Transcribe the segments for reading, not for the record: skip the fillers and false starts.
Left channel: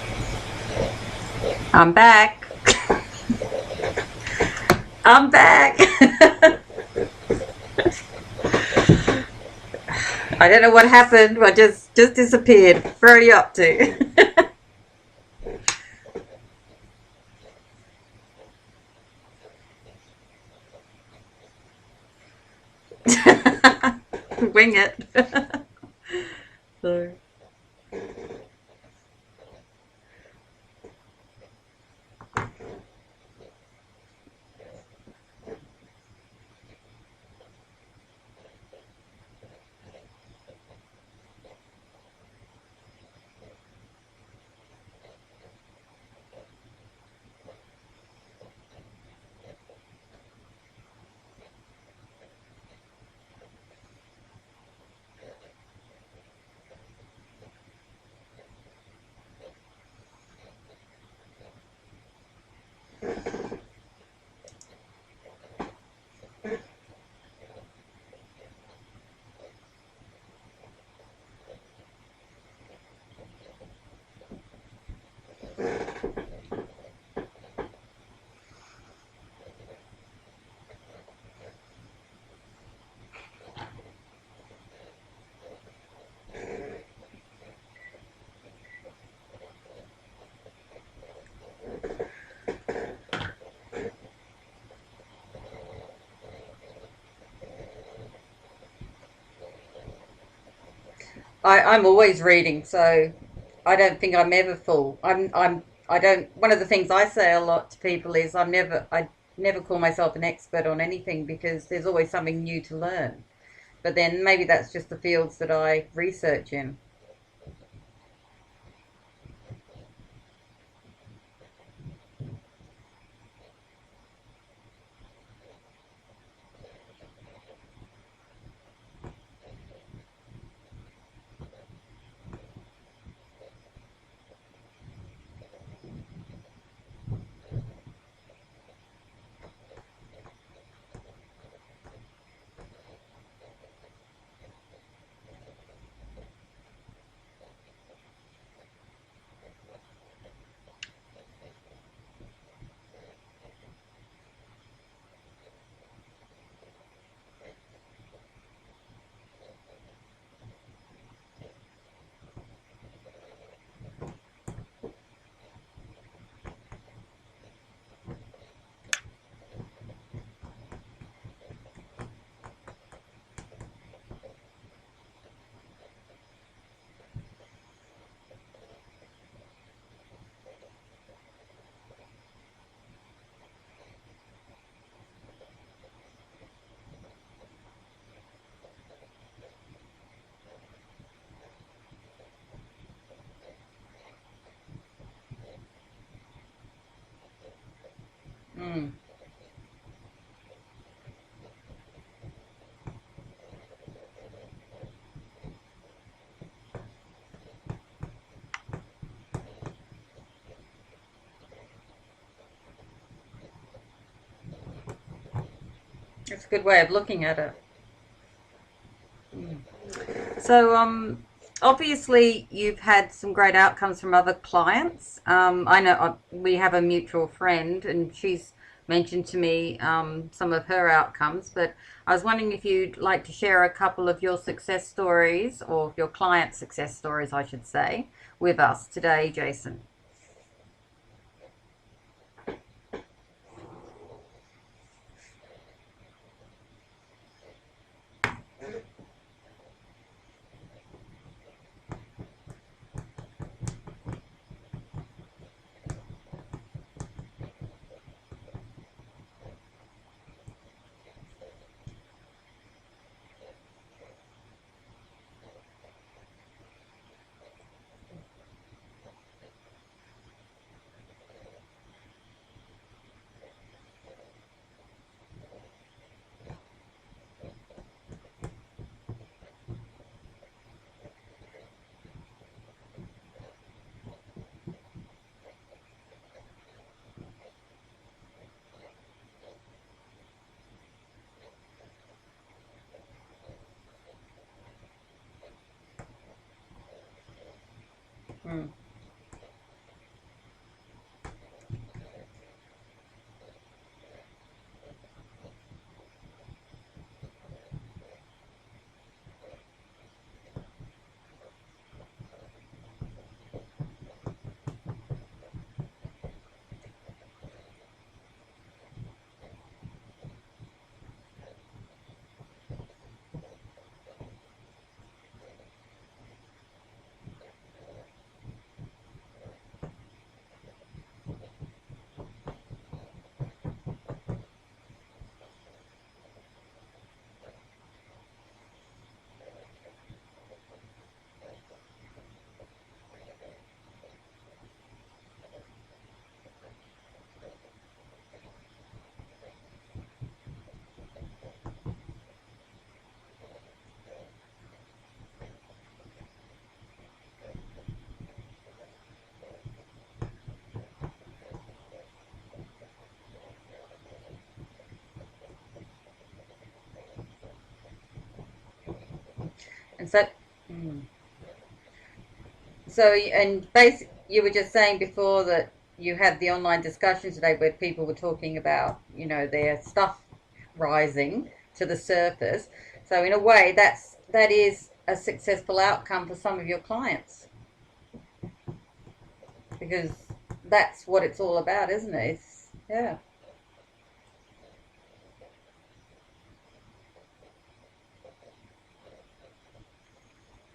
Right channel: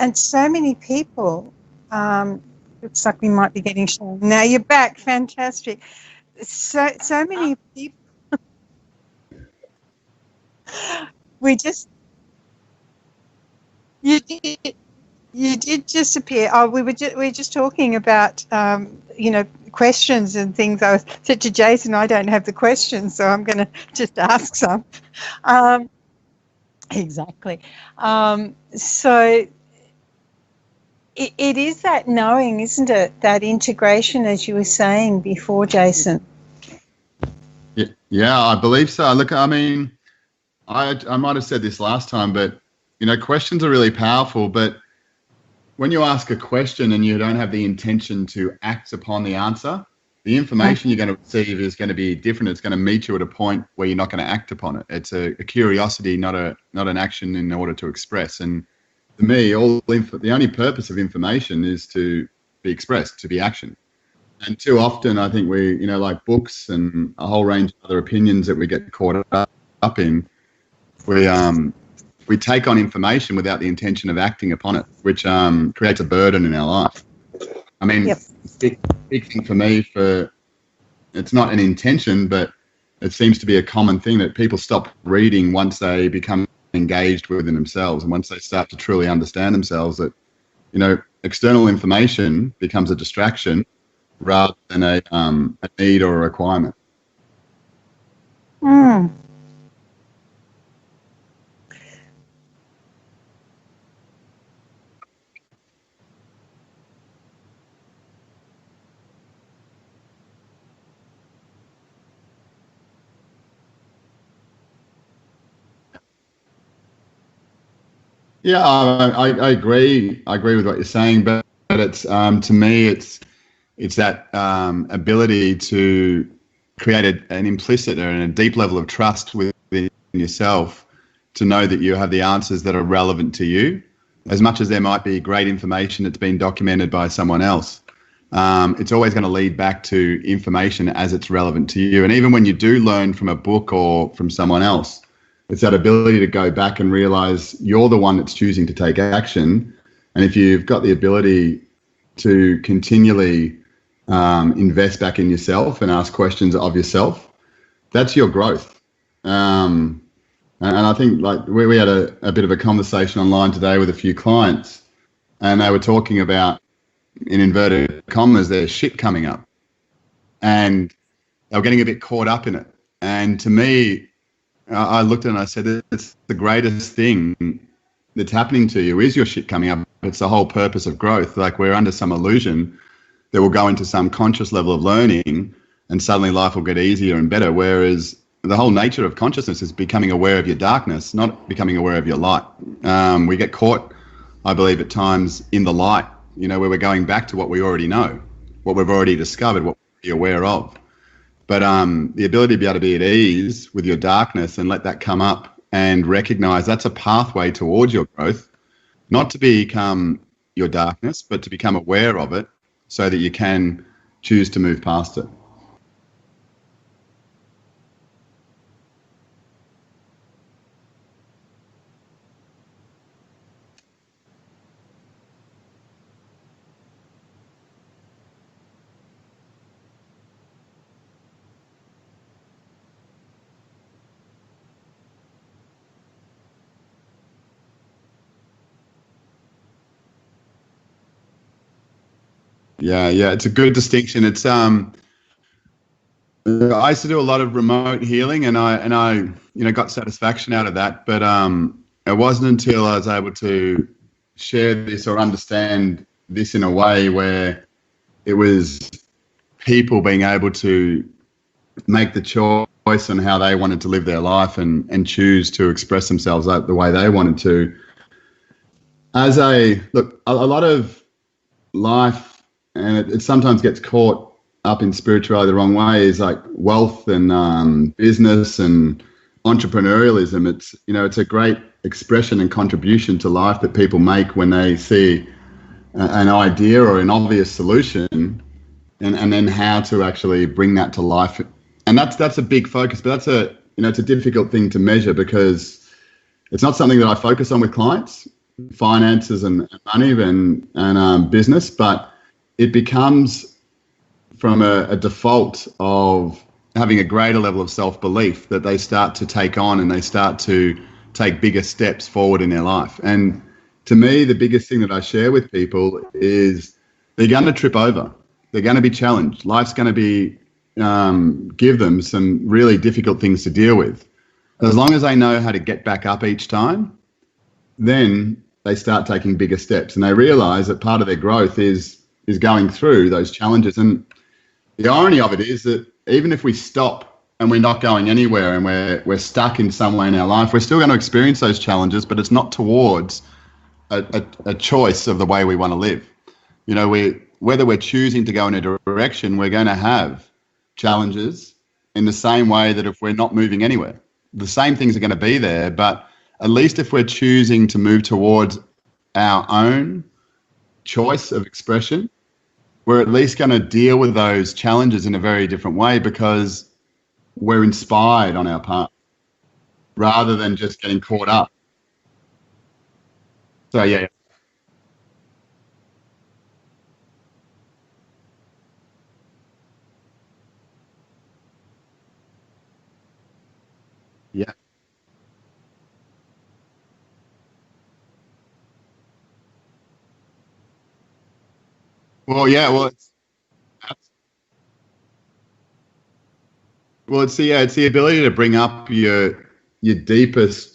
and so many people. I'm back. Looks like we might be getting shown. Now you're back. I'm back. Fantastic. So many people. I don't know what happened. I We just disappeared. Where are you up to? you, you did disappear. Oh, we were just talking about questions and things. I said to Jason, I don't have the questions, so I'm going to just ask Wing some. it. Exactly. So it is that knowing, isn't it? That integration, as you were saying before, Jason. Yeah, I believe so. Look, I mean, I might have said this last time, but questions are really powerful. But when you ask a question and you don't have the intention to act upon the answer, the information you're going to receive is going to be different. It's going to meet you at a point where you're not going to act upon it. It's a curiosity, not an action in order to express. And for me, the only purpose of information is to be expressed, to be action. And too often, I think we, like books and a whole range of other opinions that we get caught up in, we take on information without the intention of acting upon it, which creates a burden in our life. I mean, Yep. big thing for me, it's not an intention, but it seems to be a common thing that people stop reading once they become engaged within themselves, and once they start to truly understand themselves, that external information becomes a distraction rather than a need or a requirement. I'm always reading, so I don't think I'm ever full. I don't. One of the things I say a lot to people is I never call myself an expert on anything, because there's always something new to learn. But then maybe that's just the fields that I research in. Yeah, I agree. I agree with what you're saying, but it's to me, it's that ability to create an implicit and a deep level of trust within yourself, to know that you have the answers that are relevant to you, as much as there might be great information that's been documented by someone else. It's always going to lead back to information as it's relevant to you. And even when you do learn from a book or from someone else, it's that ability to go back and realize you're the one that's choosing to take action. And if you've got the ability to continually invest back in yourself and ask questions of yourself, that's your growth. And I think, like, we had a bit of a conversation online today with a few clients, and they were talking about, in inverted commas, their shit coming up, and they were getting a bit caught up in it. And to me, I looked at it and I said, it's the greatest thing that's happening to you is your shit coming up. It's the whole purpose of growth. Like, we're under some illusion that we'll go into some conscious level of learning and suddenly life will get easier and better, whereas the whole nature of consciousness is becoming aware of your darkness, not becoming aware of your light. We get caught, I believe, at times in the light, where we're going back to what we already know, what we've already discovered, what we're aware of. But the ability to be able to be at ease with your darkness and let that come up and recognize that's a pathway towards your growth, not to become your darkness, but to become aware of it so that you can choose to move past it. That's a good way of looking at it. So, obviously, you've had some great outcomes from other clients. I know we have a mutual friend, and she's mentioned to me some of her outcomes. But I was wondering if you'd like to share a couple of your success stories, or your client success stories, I should say, with us today, Jason. Yeah, it's a good distinction. It's I used to do a lot of remote healing, and I got satisfaction out of that. But it wasn't until I was able to share this or understand this in a way where it was people being able to make the choice on how they wanted to live their life and choose to express themselves the way they wanted to. A lot of life, and it sometimes gets caught up in spirituality the wrong way, is like wealth and business and entrepreneurialism. It's a great expression and contribution to life that people make when they see an idea or an obvious solution, and then how to actually bring that to life. And that's a big focus, but it's a difficult thing to measure, because it's not something that I focus on with clients, finances and money and business, but it becomes from a default of having a greater level of self-belief that they start to take on, and they start to take bigger steps forward in their life. And to me, the biggest thing that I share with people is they're going to trip over. They're going to be challenged. Life's going to be give them some really difficult things to deal with. As long as they know how to get back up each time, then they start taking bigger steps, and they realize that part of their growth is going through those challenges. And the irony of it is that even if we stop and we're not going anywhere and we're stuck in some way in our life, we're still going to experience those challenges, but it's not towards a choice of the way we want to live. You know, whether we're choosing to go in a direction, we're going to have challenges in the same way that if we're not moving anywhere. The same things are going to be there, but at least if we're choosing to move towards our own choice of expression, we're at least going to deal with those challenges in a very different way, because we're inspired on our part rather than just getting caught up. You were just saying before that you had the online discussion today where people were talking about, you know, their stuff rising to the surface. So in a way, that is a successful outcome for some of your clients, because that's what it's all about, isn't it? Well, yeah. Well, it's the ability to bring up your deepest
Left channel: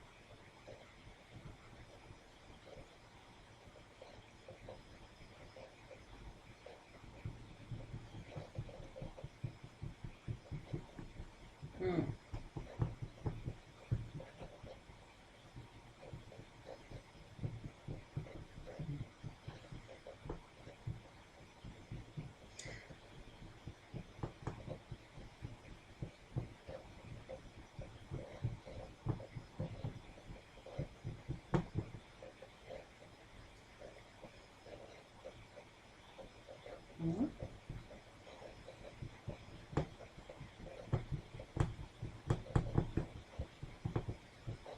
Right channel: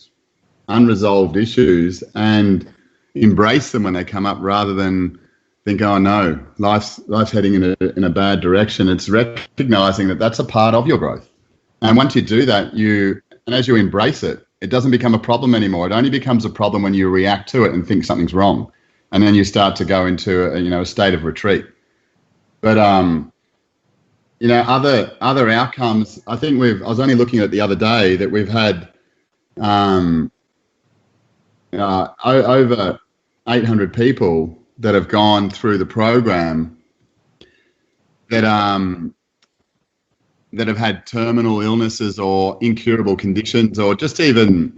unresolved issues and embrace them when they come up, rather than think, oh no, life's heading in a bad direction. It's recognizing that that's a part of your growth. And once you do that, and as you embrace it, it doesn't become a problem anymore. It only becomes a problem when you react to it and think something's wrong. And then you start to go into a state of retreat. But other outcomes, I think I was only looking at the other day that we've had over 800 people that have gone through the program that have had terminal illnesses or incurable conditions, or just even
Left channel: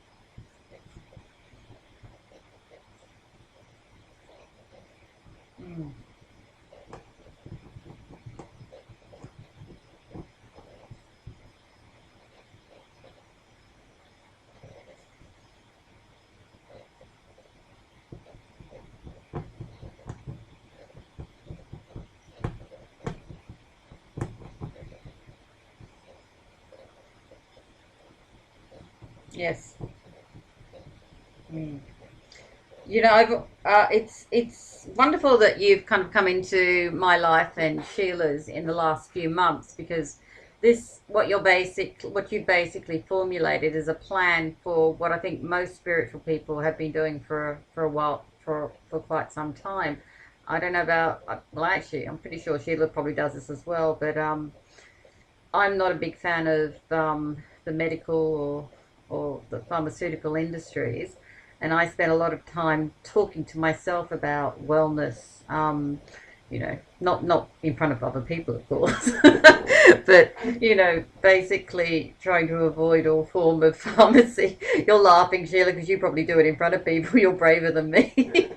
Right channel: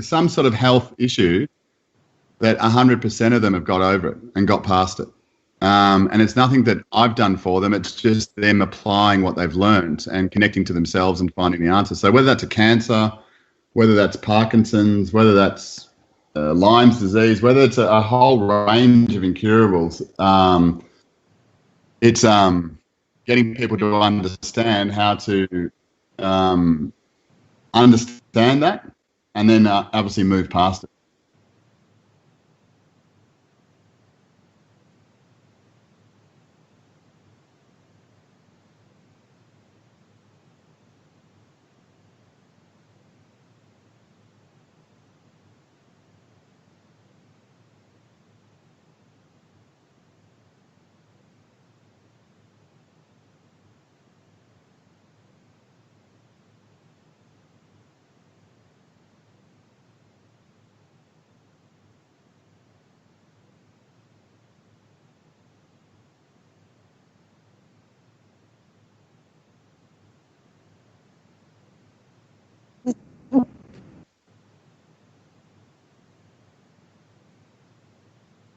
some sort of health issue, that 100% of them have got over it and got past it. And it's nothing that I've done for them. It's just them applying what they've learned and connecting to themselves and finding the answer. So whether that's a cancer, whether that's Parkinson's, whether that's Lyme's disease, whether it's a whole range of incurables, it's getting people to understand how to understand that, and then obviously move past it. You know, it's wonderful that you've kind of come into my life and Sheila's in the last few months, because what you basically formulated is a plan for what I think most spiritual people have been doing for a while, for quite some time. I don't know about, well, actually, I'm pretty sure Sheila probably does this as well, but I'm not a big fan of the medical or the pharmaceutical industries, and I spend a lot of time talking to myself about wellness, not in front of other people, of course, but, basically trying to avoid all form of pharmacy. You're laughing, Sheila, because you probably do it in front of people. You're braver than me.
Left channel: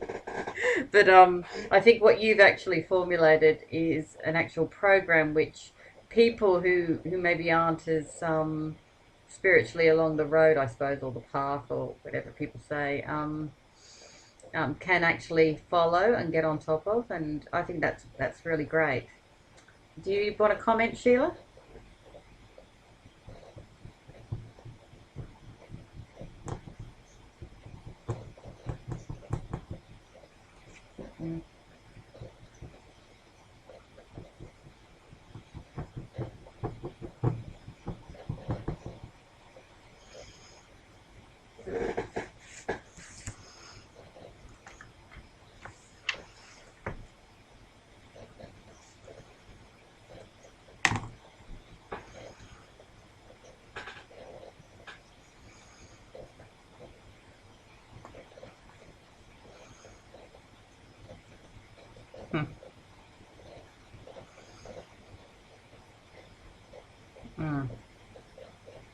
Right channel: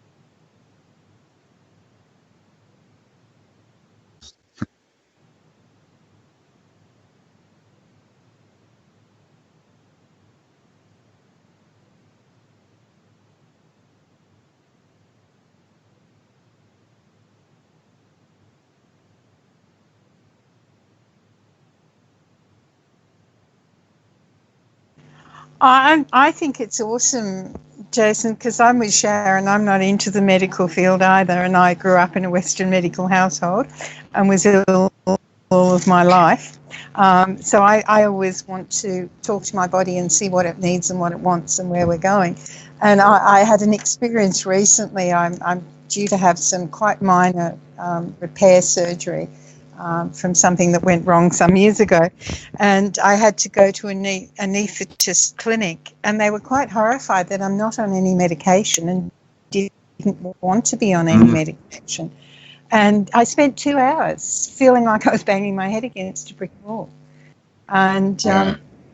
But I think what you've actually formulated is an actual program which people who maybe aren't as spiritually along the road, I suppose, or the path, or whatever people say, can actually follow and get on top of, and I think that's really great. Do you want to comment, Sheila? I think it's awesome, Jason, because I'm with Sharon. I'm not into the medical field either, and I grew up in a Western medical household and was ill all of my life. So I always want to talk to my body and see what it needs and what it wants and where we're going. And I had an experience recently. I'm due to have some quite minor repair surgery from something that went wrong some years ago. And I had to go to a anaesthetist clinic, and they were quite horrified that I'm not on any medication and didn't want to be on any medication. And I spent 2 hours feeling like I was banging my head against a brick wall. And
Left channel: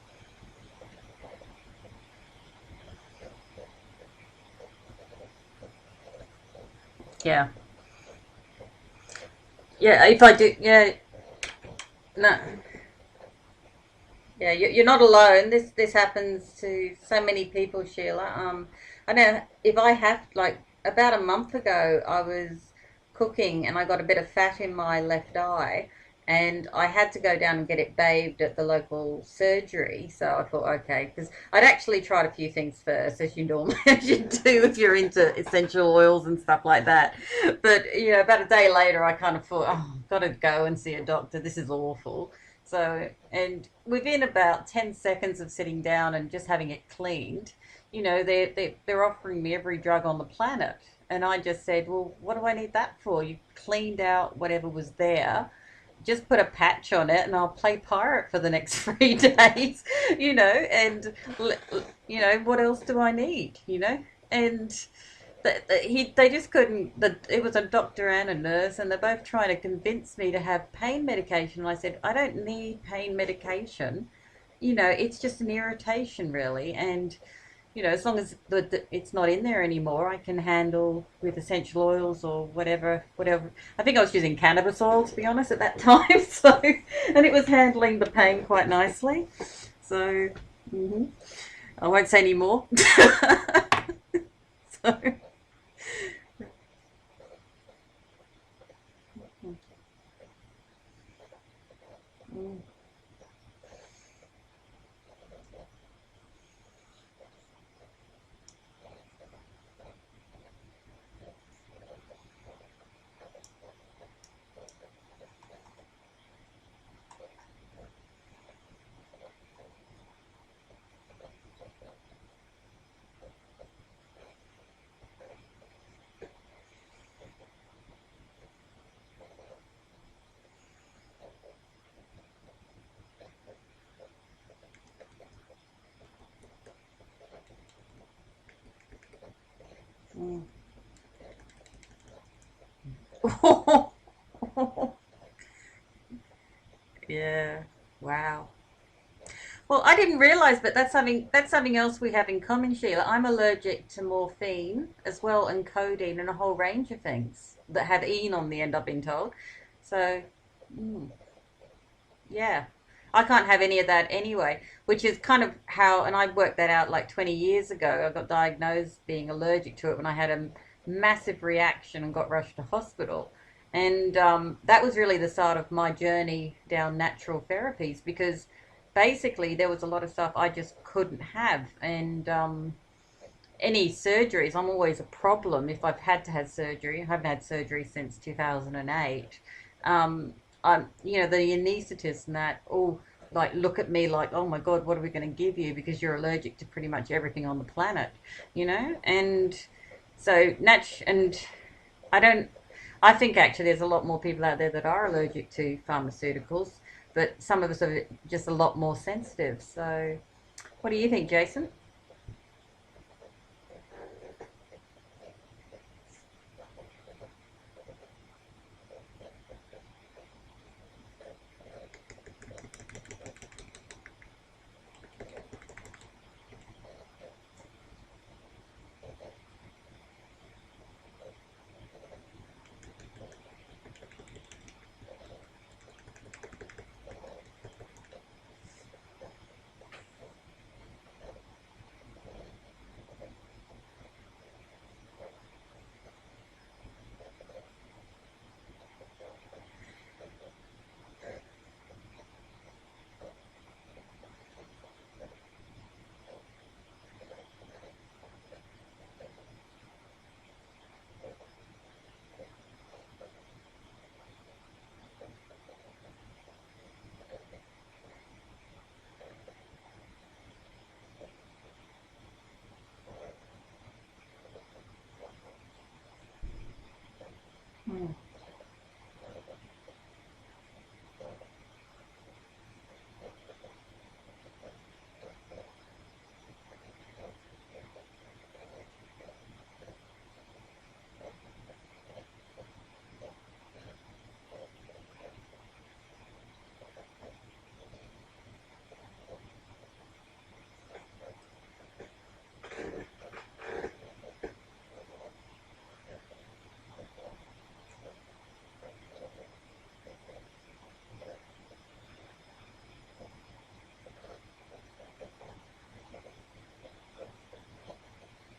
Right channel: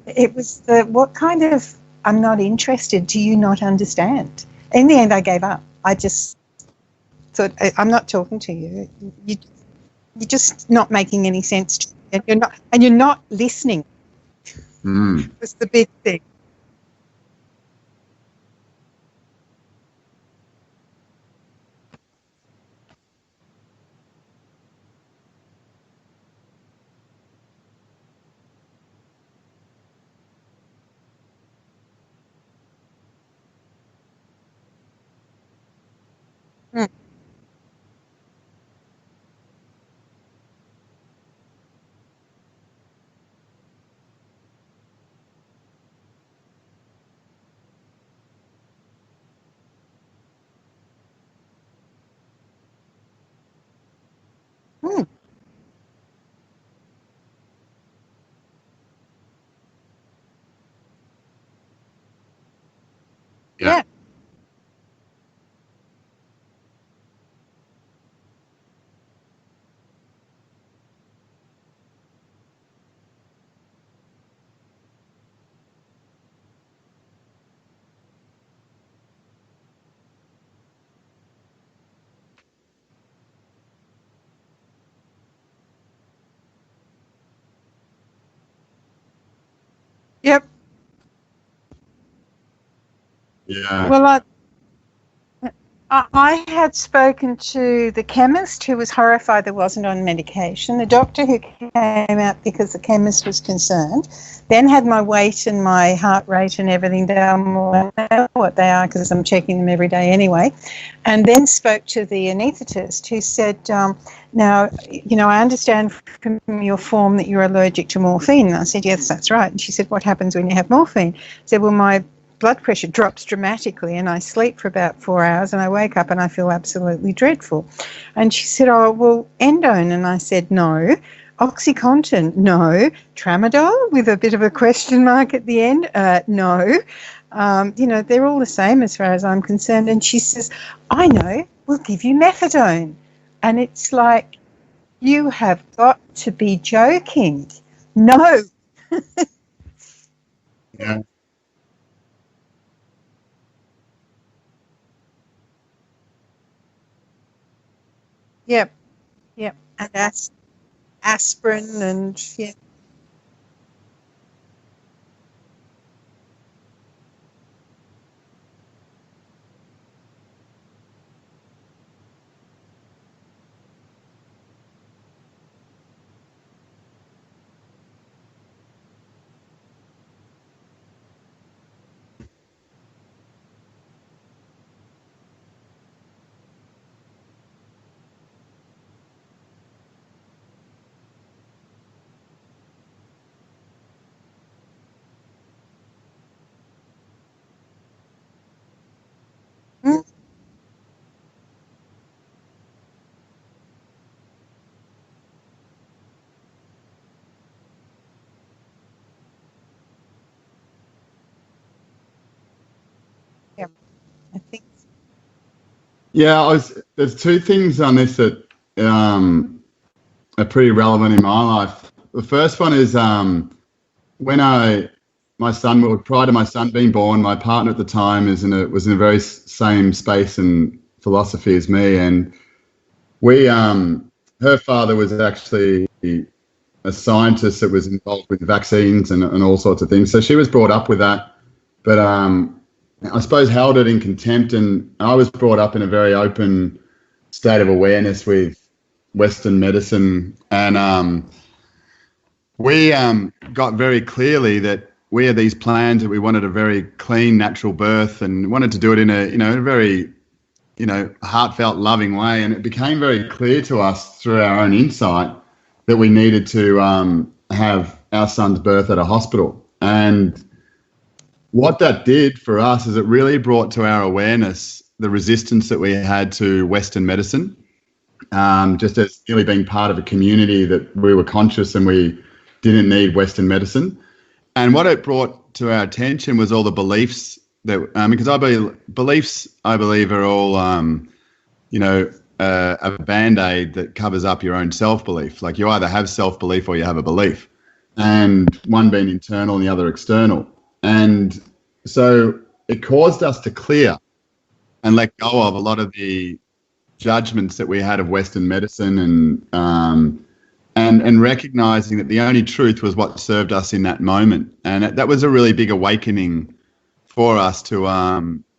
it was what kind of I'm not interested. Do you not understand? In the end, I gave up. I just thought, I'm not talking to you. If You're I just do, not making any sense to me. no. And you're not listening. Yeah, you're not alone. That's the big This thing. happens to so many people, Sheila. I know if I have, like, about a month ago, I was cooking and I got a bit of fat in my left eye, and I had to go down and get it bathed at the local surgery. So I thought, okay, because I'd actually tried a few things first, as you normally as you do if you're into essential oils and stuff like that. But about a day later, I kind of thought, oh, I've got to go and see a doctor. This is awful. So, and within about 10 seconds of sitting down and just having it cleaned, they're offering me every drug on the planet. And I just said, well, what do I need that for? You cleaned out whatever was there. Just put a patch on it and I'll play pirate for the next 3 days, and, what else do I need, And they just couldn't. It was a doctor and a nurse, and they're both trying to convince me to have pain medication. And I said, I don't need pain medication. It's just an irritation, really. And as long as it's not in there anymore, I can handle with essential oils or whatever. I think I was using cannabis oil, to be honest, at that time. So, and it was handling the pain quite nicely. So, yep. I won't say any more. Yeah. Well, I had spoken to the chemist who was horrified that wasn't on medication, the doctor who came out because the chemist was concerned, then had my weight and my heart rate and everything down. Well, I know what they are because I'm checking them every day anyway, and then spoke to the anaesthetist who said, now, I understand from your form that you're allergic to morphine. And I said, yes, that's right. And she said, what happens when you have morphine? I said, well, my blood pressure drops dramatically and I sleep for about 4 hours and I wake up and I feel absolutely dreadful. And she said, oh, well, endone. And I said, no. OxyContin, no. Tramadol, with a bit of a question mark at the end, no. They're all the same as far as I'm concerned. And she says, I know, we'll give you methadone. And it's like, you have got to be joking. Yeah. No. Well, I didn't realise, but that's something else we have in common, Sheila. I'm allergic to morphine as well, and codeine, and a whole range of things that have "ene" on the end, I've been told. Yeah, and so, that's aspirin and... Yeah, I can't have any of that anyway, which is kind of how, and I worked that out like 20 years ago. I got diagnosed being allergic to it when I had a massive reaction and got rushed to hospital. And that was really the start of my journey down natural therapies, because basically there was a lot of stuff I just couldn't have, and any surgeries, I'm always a problem if I've had to have surgery. I haven't had surgery since 2008. The anaesthetist and that all look at me like, oh my God, what are we going to give you, because you're allergic to pretty much everything on the planet, and so and I think actually there's a lot more people out there that are allergic to pharmaceuticals, but some of us are just a lot more sensitive. So what do you think, Jason? Yeah, I think. Yeah, there's two things on this that are pretty relevant in my life. The first one is when prior to my son being born, my partner at the time was in a very same space and philosophy as me, and her father was actually a scientist that was involved with vaccines and all sorts of things. So she was brought up with that, but I suppose held it in contempt. And I was brought up in a very open state of awareness with Western medicine, and we got very clearly that we had these plans that we wanted a very clean, natural birth, and wanted to do it in a very heartfelt, loving way. And it became very clear to us through our own insight that we needed to have our son's birth at a hospital. And what that did for us is it really brought to our awareness the resistance that we had to Western medicine, just as really being part of a community that we were conscious and we didn't need Western medicine. And what it brought to our attention was all the beliefs that, because beliefs, I believe, are all, a band-aid that covers up your own self-belief. Like, you either have self-belief or you have a belief, and one being internal and the other external. And so it caused us to clear and let go of a lot of the judgments that we had of Western medicine, and recognizing that the only truth was what served us in that moment. And that was a really big awakening for us to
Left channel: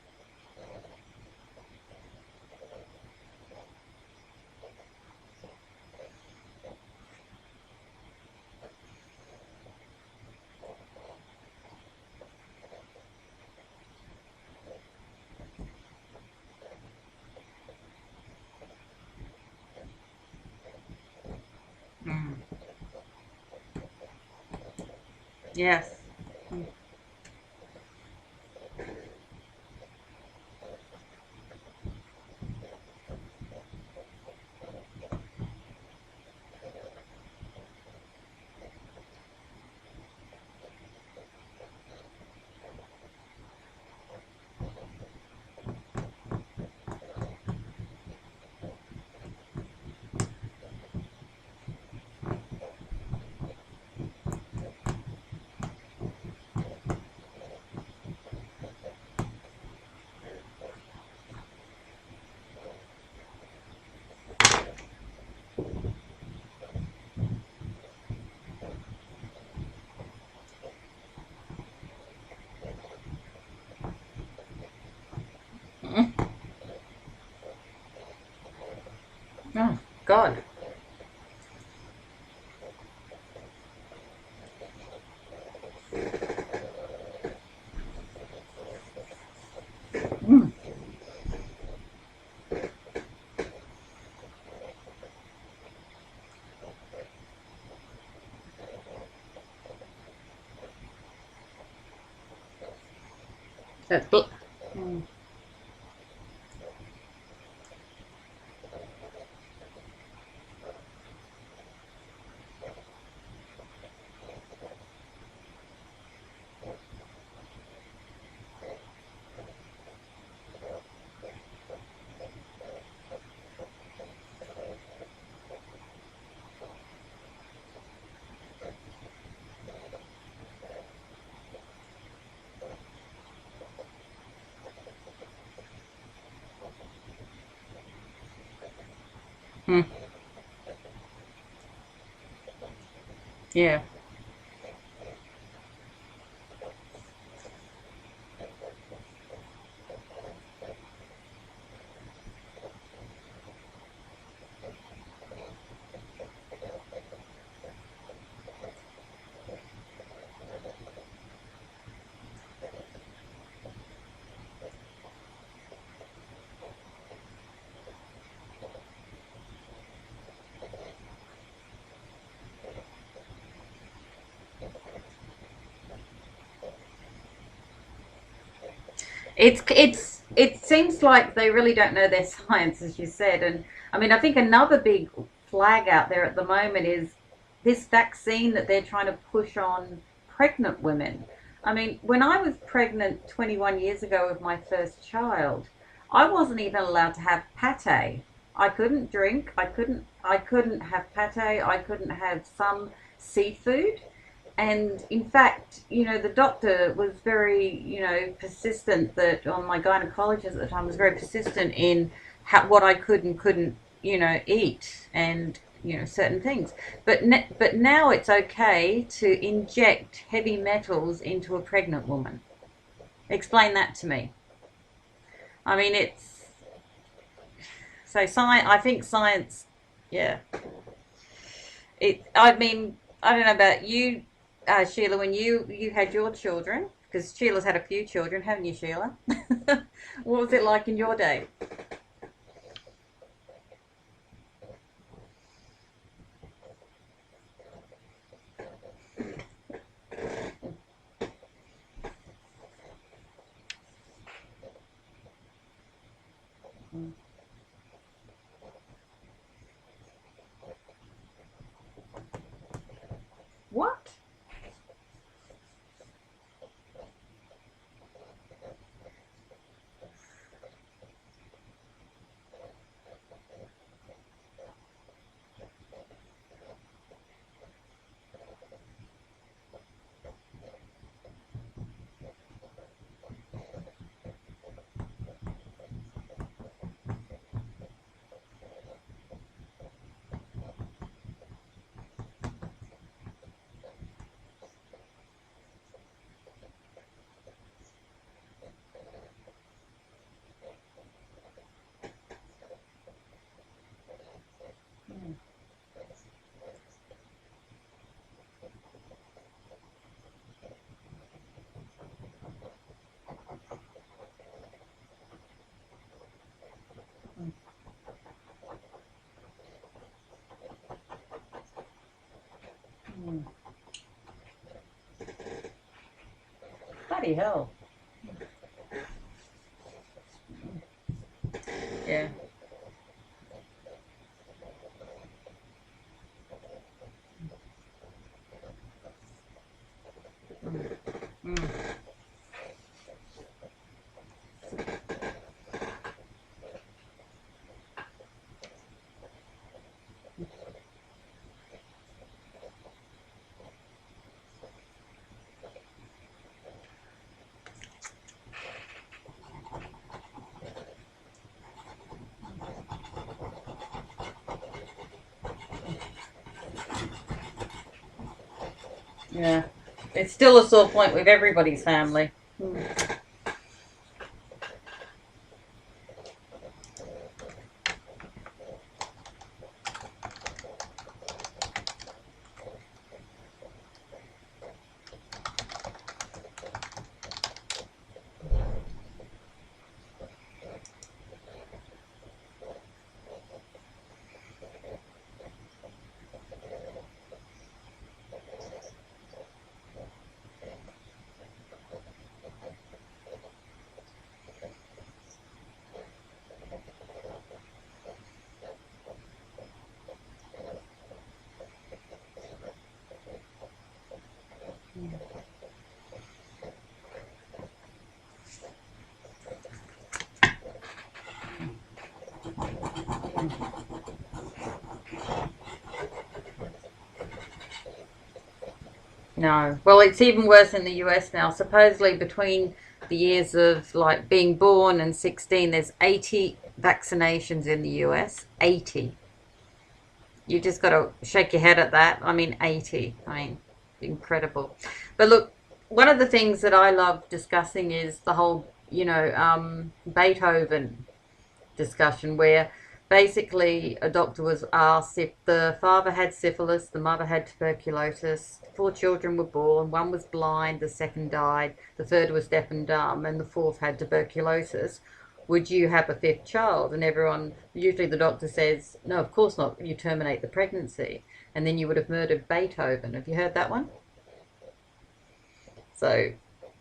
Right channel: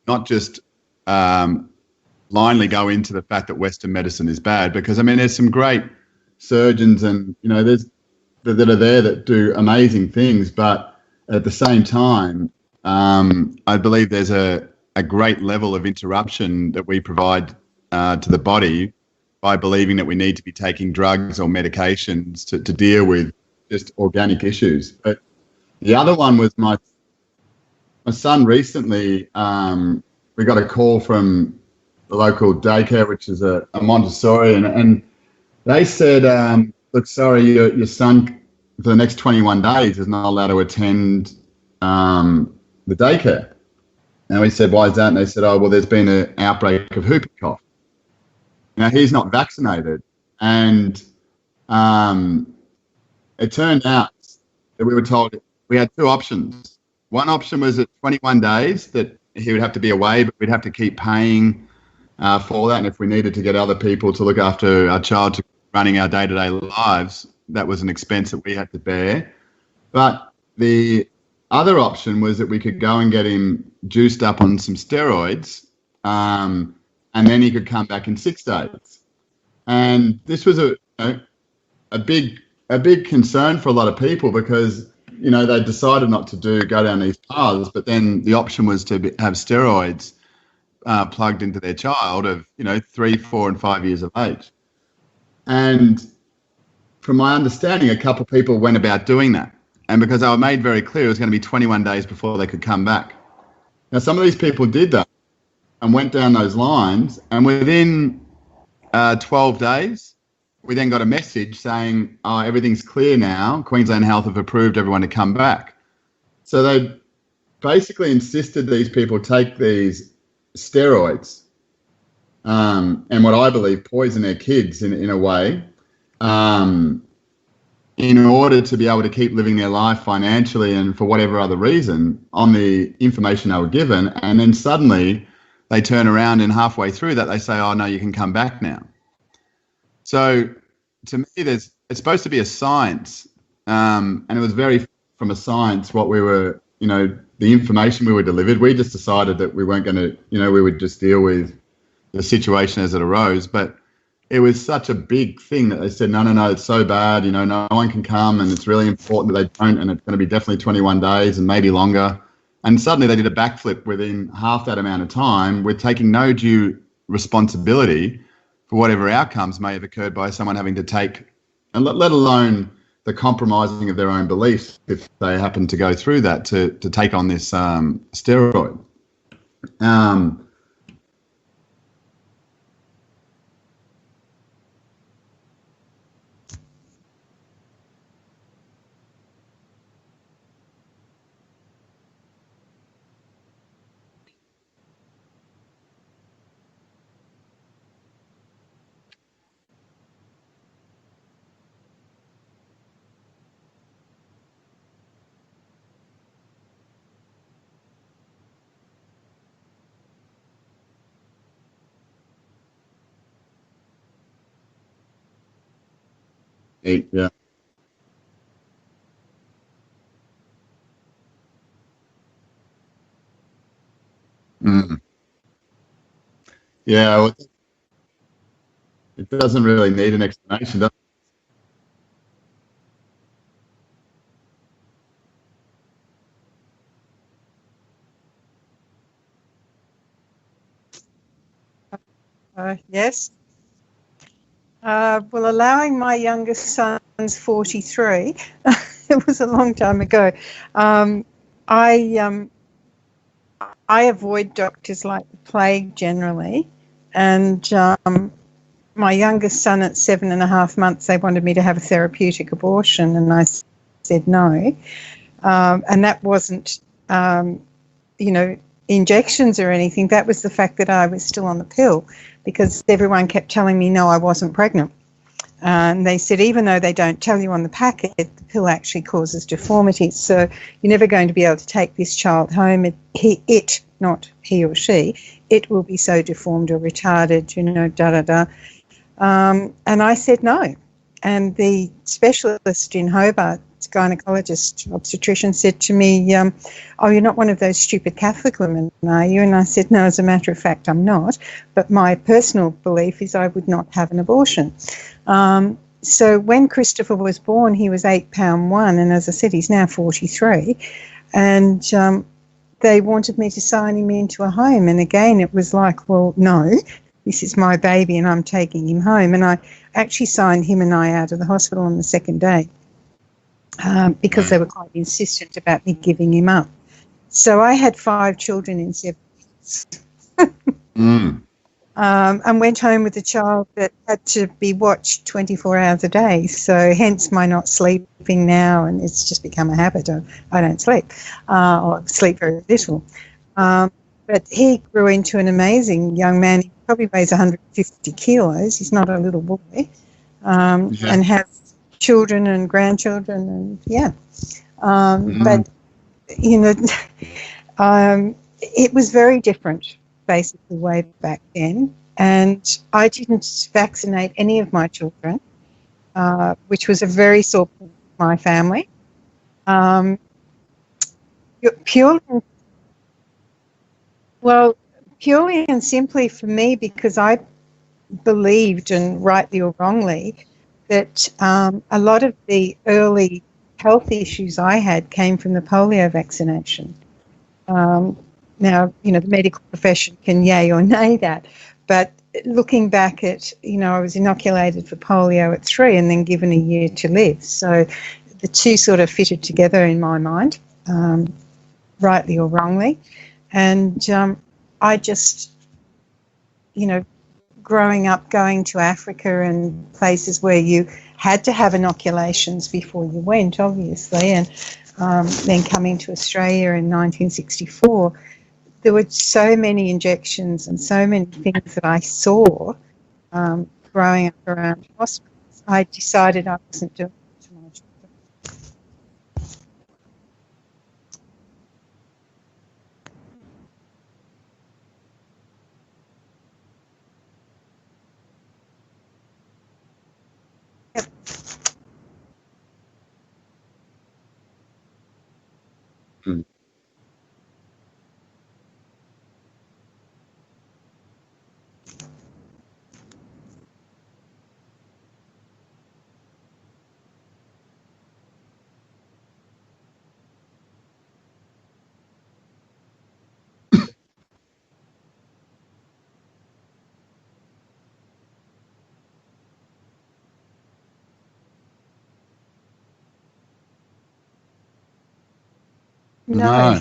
not just blindly go into the fact that Western medicine is bad, because I mean there's some great surgeons and there's that are there that do amazing things, but at the same time I believe there's a great level of interruption that we provide to the body by believing that we need to be taking drugs or medications to deal with just organic issues. But the other one was my son recently. We got a call from the local daycare, which is a Montessori, and they said, look, sorry, your son for the next 21 days is not allowed to attend the daycare. And we said, why is that? And they said, oh, well, there's been an outbreak of whooping cough. Now, he's not vaccinated. And it turned out that we were told we had two options. One option was at 21 days that he would have to be away, but we'd have to keep paying for that. And if we needed to get other people to look after our child to running our day-to-day lives, that was an expense that we had to bear. But the other option was that we could go and get him juiced up on some steroids, and then he could come back in 6 days. This was a big concern for a lot of people, because they decided not to go down these paths, but then the option was to have steroids plugged into their child of 3, 4, and 5 years of age. And from my understanding, a couple of people went about doing that, and because they were made very clear it was going to be 21 days before they could come back. Now, some of these people did that and went down those lines, and within 12 days, we then got a message saying, oh, everything's clear now. Queensland Health have approved everyone to come back. So they basically insisted these people take these steroids and what I believe poison their kids in a way, in order to be able to keep living their life financially and for whatever other reason on the information they were given. And then suddenly they turn around and halfway through that they say, oh, no, you can come back now. So to me, it's supposed to be a science. And it was very from a science what we were, the information we were delivered. We just decided that we weren't going to, we would just deal with the situation as it arose. But it was such a big thing that they said, no, it's so bad, no one can come, and it's really important that they don't, and it's going to be definitely 21 days and maybe longer. And suddenly they did a backflip within half that amount of time, with taking no due responsibility for whatever outcomes may have occurred by someone having to take, and let alone the compromising of their own beliefs if they happen to go through that to take on this steroid. It seems like they really don't know their science, as you said. And I mean, I think another big flag out there at the moment is this vaccine that they're trying to push on pregnant women. I mean, when I was pregnant 21 years ago with my first child, I wasn't even allowed to have pate. I couldn't drink. I couldn't have pate. I couldn't have some seafood. And in fact, the doctor was very, persistent that, on my gynecologist at the time was very persistent in what I could and couldn't, eat and, certain things. But now it's okay to inject heavy metals into a pregnant woman. Explain that to me. I mean, it's... Yeah. So I think science... It doesn't really need an explanation, does it? I mean, I don't know about you, Sheila, when you had your children, because Sheila's had a few children, haven't you, Sheila? What was it like in your day? Yes. Well, allowing my youngest son's 43, it was a long time ago. I avoid doctors like the plague generally, and my youngest son at 7.5 months, they wanted me to have a therapeutic abortion, and I said no. And that wasn't, injections or anything. That was the fact that I was still on the pill, because everyone kept telling me, no, I wasn't pregnant. And they said, even though they don't tell you on the packet, the pill actually causes deformities. So you're never going to be able to take this child home. Not he or she, it will be so deformed or retarded, And I said no. And the specialist in Hobart, gynecologist, obstetrician, said to me, oh, you're not one of those stupid Catholic women, are you? And I said, no, as a matter of fact, I'm not. But my personal belief is I would not have an abortion. So when Christopher was born, he was 8 pound 1. And as I said, he's now 43. And they wanted me to sign him into a home. And again, it was like, well, no, this is my baby and I'm taking him home. And I actually signed him and I out of the hospital on the second day because they were quite insistent about me giving him up. So I had 5 children in 7 months. And went home with a child that had to be watched 24 hours a day. So hence my not sleeping now, and it's just become a habit. I don't sleep, or sleep very little. But he grew into an amazing young man. He probably weighs 150 kilos. He's not a little boy, and has children and grandchildren, and But it was very different, basically, way back then. And I didn't vaccinate any of my children, which was a very sore point with my family. Yeah. It's still a sore point with everybody's family. Well, purely and simply for me, because I believed, and rightly or wrongly, that a lot of the early health issues I had came from the polio vaccination. Now, the medical profession can yay or nay that, but looking back at, I was inoculated for polio at 3 and then given a year to live. So the two sort of fitted together in my mind, rightly or wrongly. And I just, growing up, going to Africa and places where you had to have inoculations before you went, obviously, and then coming to Australia in 1964, there were so many injections and so many things that I saw growing up around hospitals. I decided I wasn't doing it. No. Well, it's even worse in the US now. Supposedly between the years of like being born and 16, there's 80 vaccinations in the US. 80. You just got to shake your head at that. 80. Incredible. But look, one of the things that I love discussing is the whole, Beethoven discussion, where basically a doctor was asked if the father had syphilis, the mother had tuberculosis, 4 children were born, 1 was blind, the 2nd died, the 3rd was deaf and dumb, and the 4th had tuberculosis. Would you have a 5th child? And everyone, usually the doctor says, no, of course not, you terminate the pregnancy. And then you would have murdered Beethoven. Have you heard that one? So, No.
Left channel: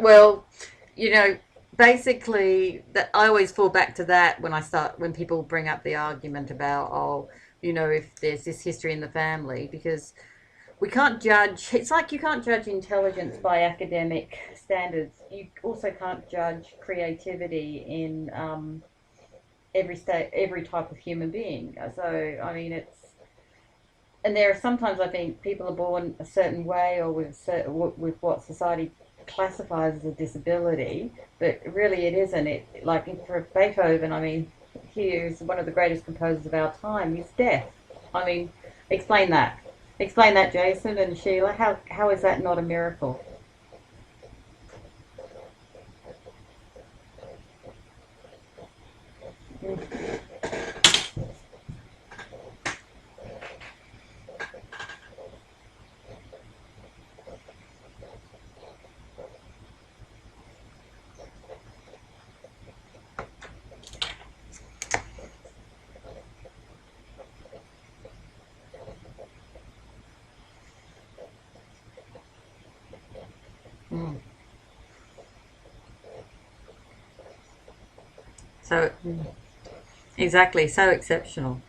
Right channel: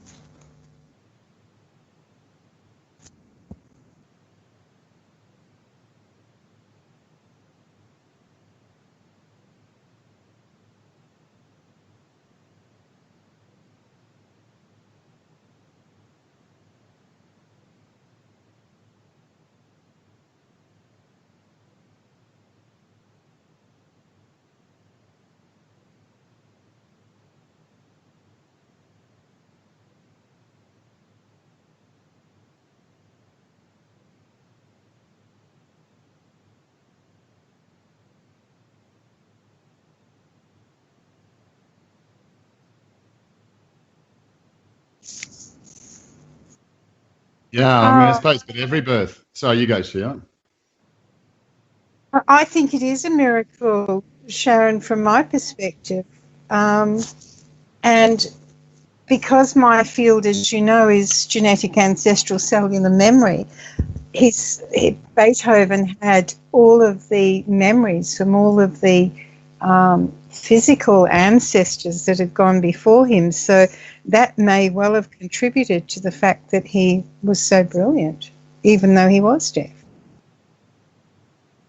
Well, basically, that I always fall back to that when people bring up the argument about, if there's this history in the family, because we can't judge. It's like you can't judge intelligence by academic standards. You also can't judge creativity in every type of human being. So it's, and there are sometimes I think people are born a certain way or with what society classifies as a disability, but really it isn't. It, like for Beethoven, he is one of the greatest composers of our time. He's deaf. Explain that. Explain that, Jason and Sheila. How is that not a miracle? Yeah, I suppose, but every birth. Sorry, you go, Sheila. I think it is a miracle, Sharon, from my perspective. And because my field, as you know, is genetic ancestral cellular memory, Beethoven had all of the memories from all of the physical ancestors that had gone before him. So that may well have contributed to the fact that he was so brilliant, even though he was deaf. Exactly, so exceptional.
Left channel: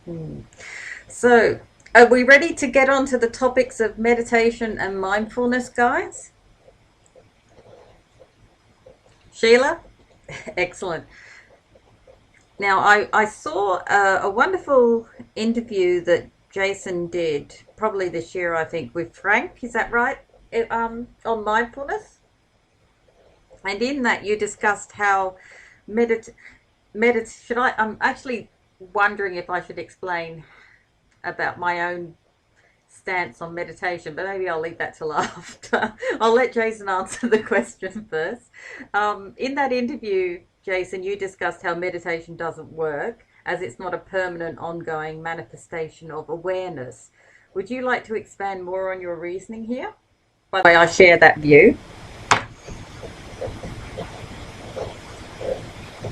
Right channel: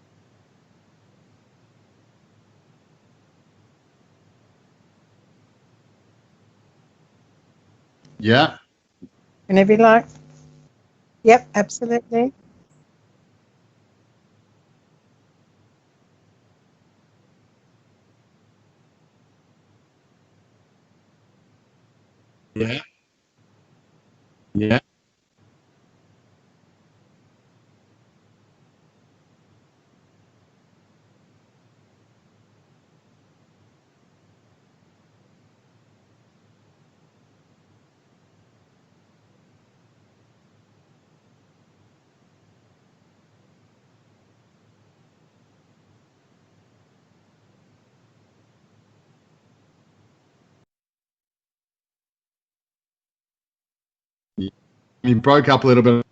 So, are we ready to get on to the topics of meditation and mindfulness, guys? Yeah. Sheila? Whenever you like. Excellent. Yep, absolutely. Now, I saw a wonderful interview that Jason did probably this year, I think, with Frank. Is that right? On mindfulness. Yeah. And in that, you Yeah. discussed how should I? I'm actually wondering if I should explain about my own stance on meditation, but maybe I'll leave that till after. I'll let Jason answer the question first. In that interview, Jason, you discussed how meditation doesn't work as it's not a permanent, ongoing manifestation of awareness. Would you like to expand more on your reasoning here? By the way, I share that view. You broke up a little bit.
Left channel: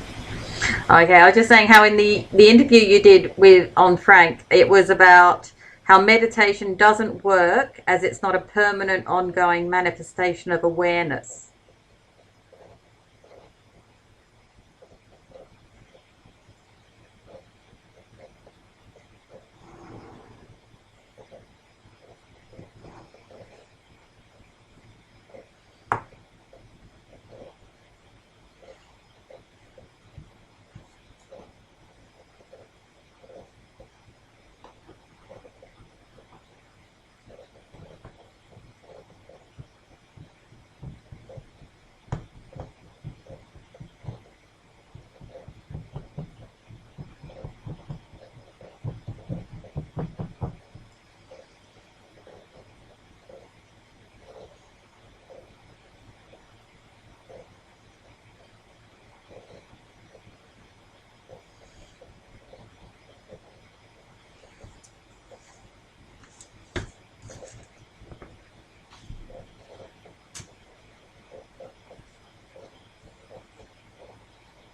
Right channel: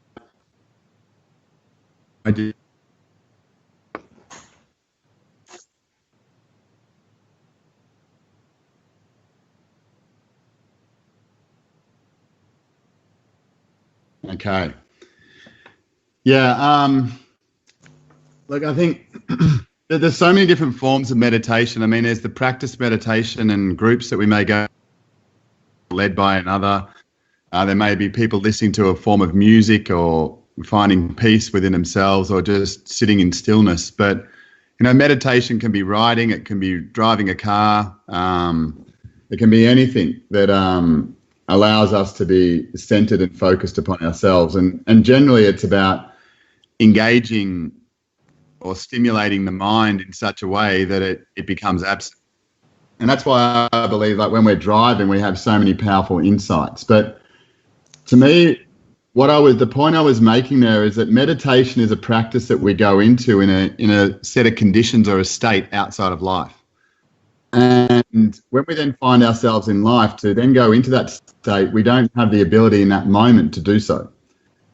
Okay, I was just saying how in the interview you did on Frank, it was about how meditation doesn't work as it's not a permanent, ongoing manifestation of awareness. Okay. Yeah. Look, I think there's so many different forms of meditation. I mean, there's the practice meditation and groups that we may go led by another. There may be people listening to a form of music or finding peace within themselves or just sitting in stillness. But, meditation can be riding, it can be driving a car, it can be anything that allows us to be centered and focused upon ourselves. And generally it's about engaging or stimulating the mind in such a way that it becomes absent. And that's why I believe, like, when we're driving, we have so many powerful insights. But to me, the point I was making there is that meditation is a practice that we go into in a set of conditions or a state outside of life. And when we then find ourselves in life to then go into that state, we don't have the ability in that moment to do so.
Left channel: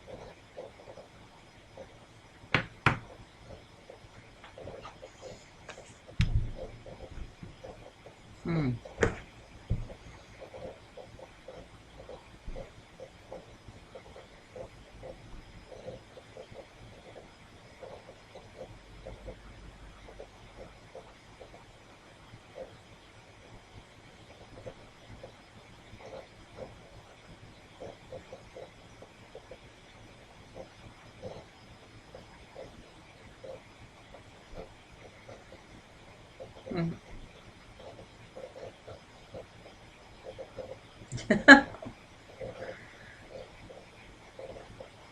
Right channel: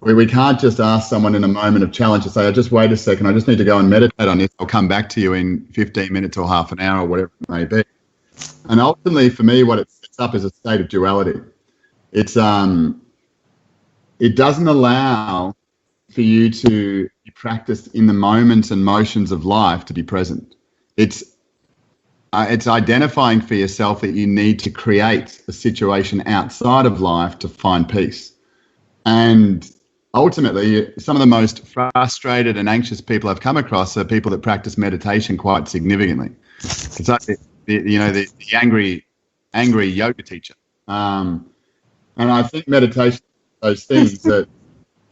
We can't just ask someone in a moment of challenge to say, just wait a second, I just need to go and meditate on this. I'll come back to you in 15 minutes or half an hour or whatever it may be. And ultimately, for me, what it sets up is a state of duality. It doesn't allow for you to practice in the moments and motions of life to be present. It's identifying for yourself that you need to create a situation outside of life to find peace. And ultimately, some of the most frustrated and anxious people I've come across are people that practice meditation quite significantly. It's like the angry yoga teacher. And I think meditation is those things that,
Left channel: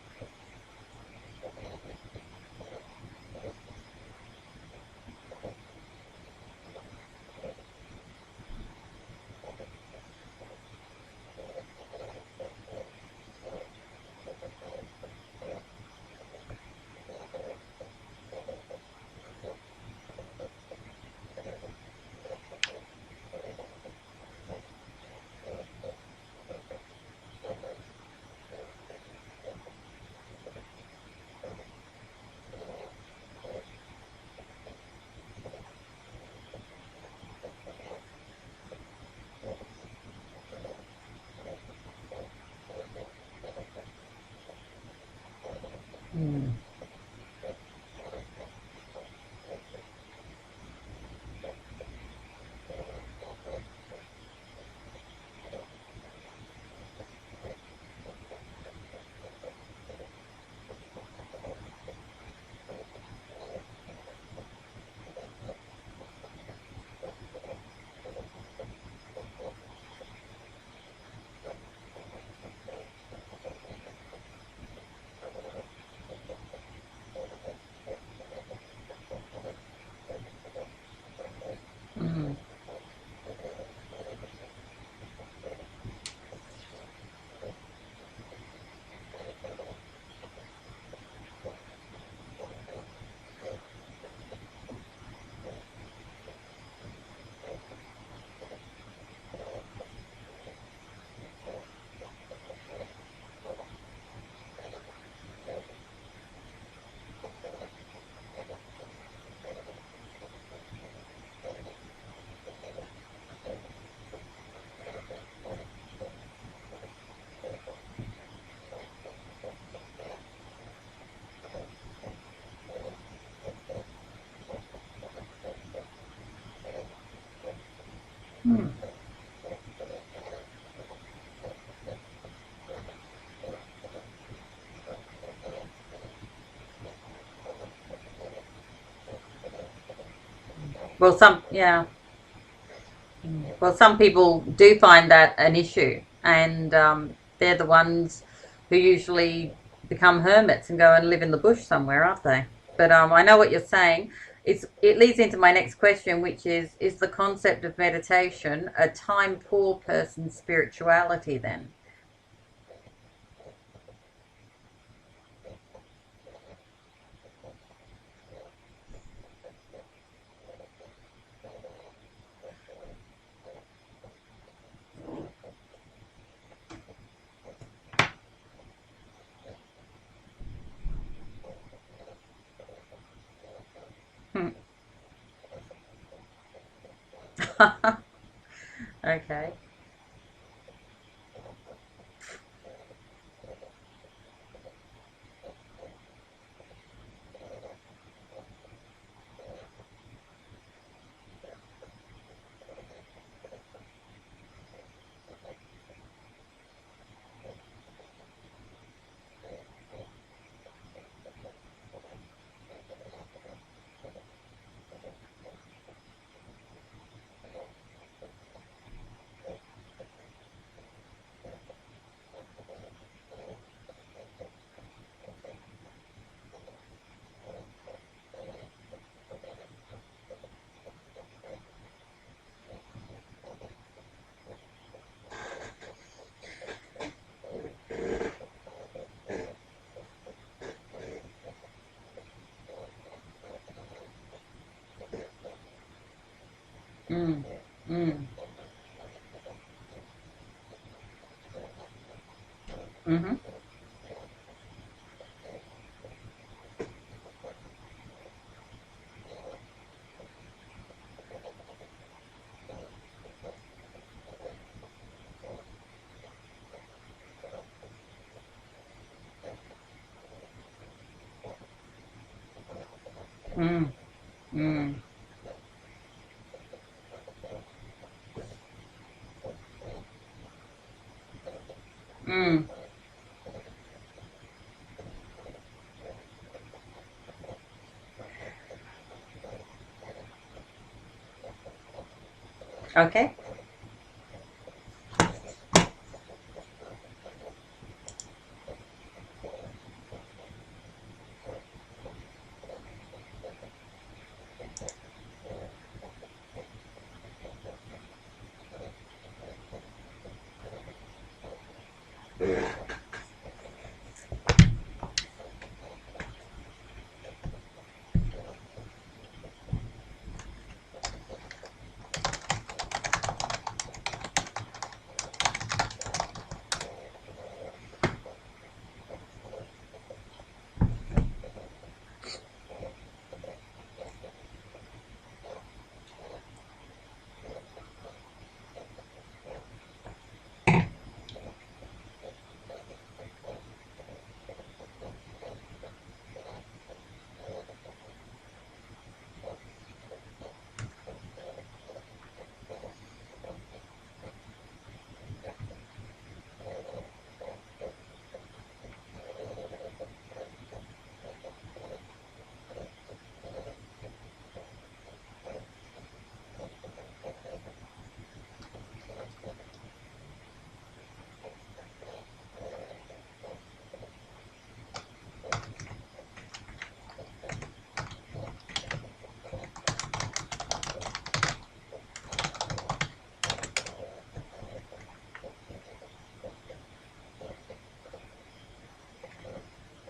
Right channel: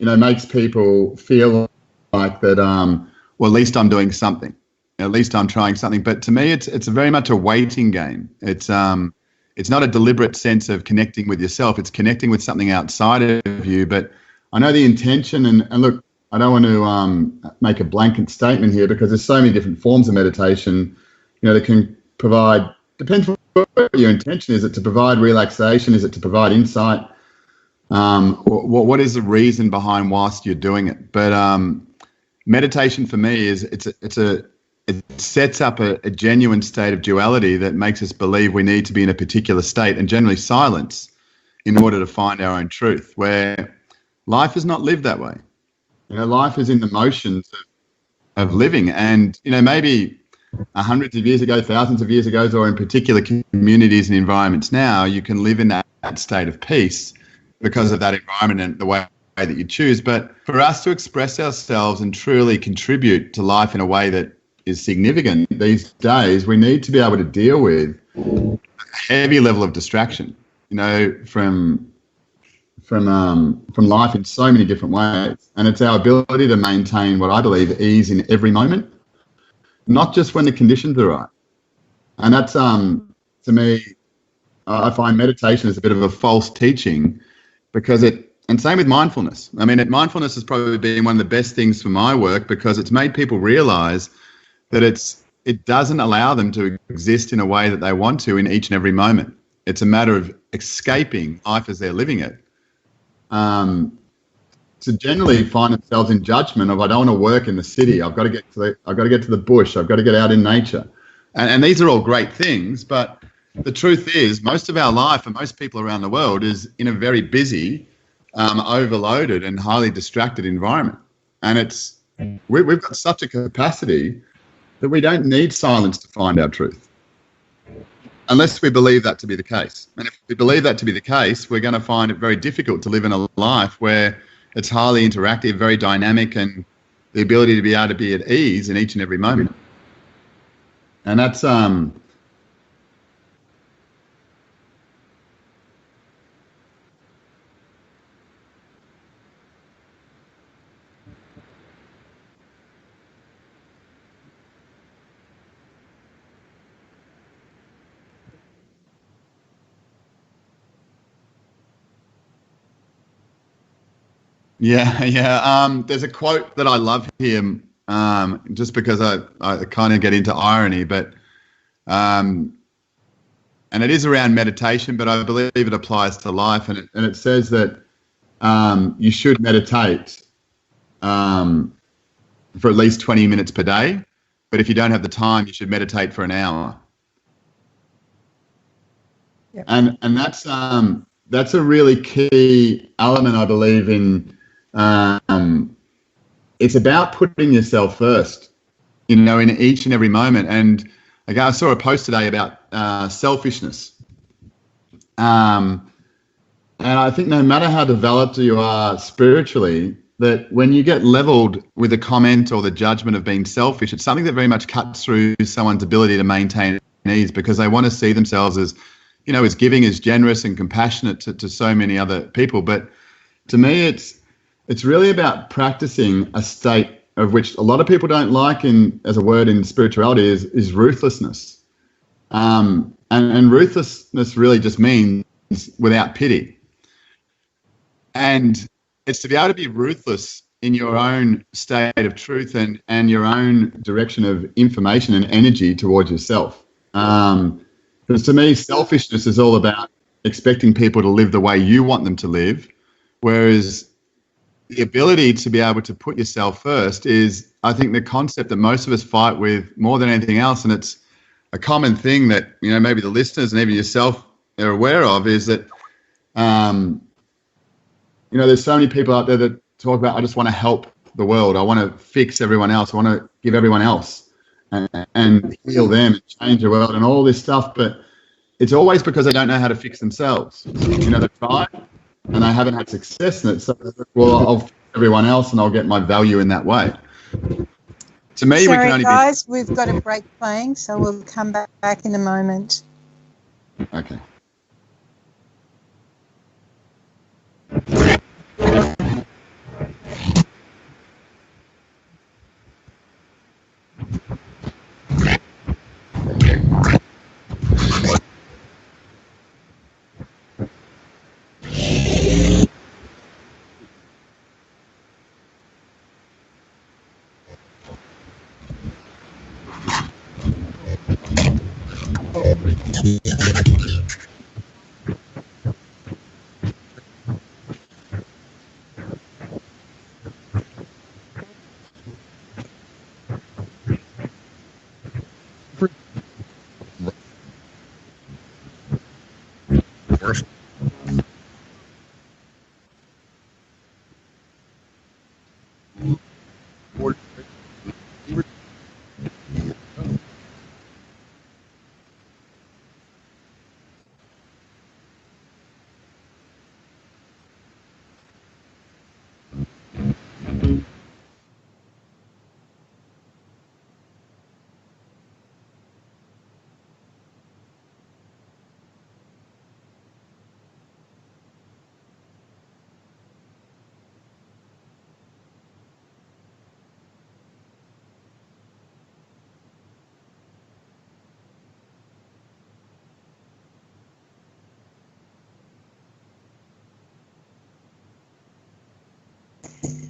makes people feel like that, well, at least I'm doing something. At least I'm trying something. But to me, it's very much a waiting game. It's not a deliberate sense of connecting with yourself. It's connecting with something outside of you. But I know the intention, and look, I don't want to make a blanket statement here because there's so many different forms of meditation, that can provide, depends what your intention is. It to provide relaxation? Is it to provide insight? What is the reason behind whilst you're doing it? But meditation for me is it sets up a genuine state of duality that makes us believe we need to be in a particular state, and generally silence, in order to find our own truth, where life is not lived that way. Life is in the motions of living. And, maybe hundreds of years ago, thousands of years ago, or in particular communities and environments now, you can live in that state of peace because of that environment and the way that you choose. But for us to express ourselves and truly contribute to life in a way that is significant these days, we need to be able to deal with a heavy level of distraction, from life in so many different ways. And it's our ability to maintain what I believe ease in every moment, not just when the conditions are right. And that's, to me, I find meditation is a bit of a false teaching because and same with mindfulness. I mean, mindfulness has probably been one of the best things for my work because it's made people realize that it doesn't allow them to exist in a way that they want to in each and every moment. It's a matter of escaping life as they're living it. To generally find themselves in judgment of, I don't want to work in the city. I've got to get to the bush. I've got to get out in nature. And these are all great things, but the truth is most of our life and most people around the world is in a very busy, overloaded and highly distracted environment. And we've got such a capacity that we don't need silence to find our truth, unless we believe that to be the case. And if we believe that to be the case, we're going to find it very difficult to live in a life where it's highly interactive, very dynamic, and the ability to be able to be at ease in each and every moment. Well, And that's yeah. Well, some people do find that an issue, and they're the ones who usually become hermits and go and live in the bush somewhere, aren't they? But I know what you're saying. It leads into my next question, which is the concept of meditation a time poor person's spirituality then? Yeah, yeah. There's a quote that I love here, just because I kind of get into irony, but and it is around meditation, but I believe it applies to life, and it says that you should meditate for at least 20 minutes per day, but if you don't have the time, you should meditate for an hour. Okay. And that's a really key element, I believe, in it's about putting yourself first, in each and every moment. And again, I saw a post today about selfishness. And I think no matter how developed you are spiritually, that when you get leveled with a comment or the judgment of being selfish, it's something that very much cuts through someone's ability to maintain ease, because they want to see themselves as, as giving, as generous and compassionate to so many other people. But to me, it's really about practicing a state of which a lot of people don't like as a word in spirituality is ruthlessness. And ruthlessness really just means without pity. And it's to be able to be ruthless in your own state of truth and your own direction of information and energy towards yourself. Because to me, selfishness is all about expecting people to live the way you want them to live, whereas the ability to be able to put yourself first is, I think, the concept that most of us fight with more than anything else. And it's a common thing that, maybe the listeners and even yourself are aware of, is that, there's so many people out there that talk about, I just want to help the world. I want to fix everyone else. I want to give everyone else and heal them and change the world and all this stuff. But it's always because they don't know how to fix themselves. They try and they haven't had success in it. So, well, I'll fix everyone else and I'll get my value in that way. To me, Sorry, we can only guys, we've got a break playing, so we'll come back in a moment. Okay. Okay.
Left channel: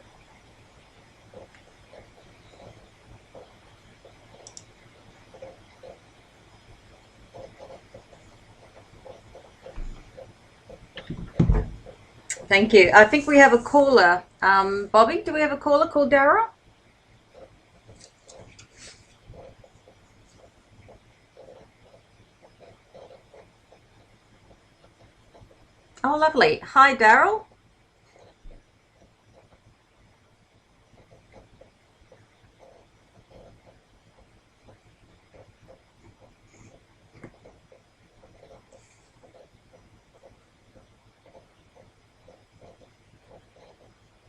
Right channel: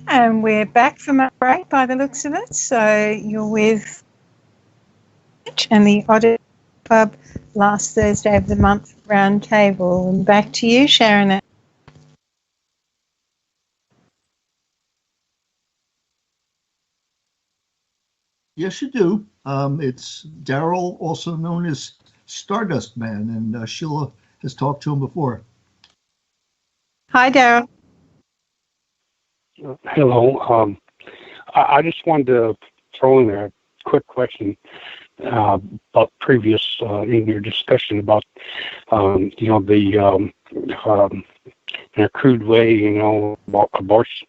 And we're back from a break by the looks of it. So you're with and the Oddities Club last Thursday of the month round table. And back to you, Sharon. Thank you. I think we have a caller. Bobby, do we have a caller called Daryl? Yes, you do. It's Daryl, also known as Stardust Man, and Sheila has talked to him before. Oh, lovely. Hi, Daryl. Hi, Daryl. Hello. I just wanted to throw in a quick question about previous in your discussion about the in a crude way, about abortion.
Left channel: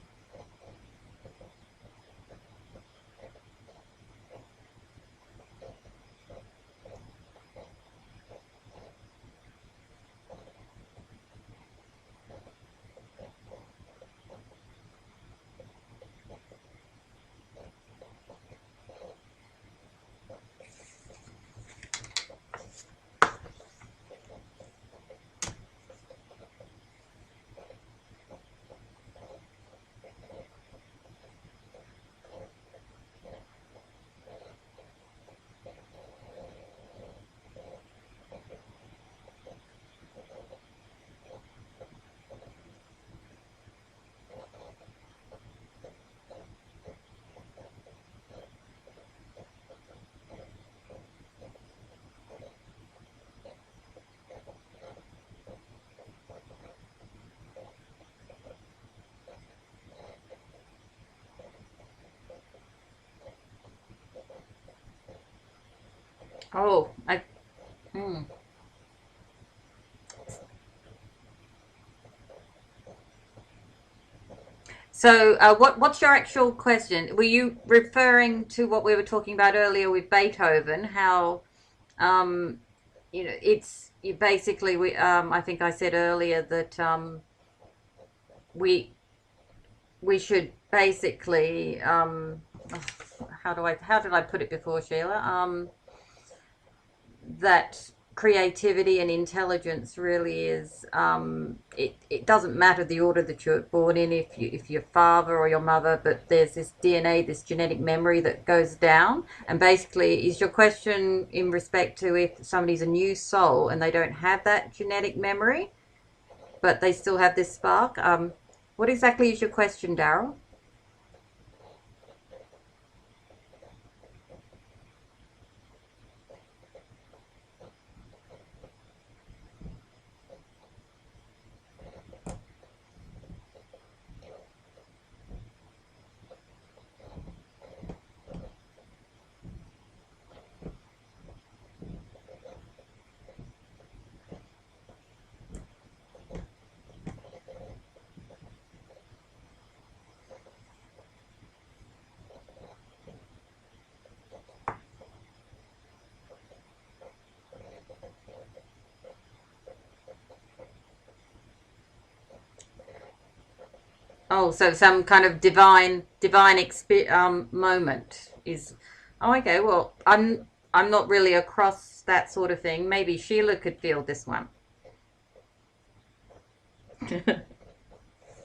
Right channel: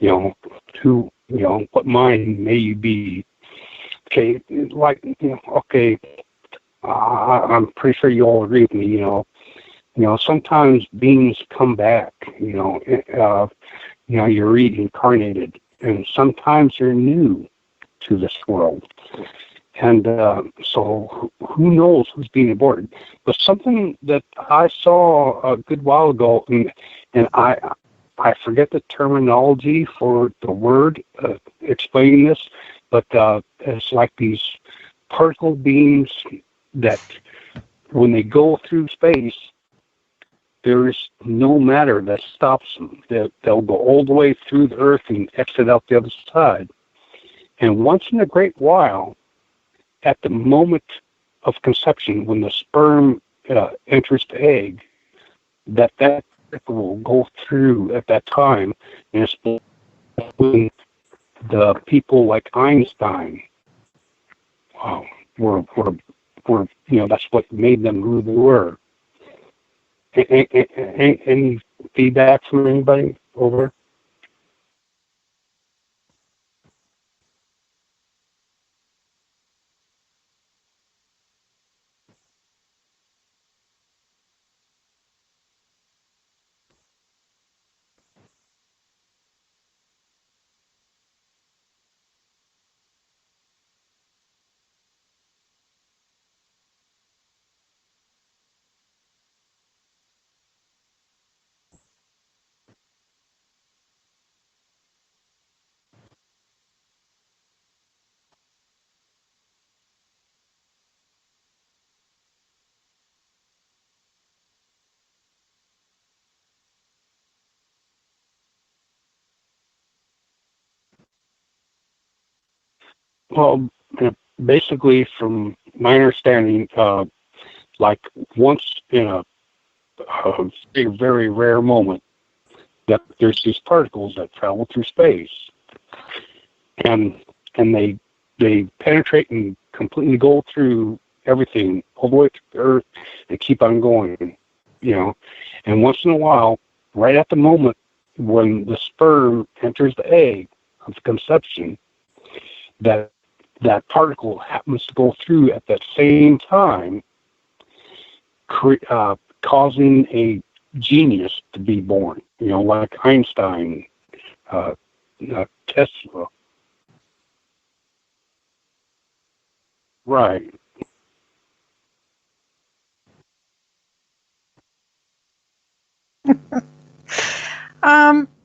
What mind may you be okay, like, okay, I'm pretty sure you all agree with me, sometimes beings come back, you're reincarnated, and sometimes you're new to this world. And so who knows who's being aborted. But something that I saw a good while ago, and I forget the terminology for the word explaining this, but it's like these particle beams that when they go through space, there is no matter that stops them. They'll go all the way through the Earth and exit out the other side. And once in a great while, at the moment of conception, when the sperm enters the egg, that particle will go through at that time, and it's when the people like Einstein were that's what made them who they were. Any feedback from anybody over? So what's your actual question? Were you referring to what we were talking about earlier with Beethoven? How, it's basically I think I said earlier that we should basically how did I put it before, Sheila? That creativity and intelligence really is it doesn't matter the order that you're born in, if your father or your mother, but there's this DNA, this genetic memory that goes down. And basically, is your question in respect to if somebody's a new soul and they don't have that genetic memory but they still have this spark? What exactly is your question, Daryl? Well, basically, from my understanding, like once in a very rare moment, that there's these particles that travel through space, and they penetrate and completely go through everything all the way to the Earth and keep on going, And once in a while, right at the moment when the sperm enters the egg of conception, that particle happens to go through at that same time, causing a genius to be born, like Einstein. Oh, so some kind of divine moment is. Oh, okay. Well, I'm not really across that sort of thing. Maybe Sheila could feel this one.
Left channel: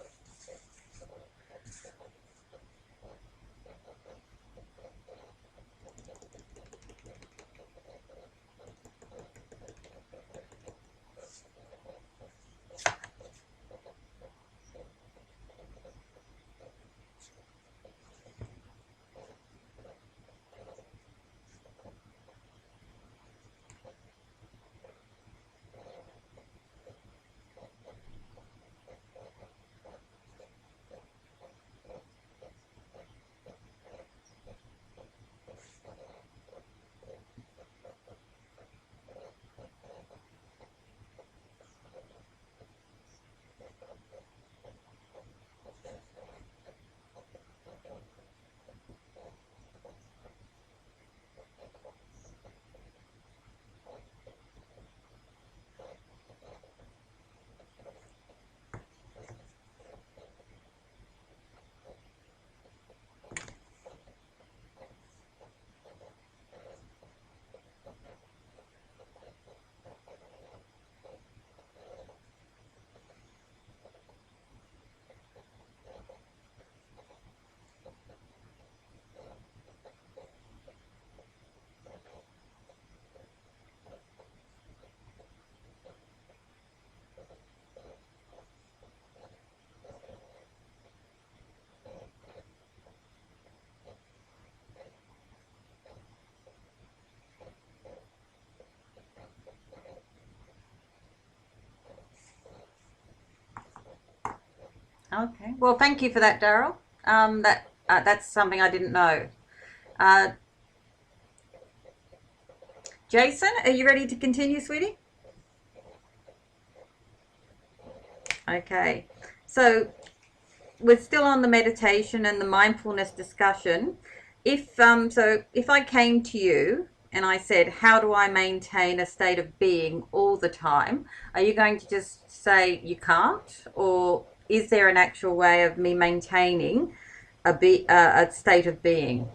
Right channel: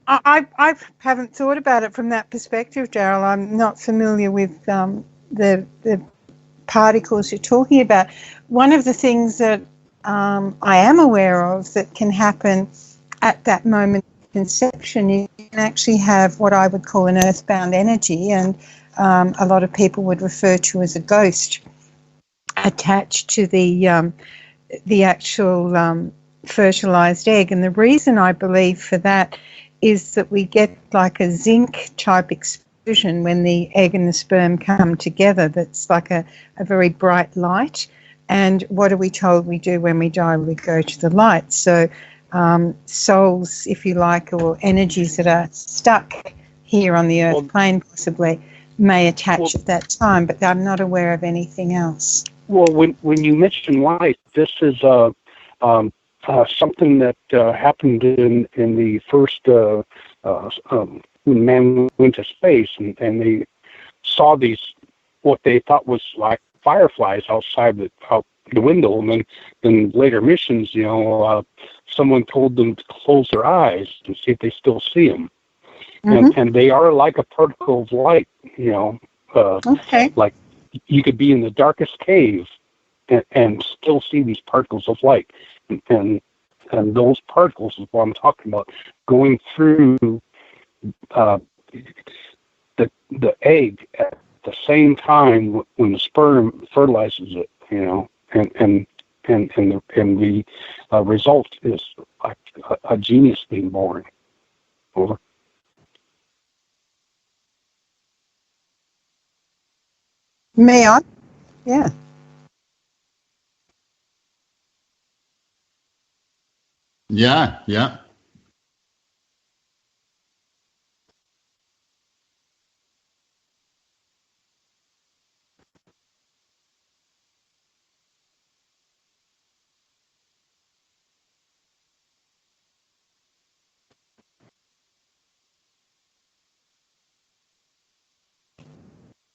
I haven't thought about it from that perspective, Daryl. I'm not familiar with the particles you're talking about. One of the things that I am aware of that can happen at that moment of conception, you can actually have what I would call an earthbound energy, and a lot of people would refer to as a ghost attached to the actual fertilized egg. And the reason I believe for that is that we get like a zinc type explosion when the egg and the sperm come together. That's like a very bright light. And what are we told we do when we die? We go to the light. So souls, if you like, or energies that are stuck here on the earth plane possibly may attach at that time, but I'm not aware of anything else. Well, when you mention light, this is something that happened in the first when man went to space, and they saw these what they thought was like fireflies outside out the window, and then later missions, someone told them to close their eyes and see if they still see them, and they are like a particle of light, like you could be in the darkest cave and still see these particles of light, and those particles is what I'm talking about, going through the egg at the same time when the sperm fertilizes it, and the result is like a genius being born. Over. Okay. Well, thank you for that, Daryl. That's something I didn't know. May I? Yeah. Jason, are you ready to continue, sweetie? Yeah. Okay. So we're still on the meditation and the mindfulness discussion. if I came to you and I said, how do I maintain a state of being all the time? Are you going to just say you can't, or is there an actual way of me maintaining a state of being?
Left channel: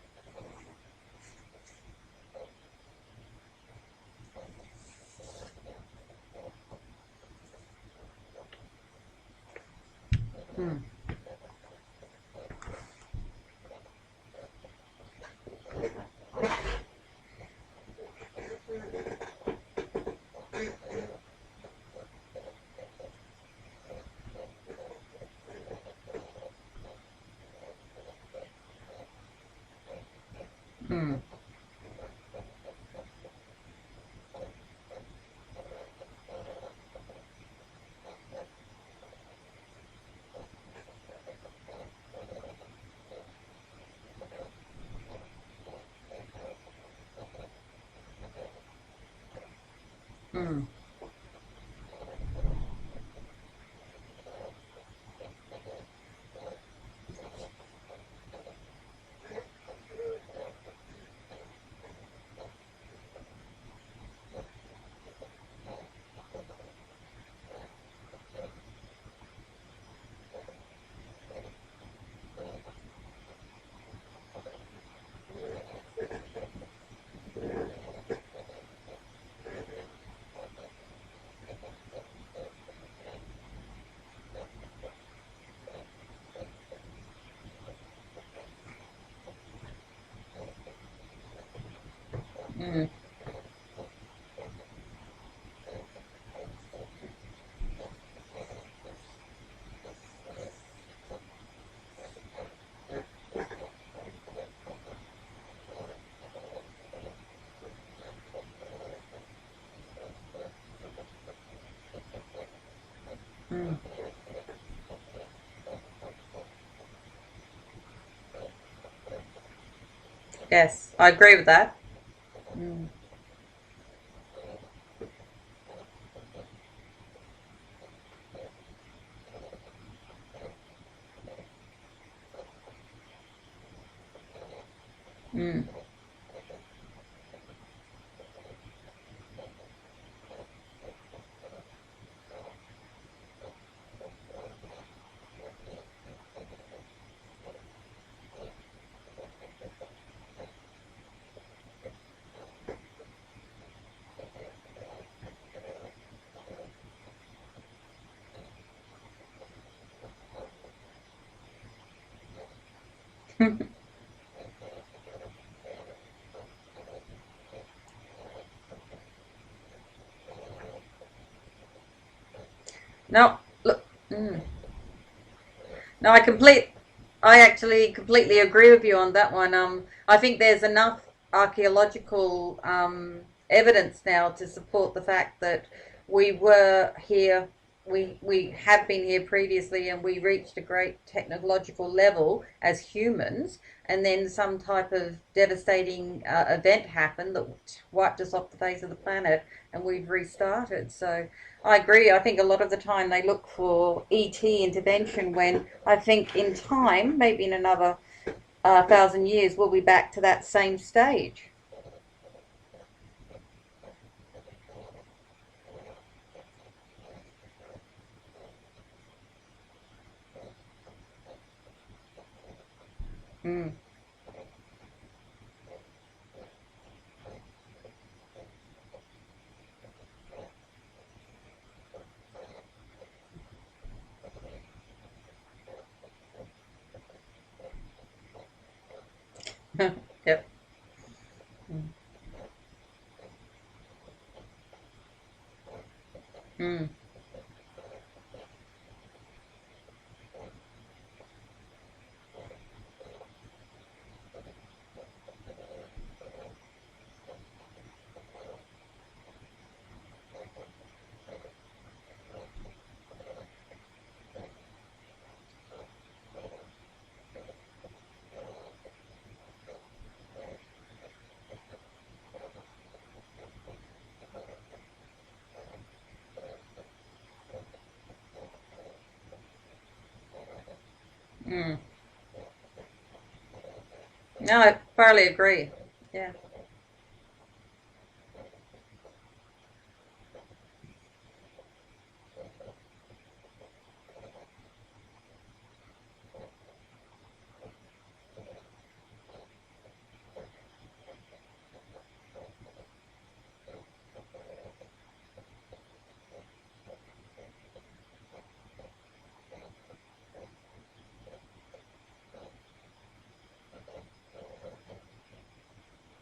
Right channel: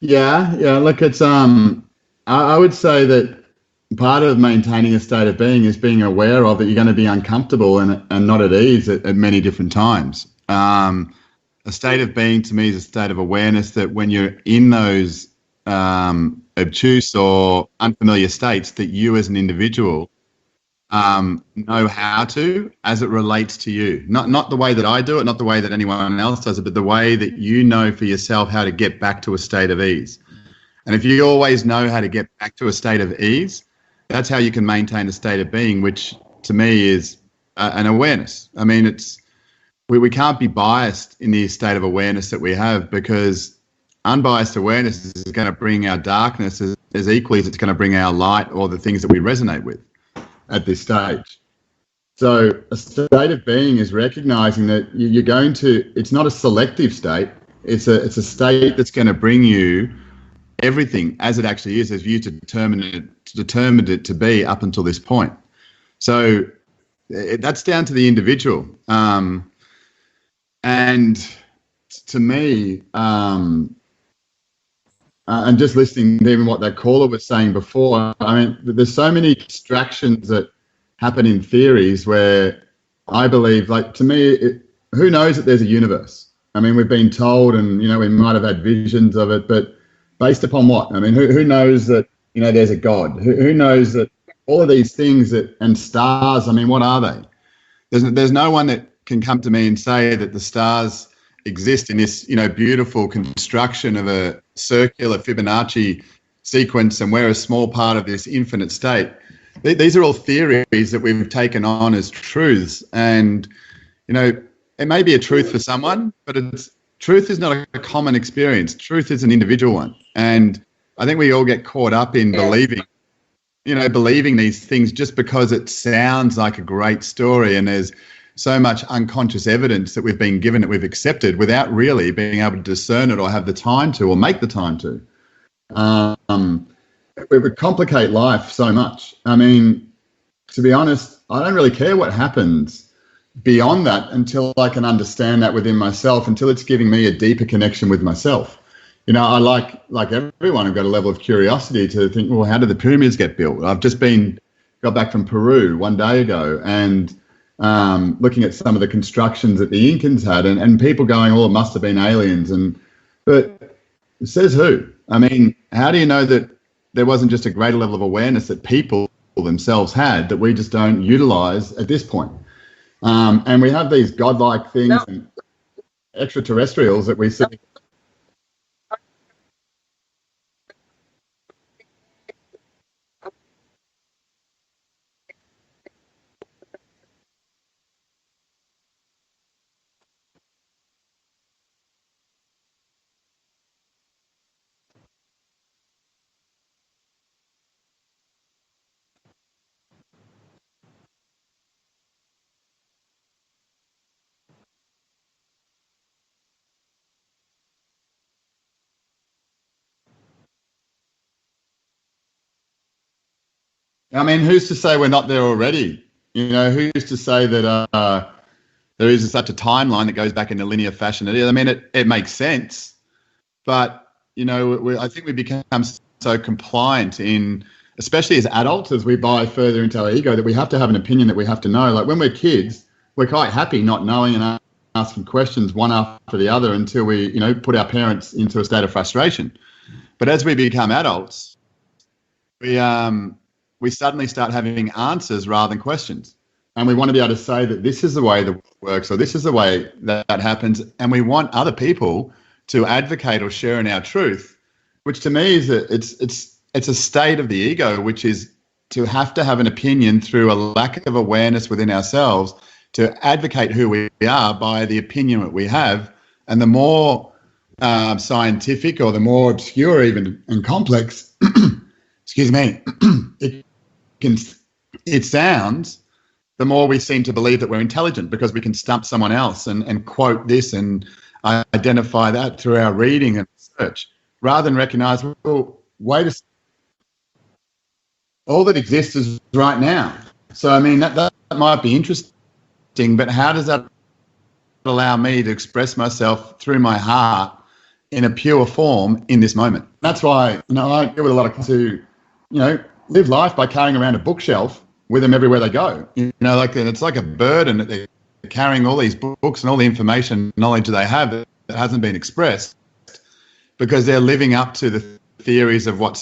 Yeah, yeah. Look, it's I would say that part of maintaining a state of being is being aware of that you're going to be uncomfortable and not at ease at many different times. A state of being to me is a state of awareness that when you're in those obtuse or unfamiliar states, that you as an individual know how to, as it relates to you. Not the way that I do it, not the way that anyone else does it, but the way that you know for yourself how to get back to a state of ease. And if you always know how to get back to a state of ease, that's how you can maintain a state of being, which to me is an awareness. I mean, we can't be biased in the state of awareness that we have, because unbiased awareness is going to bring our darkness as equally as it's going to bring our light or the things that we resonate with at this stage. So a state of being is recognizing that you're going to, it's not a selective state, it's a state that's going to bring you everything as it actually is, as you determined it to be up until this point. So that's down to the individual. And to me, and just listening to even what that caller was saying before, I mean, there's so many distractions that happen in theories where I believe, like, to me, who knows that there's a universe? I mean, we've been told, and, you know, we might have had visions of it, but based upon what? I mean, who knows that, you know, there's a God? Who knows that all of these things and stars, I mean, what are they? There's no one that can come to me and say that the stars exist in this, you know, beautiful construction of a circular Fibonacci sequence, and we're a small part of this infinite state. These are all theories that we've taken on as truths, and you know, it may be a truth for someone, but truth is not a common experience. Truth is an individual one, and Yes, I think we all get caught up in believing these things just because it sounds like a great story, and there's so much unconscious evidence that we've been given that we've accepted without really being able to discern it or have the time to or make the time to. We would complicate life so much. I mean, to be honest, I don't really care what happens beyond that until I can understand that within myself, until it's giving me a deeper connection with myself. You know, I like everyone, I've got a level of curiosity to think, well, how did the pyramids get built? I've just got back from Peru one day ago, and looking at some of the constructions that the Incans had, and people going, oh, it must have been aliens. But it says who? I mean, how do you know that there wasn't just a greater level of awareness that people themselves had that we just don't utilize at this point? And we have these godlike things and extraterrestrials that we... I actually completely agree with you on that one. I think there's enough archaeological evidence now to support the fact that we were here, we have been here previously, and we reached a great technological level as humans, and then some type of devastating event happened that wiped us off the face of the planet, and we've restarted. So I agree. I think a lot of the time they look for ET intervention, when I think in time, maybe in another 1,000 years, we'll be back to that same stage. I mean, who's to say we're not there already? You know, who's to say that there is such a timeline that goes back in a linear fashion? I mean, it makes sense, but, you know, I think we become so compliant in, especially as adults, as we buy further into our ego, that we have to have an opinion that we have to know. Like when we're kids, we're quite happy not knowing and asking questions one after the other until we, you know, put our parents into a state of frustration. But as we become adults, we suddenly start having answers rather than questions. And we want to be able to say that this is the way that works, or this is the way that happens. And we want other people to advocate or share in our truth, which to me is it's a state of the ego, which is to have an opinion through a lack of awareness within ourselves to advocate who we are by the opinion that we have. And the more scientific or the more obscure even and complex, excuse me, it sounds, the more we seem to believe that we're intelligent because we can stump someone else and quote this and identify that through our reading and research, rather than recognizing, oh, wait a second, all that exists is right now. So, I mean, that might be interesting, but how does that allow me to express myself through my heart in a pure form in this moment? That's why, I deal with a lot of to, live life by carrying around a bookshelf with them everywhere they go. It's like a burden that they're carrying all these books and all the information, knowledge that they have that hasn't been expressed because they're living up to the theories of what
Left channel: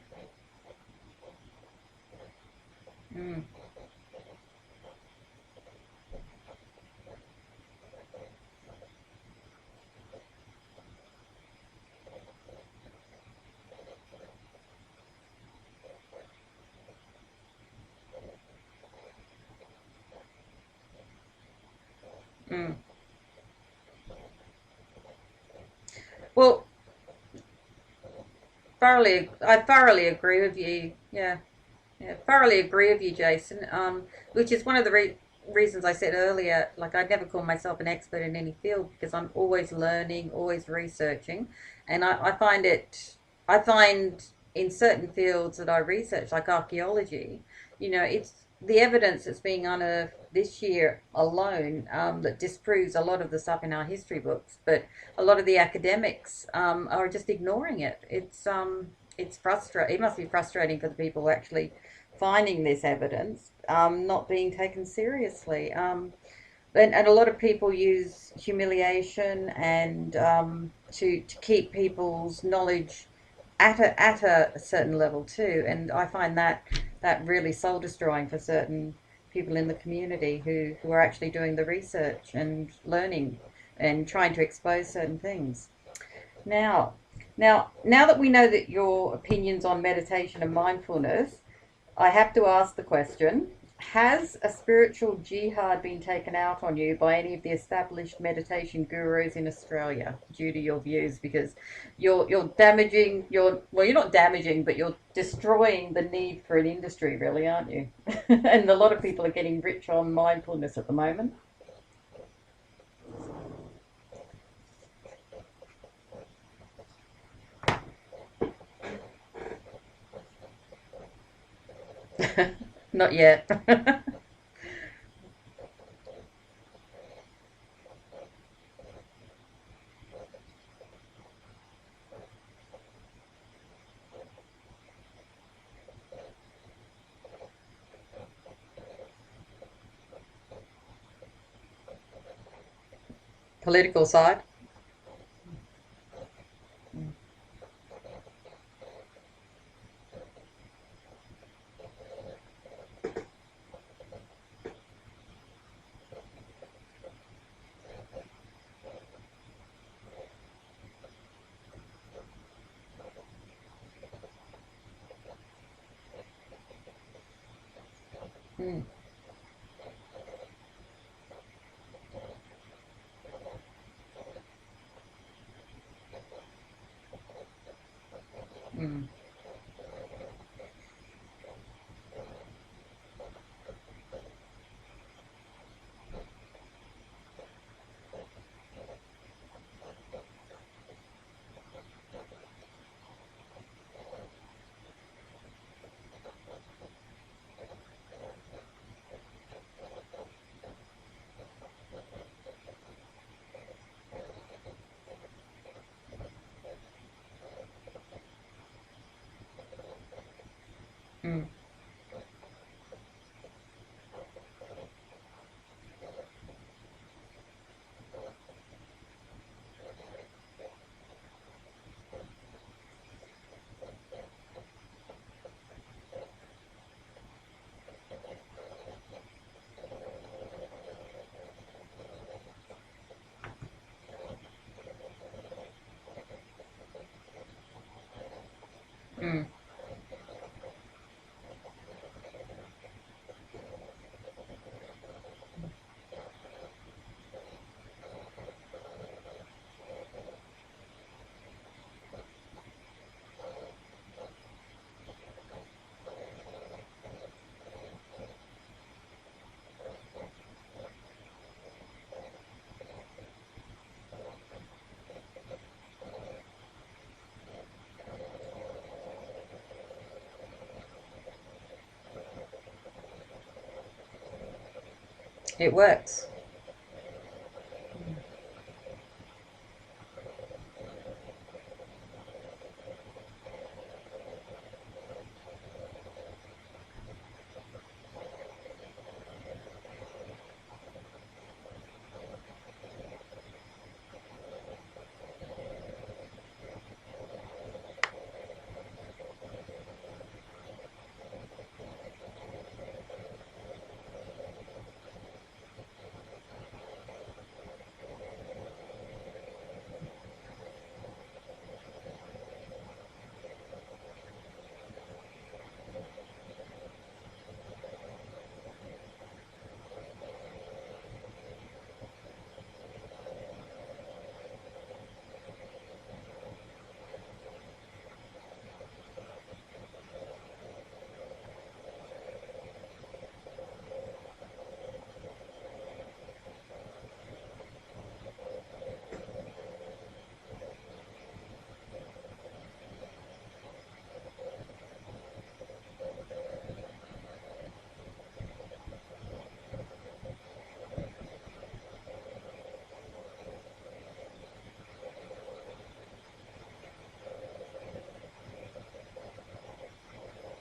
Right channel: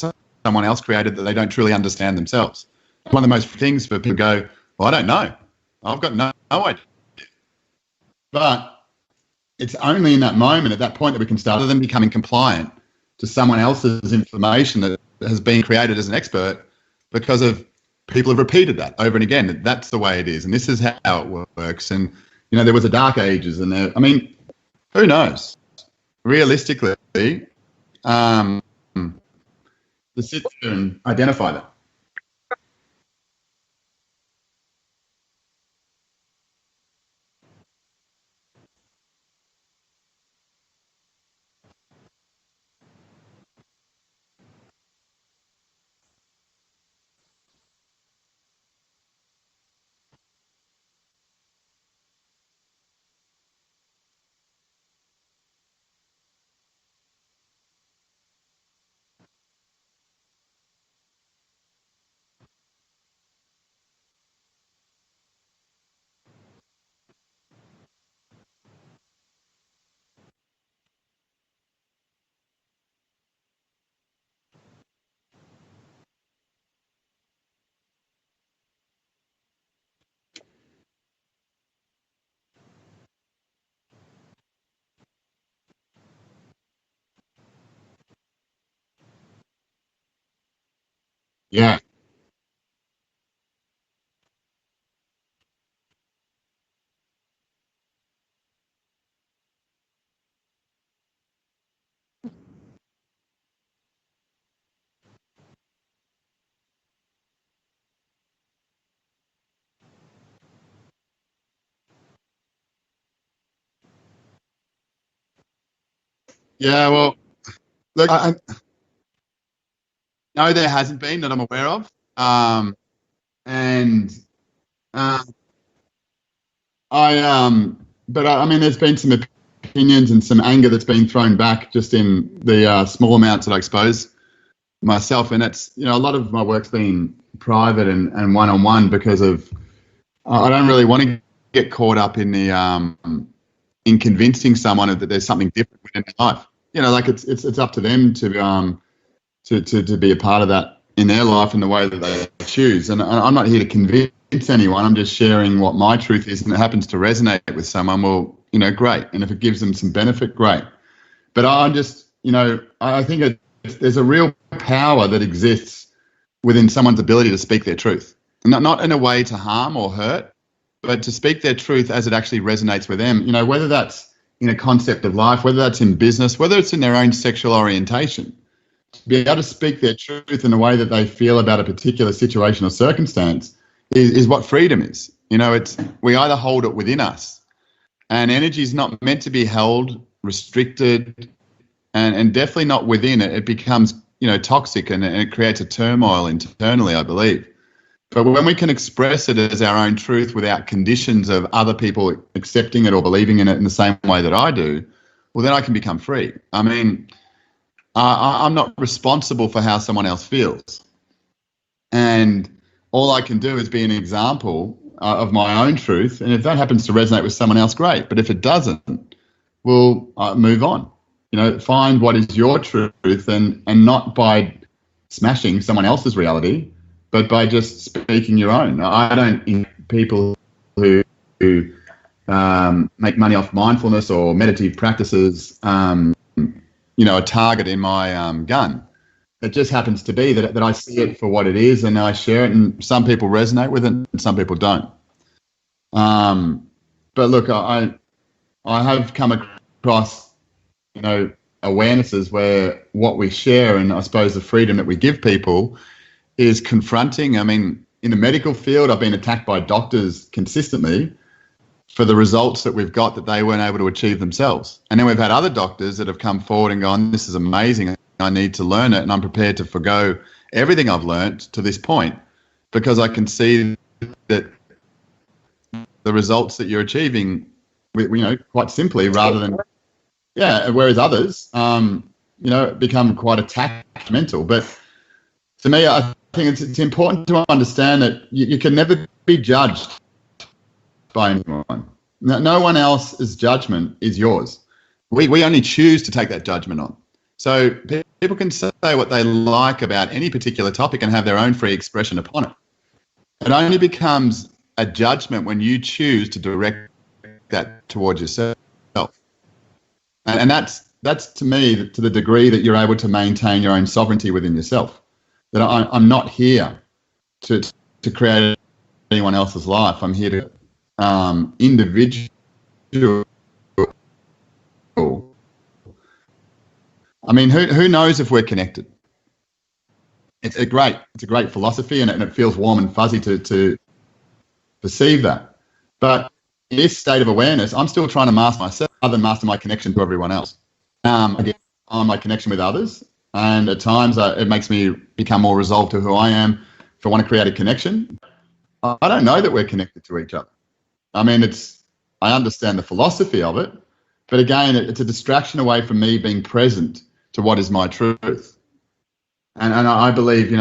someone else created that they don't truly understand themselves. One of the most things for people to go, well, I don't know. I've got no idea. But it's only in that moment, at that point, that we can start, other than becoming compliant to someone else's information that has been created as an expert, because of people have repeated that over and again. That's the way it is, and this is how it works. And there was a dark ages, and who knows? Realistically, I thoroughly agree with you. Identify that. Yeah, thoroughly agree with you, Jason. Which is one of the reasons I said earlier, like, I'd never call myself an expert in any field, because I'm always learning, always researching, and I find in certain fields that I research, like archaeology, it's the evidence that's being unearthed this year alone that disproves a lot of the stuff in our history books, but a lot of the academics are just ignoring it. It's frustrating. It must be frustrating for the people actually finding this evidence not being taken seriously. And a lot of people use humiliation and to keep people's knowledge at a certain level too. And I find that really soul destroying for certain people in the community who are actually doing the research and learning and trying to expose certain things. Now that we know that your opinions on meditation and mindfulness, I have to ask the question: has a spiritual jihad been taken out on you by any of the established meditation gurus in Australia due to your views? Because you're damaging you're not damaging, but you're destroying the need for an industry, really, aren't you? And a lot of people are getting rich on mindfulness at the moment. Yeah, well, look, no, there hasn't been that I'm aware of. Not yet. And there's been some opinions and some anger that's been thrown back just in the small amounts that I expose myself. And it's, a lot of my work's been private and one-on-one because of, I don't really want to get caught up in the in convincing someone that there's something different in their life. It's up to them to be a part of that in their life in the way that they choose. And I'm not here to convince anyone. I'm just sharing what my truth is, and it happens to resonate with someone. Well, great. And if it gives them some benefit, great. But I'm just, I think there's a real power that exists within someone's ability to speak their truth. Not in a way to harm or hurt, but to speak their truth as it actually resonates with them. Whether that's in a concept of life, whether that's in business, whether it's in their own sexual orientation. Be able to speak their truth in the way that they feel about a particular situation or circumstance is what freedom is. We either hold it within us, and energy is not meant to be held, restricted, and definitely not within it. It becomes, toxic and it creates a turmoil internally, I believe. But when we can express it as our own truth without conditions of other people accepting it or believing in it in the same way that I do, well, then I can become free. I'm not responsible for how someone else feels. And all I can do is be an example of my own truth. And if that happens to resonate with someone else, great. But if it doesn't, we'll move on. Find what is your truth and not by smashing someone else's reality, but by just speaking your own. I don't people who make money off mindfulness or meditative practices, a target in my gun. It just happens to be that I see it for what it is, and I share it, and some people resonate with it and some people don't. But look, I have come across, awarenesses where what we share and I suppose the freedom that we give people is confronting. in the medical field, I've been attacked by doctors consistently for the results that we've got that they weren't able to achieve themselves. And then we've had other doctors that have come forward and gone, this is amazing, I need to learn it, and I'm prepared to forgo everything I've learned to this point because I can see that It works. the results that you're achieving, quite simply, rather than, whereas others, become quite attachmental. But to me, I think it's important to understand that you can never be judged by anyone. No one else's judgment is yours. We only choose to take that judgment on. So people can say what they like about any particular topic and have their own free expression upon it. It only becomes a judgment when you choose to direct that towards yourself. And that's to me, to the degree that you're able to maintain your own sovereignty within yourself. That I'm not here to create anyone else's life. I'm here to individual. I mean, who knows if we're connected? It's a great philosophy, and it feels warm and fuzzy to perceive that. But in this state of awareness, I'm still trying to master myself other than master my connection to everyone else. Again, on my connection with others, and at times it makes me become more resolved to who I am. If I want to create a connection, I don't know that we're connected to each other. I mean, I understand the philosophy of it, but again, it's a distraction away from me being present to what is my truth. And I believe,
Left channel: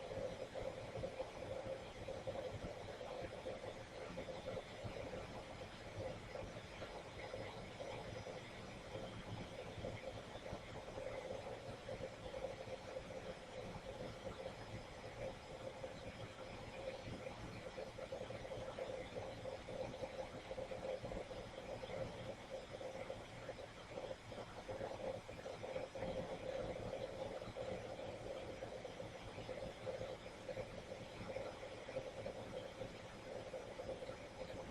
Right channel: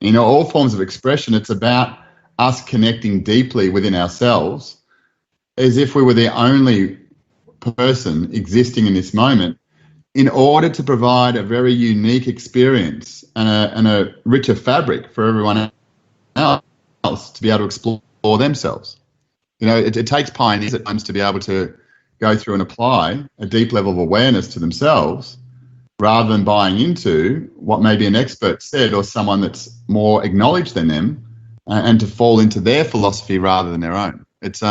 in all forms of expression, it's about us connecting deeply within ourselves as if we were the only person existing in this moment, in order to provide a very unique experience and a richer fabric for everyone else to be able to explore themselves. It takes pioneers at times to be able to go through and apply a deep level of awareness to themselves, rather than buying into what maybe an expert said or someone that's more acknowledged than them, and to fall into their philosophy rather than their own. It's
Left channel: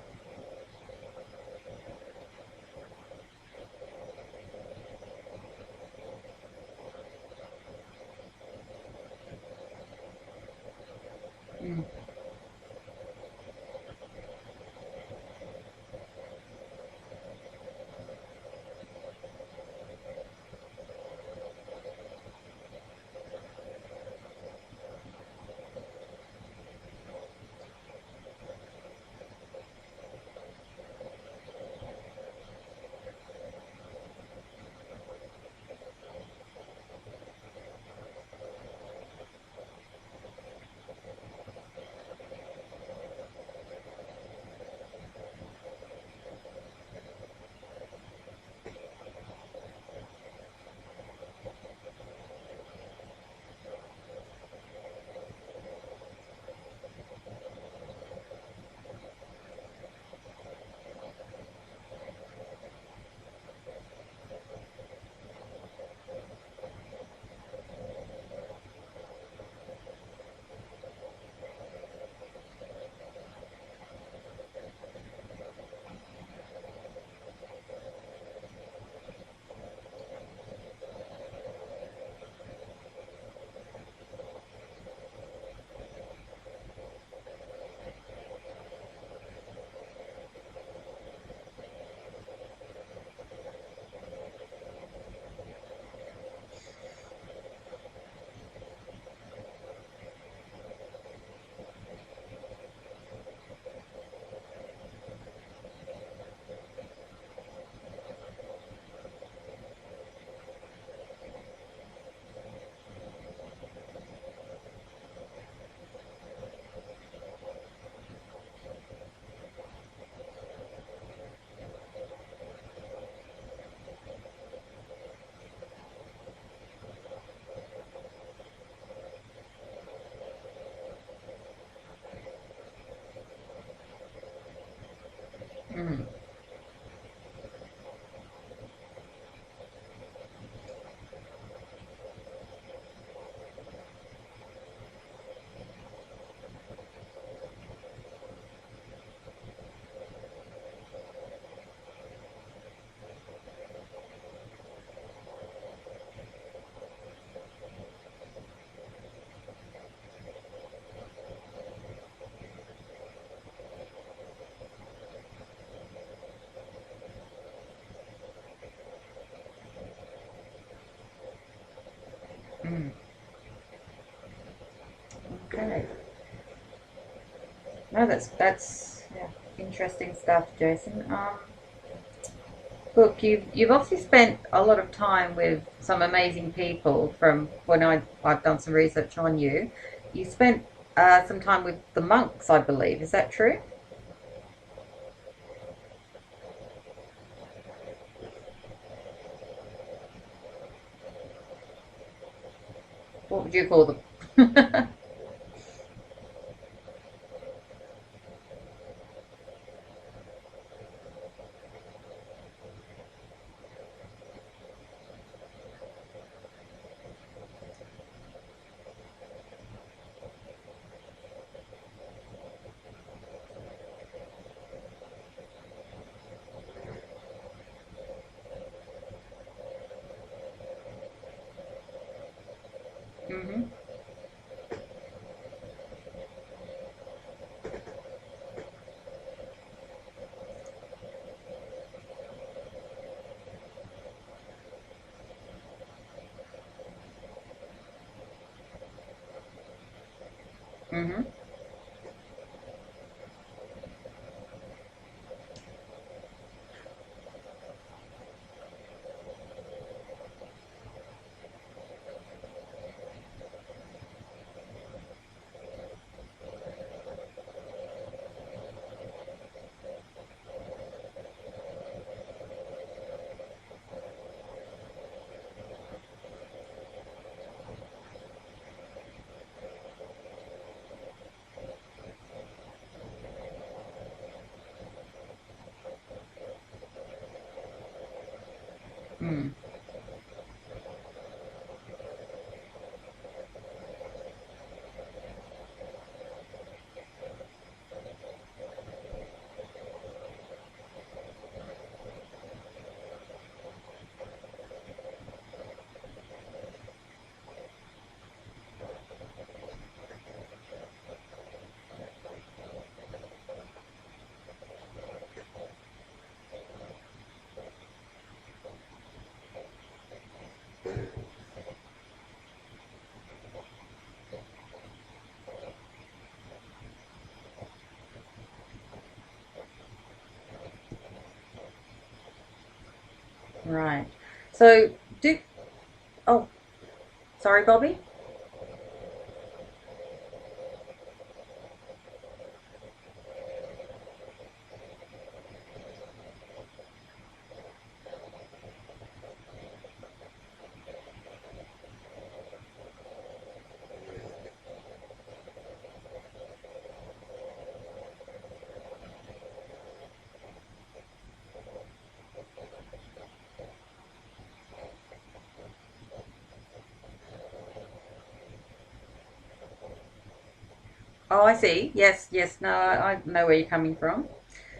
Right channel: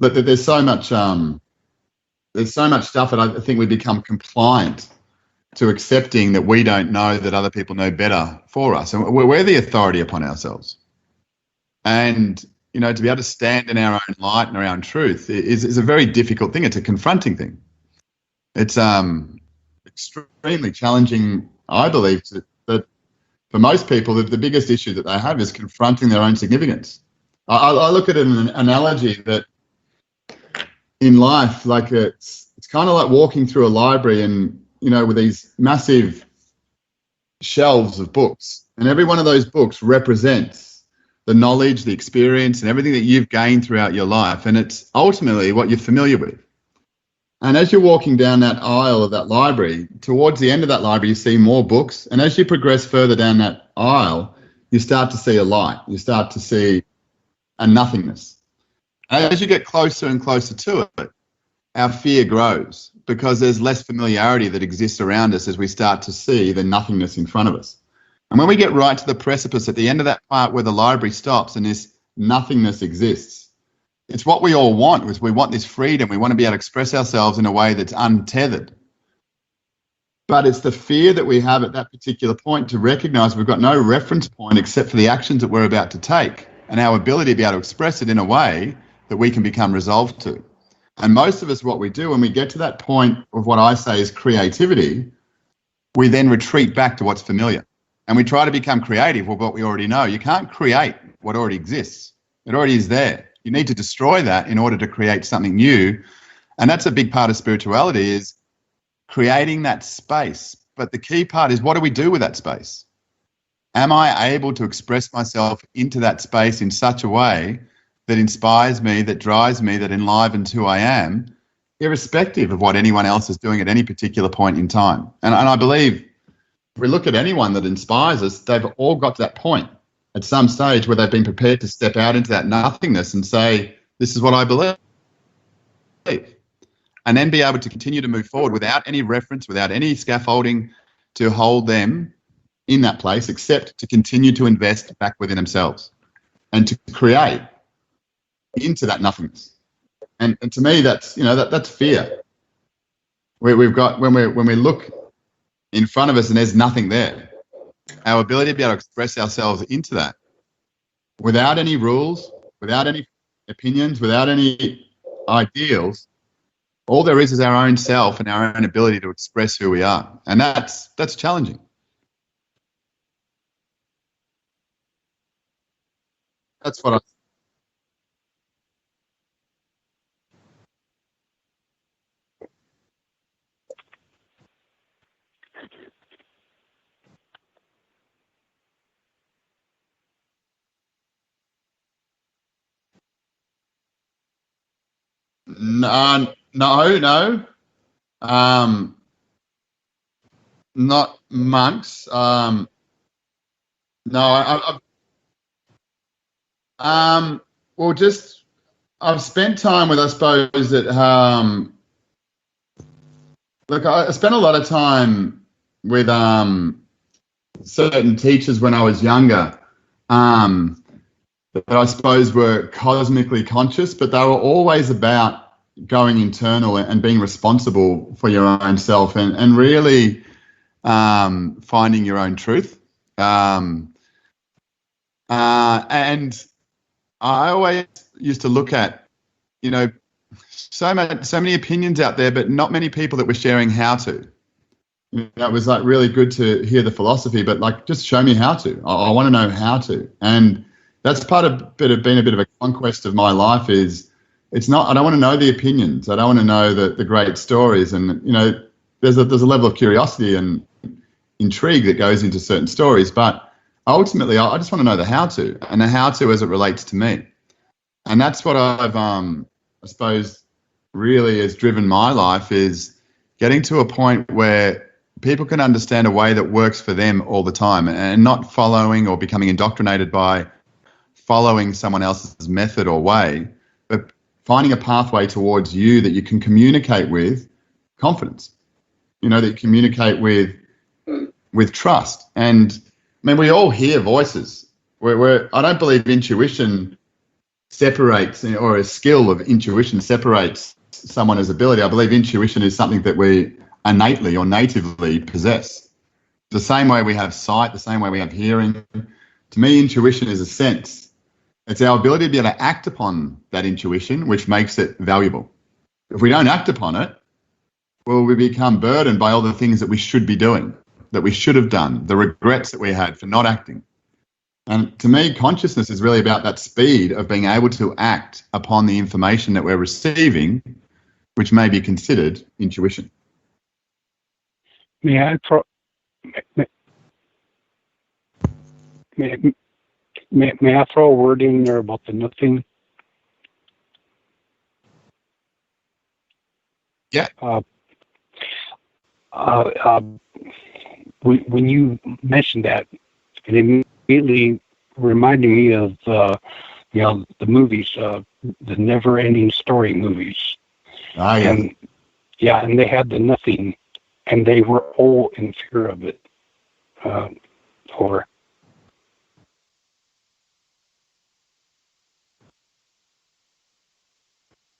but there's so much stuff that I think we become compliant to accepting that we don't know that other people know better for us, and we're the authority upon ourselves. And to be able to stand in our own light and our own truth is a very difficult thing. It's a confronting thing. It's extremely challenging, I believe, that for most people, the biggest issue that they have is confronting their own significance. I look at an analogy that in life, like it's kind of like walking through a library and, with these massive shelves of books, and every one of those books represents the knowledge, the experience, and everything that you've gained throughout your life. And it's ultimately what you're familiar with. And as you're walking down that aisle of that library, towards the end of that library, you see more books. And as you progress further down that aisle, you start to see a light. You start to see a nothingness. As you get closer and closer to it, our fear grows because there's less familiarity that exists around us as we start to see the nothingness in front of us. And when we get right to the precipice at the end of that part where the library stops and this nothingness exists, it's what we all want. Is we want this freedom. We want to be able to express ourselves in a way that's untethered. But it's the fear that we have at that particular point to recognize we've got no reference point except for the actions that we're about to take and our ability to be able to express it in a way that we can become resolved to. And most of us, what we do when we get to that point of what I say is creativity, we then retreat back to what's familiar. And we try to become creative with what we already know. You can't create what already exists. It already is there. You need to destroy that in order to create something new. And that's a big part of spirituality, is creating that space. But the key part is, what do we do with that space? Am I able to express myself into that space in such a way that inspires me, that drives me, that enlivens who I am, irrespective of what anyone else is doing at any particular point in time? And I believe if we look at anyone that inspires us, they've all got to that point at some stage where they've been prepared to step out into that nothingness and say, this is what I believe. And then be able to continue to move forward without any reference, without any scaffolding to hold them in that place, except to continue to invest back within themselves and to create into that nothingness. And to me, that's, that's fear. We've got, when we look in front of us and there's nothing there, our ability to be able to express ourselves into that without any rules, without any opinions, without any ideals. All there is our own self and our own ability to express who we are. And that's challenging. Mm. Okay. That's what No, that's interesting stuff, Jason. Look, you've obviously spent a lot of time with some amazing people. From when I've done some research on you, you spent some time with the monks, I believe. Is that true? No. Not monks. What would you call them? No, well, just I've spent time with, I suppose that look, I spent a lot of time with certain teachers when I was younger, that I suppose were cosmically conscious, but they were always about going internal and being responsible for your own self and really finding your own truth. And I always used to look at, so many opinions out there, but not many people that were sharing how to. It was like really good to hear the philosophy, but like just show me how to. I want to know how to, and that's part of being a bit of a conquest of my life. Is it's not I don't want to know the opinions. I don't want to know the great stories, and there's a level of curiosity and intrigue that goes into certain stories, but ultimately I just want to know the how to, and the how to as it relates to me. And that's what I've I suppose really has driven my life, is getting to a point where people can understand a way that works for them all the time, and not following or becoming indoctrinated by following someone else's method or way, but finding a pathway towards you that you can communicate with confidence, that you communicate with trust. And I mean, we all hear voices. I don't believe intuition separates, or a skill of intuition separates someone's ability. I believe intuition is something that we innately or natively possess. The same way we have sight, the same way we have hearing. To me, intuition is a sense. It's our ability to be able to act upon that intuition, which makes it valuable. If we don't act upon it, well, we become burdened by all the things that we should be doing, that we should have done, the regrets that we had for not acting. And to me, consciousness is really about that speed of being able to act upon the information that we're receiving, which may be considered intuition. Right. So. Sorry, Bobby. May I throw a word in there about the nothing? Yeah. When you mentioned that, it immediately reminded me of the movies, the never-ending story movies. Ah, yeah. And they had the nothing, and they were all in fear of it. Oh, I see. Yes. No, I know where you're coming from.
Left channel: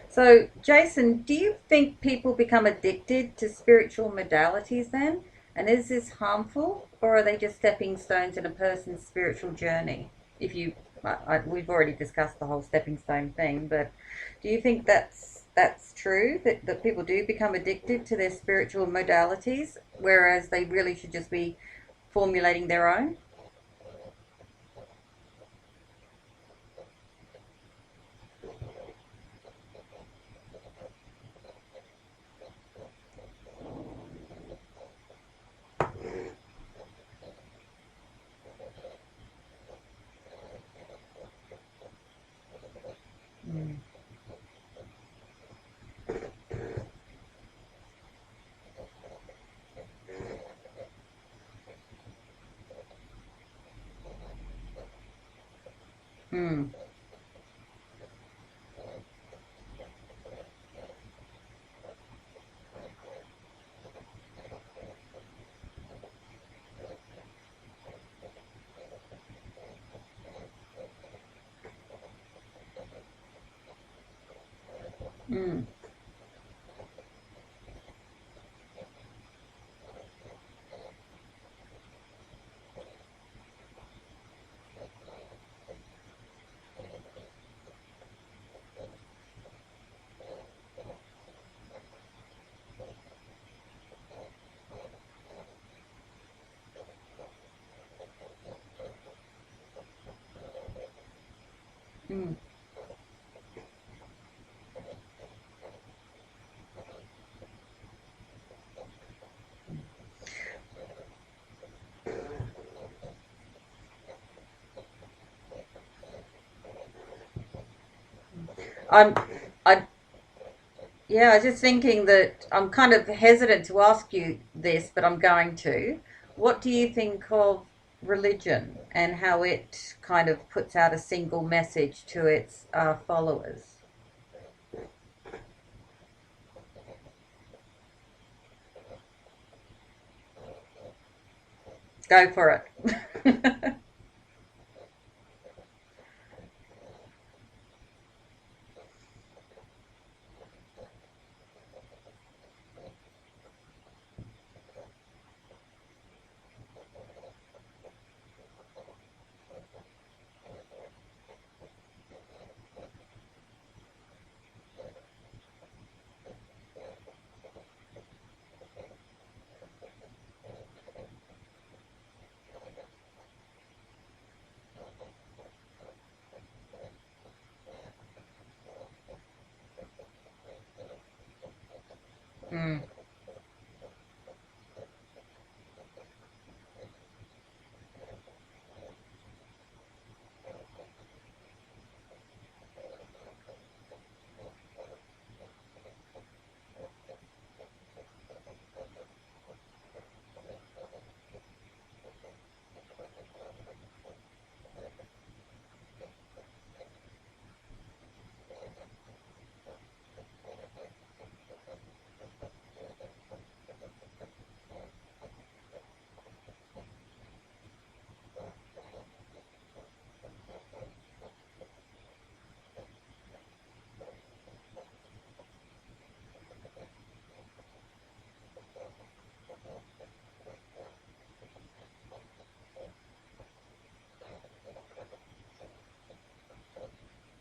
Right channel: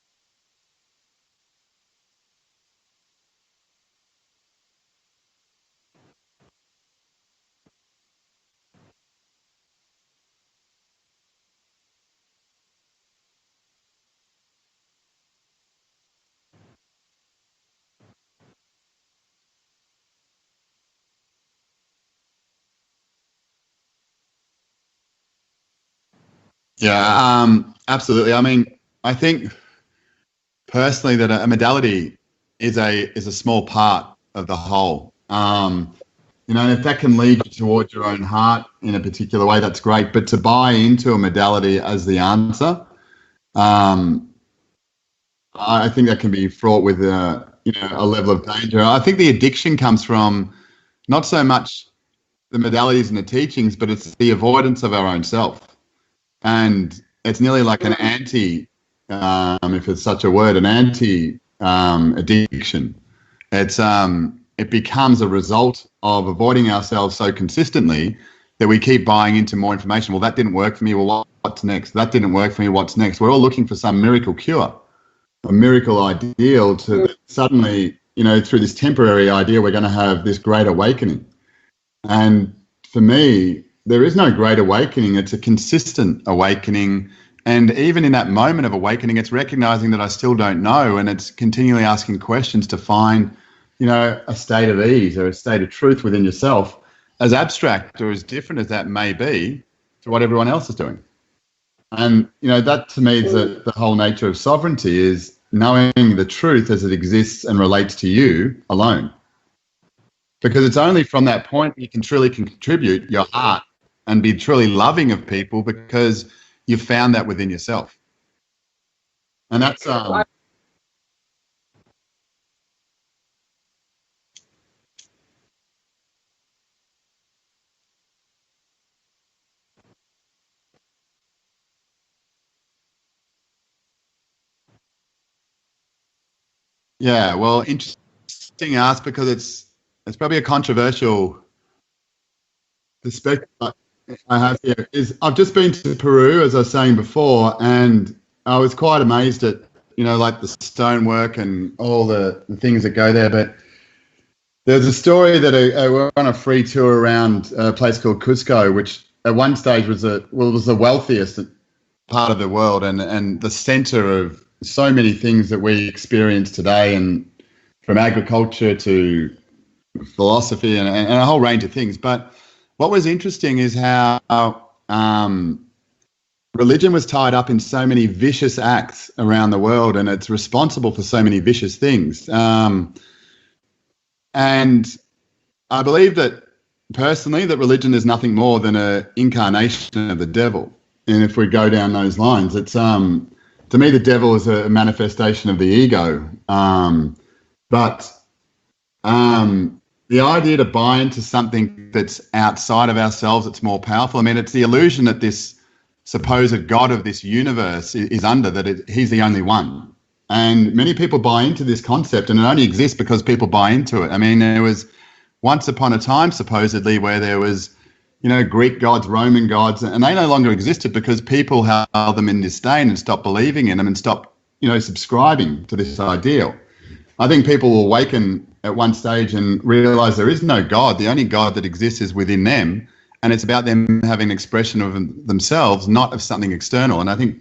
So, Jason, do you think people become addicted to spiritual modalities then? And is this harmful, or are they just stepping stones in a person's spiritual journey? We've already discussed the whole stepping stone thing, but do you think that's true, that people do become addicted to their spiritual modalities, whereas they really should just be formulating their own? Yeah, absolutely. I mean, I think personally that a modality is a small part of the whole. And if that can lead you towards your own heart in a particular way, that's great. But to buy into a modality as the answer, I think that can be fraught with a level of danger. I think the addiction comes from not so much the modalities and the teachings, but it's the avoidance of our own self. And it's nearly like an anti, if it's such a word, an anti addiction. It becomes a result of avoiding ourselves so consistently that we keep buying into more information. Well, that didn't work for me. Well, what's next? That didn't work for me. What's next? We're all looking for some miracle cure, a miracle ideal to suddenly, through this temporary idea, we're going to have this great awakening. And for me, there is no great awakening. It's a consistent awakening. And even in that moment of awakening, it's recognizing that I still don't know. And it's continually asking questions to find, a state of ease or a state of truth within yourself, as abstract or as different as that may be to what everyone else is doing. And, that to me is the whole nature of sovereignty, is knowing the truth as it exists and relates to you alone. Because it's only from that point you can truly contribute your heart and be truly loving of people, because you've found that within yourself. Yeah, I was just thinking that I'm kind of hesitant to ask you this, but I'm going to. What do you think of religion and how it kind of puts out a single message to its followers? Yeah, well, interesting ask, because it's probably a controversial. Go for it. Perspective I have here is I've just been to Peru, as I was saying before, and I was quite amazed at, like the stonework and all the things that go there. But there's a story that we're on a free tour around a place called Cusco, which at one stage was the wealthiest part of the world and the center of so many things that we experience today, and from agriculture to philosophy and a whole range of things. But what was interesting is how religion was tied up in so many vicious acts around the world, and it's responsible for so many vicious things. And I believe that, personally, that religion is nothing more than an incarnation of the devil. And if we go down those lines, it's to me, the devil is a manifestation of the ego. But the idea to buy into something that's outside of ourselves, it's more powerful. I mean, it's the illusion that this supposed God of this universe is under, that he's the only one. And many people buy into this concept, and it only exists because people buy into it. I mean, there was once upon a time, supposedly, where there was, Greek gods, Roman gods, and they no longer existed because people held them in disdain and stopped believing in them and stopped, subscribing to this ideal. I think people will awaken at one stage and realize there is no God. The only God that exists is within them. And it's about them having an expression of themselves, not of something external. And I think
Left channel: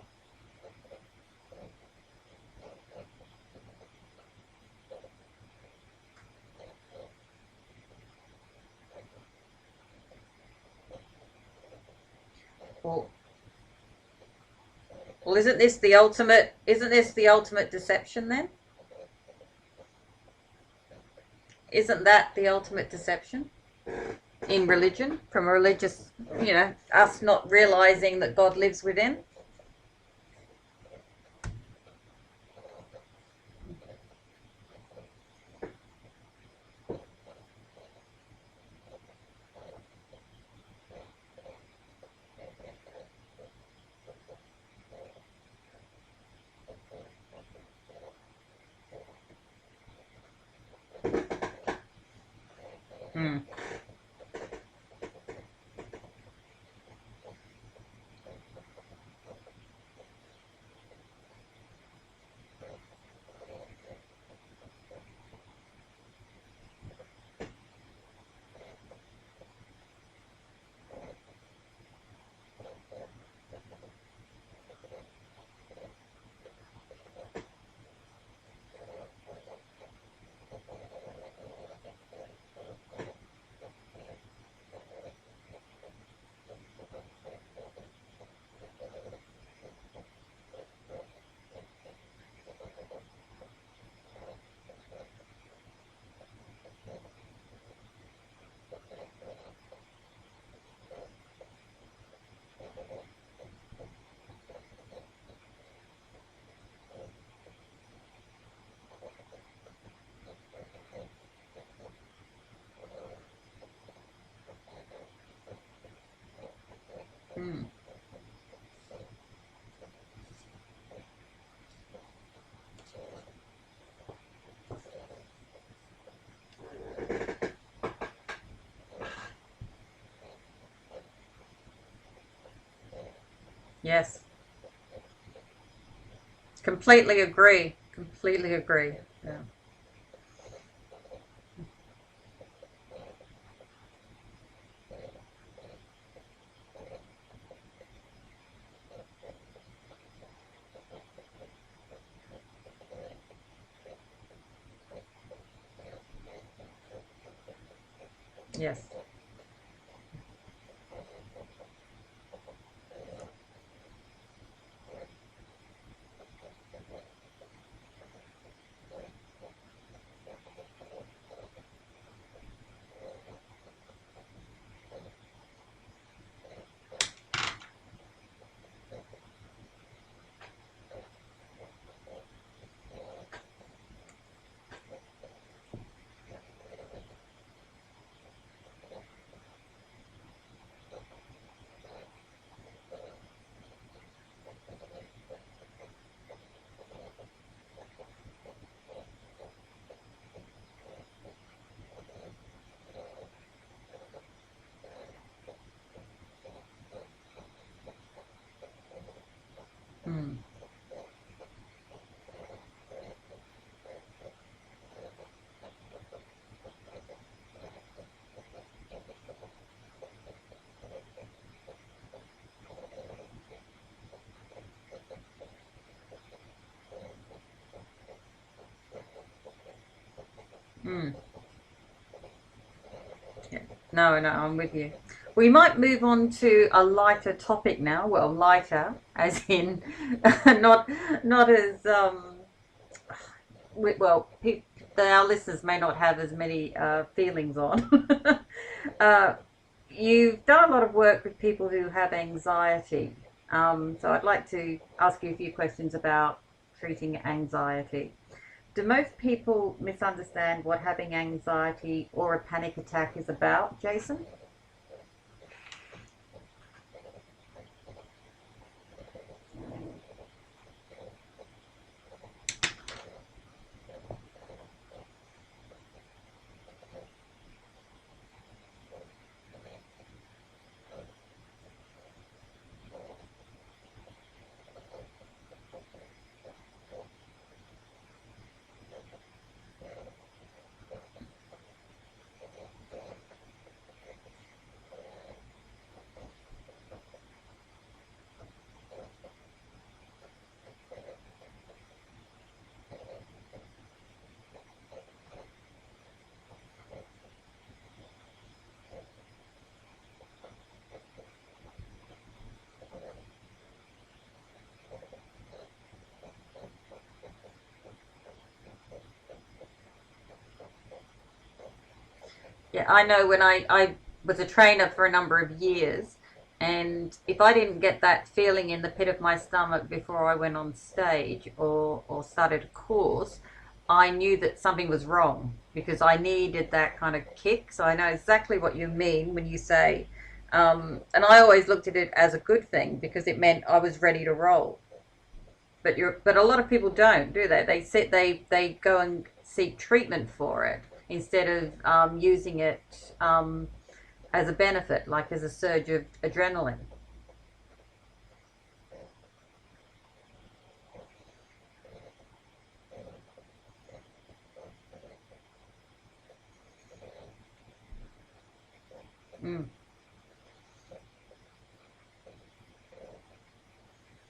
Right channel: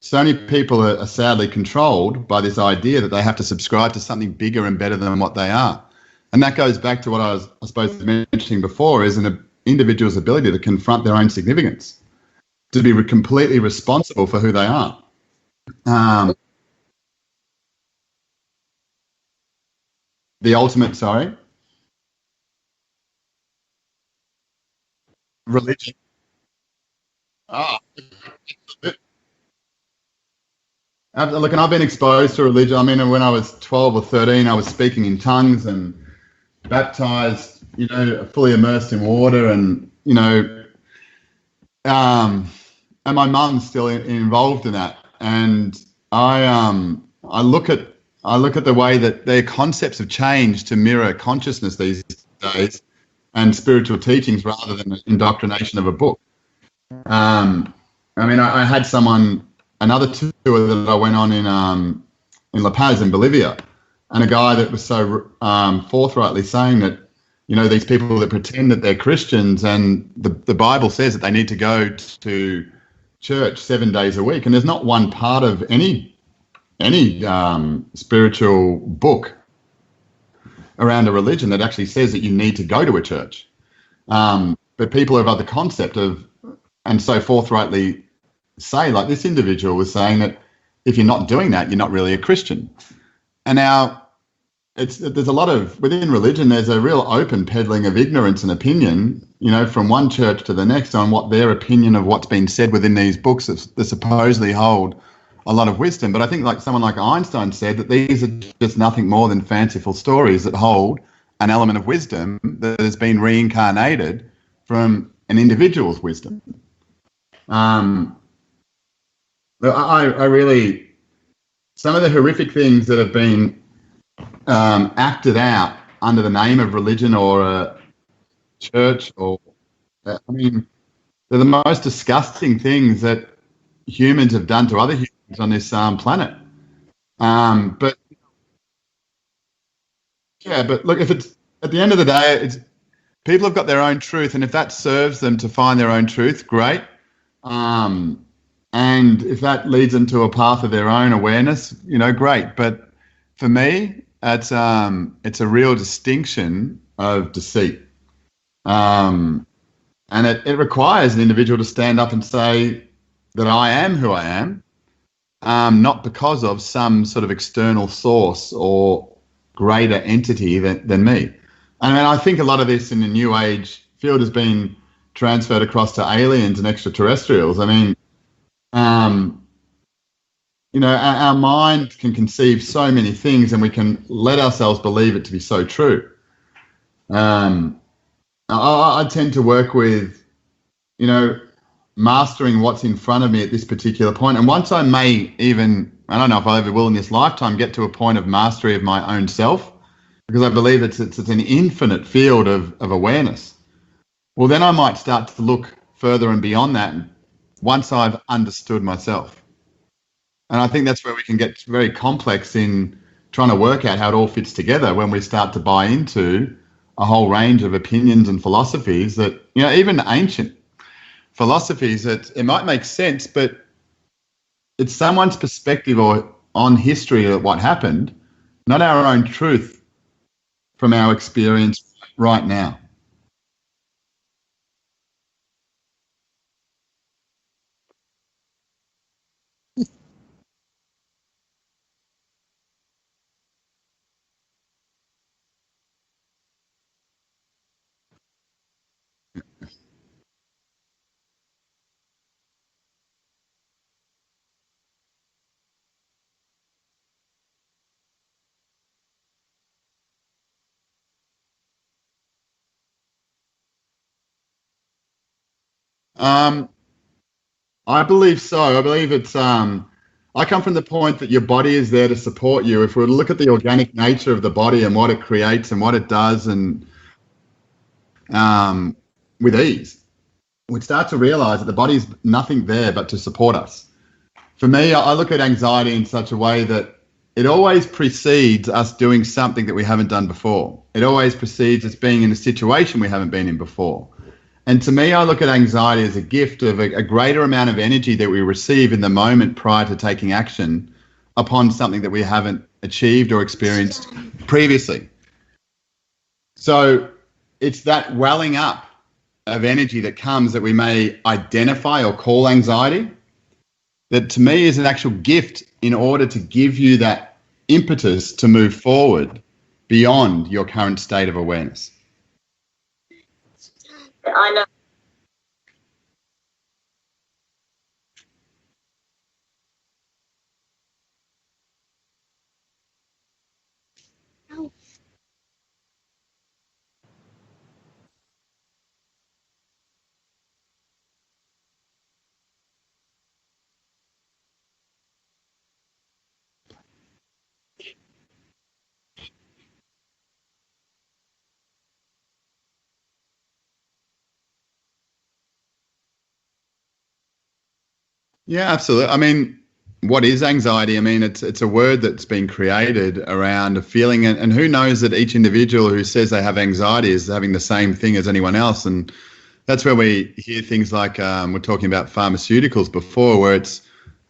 so many people are sadly controlled by this idea that they have to subscribe to something bigger and better than what they are. And that goes back to what I suppose, mentioning before, is an individual's ability to confront their own significance, to be completely responsible for who they are. Well, isn't this the ultimate? Isn't this the ultimate deception then? The ultimate, sorry? Isn't that the ultimate deception in religion? From a religious, us not realizing that God lives within? Look, and I've been exposed to religion. I mean, when I was 12 or 13, I was speaking in tongues and baptized, fully immersed in water, and, and my mum's still involved in that. And I look at the way that their concepts have changed to mirror consciousness these days and spiritual teachings rather than the indoctrination of a book. I mean, I had another tour that I went on in La Paz in Bolivia, and a guy that was so forthrightly saying that, these people that pretend that they're Christians, and the Bible says that they need to go to church 7 days a week, and there's not one part of any spiritual book around a religion that actually says that you need to go to a church. But people have other concept of, and so forthrightly say, like this individual was saying, that if you're not doing that, you're not really a Christian. And now there's a lot of, within religion, there's a real open peddling of ignorance and opinion, from one church to the next on what their opinion of what's been said within these books that supposedly hold a lot of wisdom. But I think, like someone like Einstein said, that these are just nothing more than fanciful stories that hold an element of wisdom that has been reincarnated from an individual's wisdom. I really, some of the horrific things that have been acted out under the name of religion or a church, they're the most disgusting things that humans have done to other humans on this planet. Completely agree. Completely agree. Yeah, but look, if it's at the end of the day, people have got their own truth, and if that serves them to find their own truth, great. And if that leads them to a path of their own awareness, great. But for me, it's a real distinction of deceit. Yeah. And it requires an individual to stand up and say that I am who I am, not because of some sort of external source or greater entity than me. I mean, I think a lot of this in the New Age field has been transferred across to aliens and extraterrestrials. I mean, our mind can conceive so many things, and we can let ourselves believe it to be so true. I tend to work with, mastering what's in front of me at this particular point. And once I may even, I don't know if I ever will in this lifetime, get to a point of mastery of my own self, because I believe it's an infinite field of awareness. Well, then I might start to look further and beyond that once I've understood myself. And I think that's where we can get very complex in trying to work out how it all fits together, when we start to buy into a whole range of opinions and philosophies that, even ancient philosophies, that it might make sense, but it's someone's perspective or on history of what happened, not our own truth from our experience right now. Yeah. No, I'm with you. We might move on to a lighter topic now. Well, lighter, as in not as our listeners may not have as many feelings on. You've done a lot of work with people who have anxiety. So I'd like to ask you a few questions about treating anxiety. Do most people misunderstand what having anxiety or a panic attack is about, Jason? I believe so. I believe it's, I come from the point that your body is there to support you. If we look at the organic nature of the body and what it creates and what it does, and with ease, we start to realize that the body's nothing there but to support us. For me, I look at anxiety in such a way that it always precedes us doing something that we haven't done before. It always precedes us being in a situation we haven't been in before. And to me, I look at anxiety as a gift of a greater amount of energy that we receive in the moment prior to taking action upon something that we haven't achieved or experienced previously. So it's that welling up of energy that comes that we may identify or call anxiety, that to me is an actual gift in order to give you that impetus to move forward beyond your current state of awareness. Yeah, I know when I was a trainer for a number of years, and if I didn't get that feeling in the pit of my stomach before I went on stage or started a course, I knew that something was wrong, because I needed that kind of kick. So I know exactly what you mean when you say, and I always looked at it as a good thing, because it meant I was ready to roll. But a lot of people don't, do they? They go and seek treatment for it instead of using it as a benefit, like as a surge of adrenaline. Yeah, absolutely. I mean, what is anxiety? I mean, it's a word that's been created around a feeling, and who knows that each individual who says they have anxiety is having the same thing as anyone else. And that's where we hear things like, we're talking about pharmaceuticals before, where it's,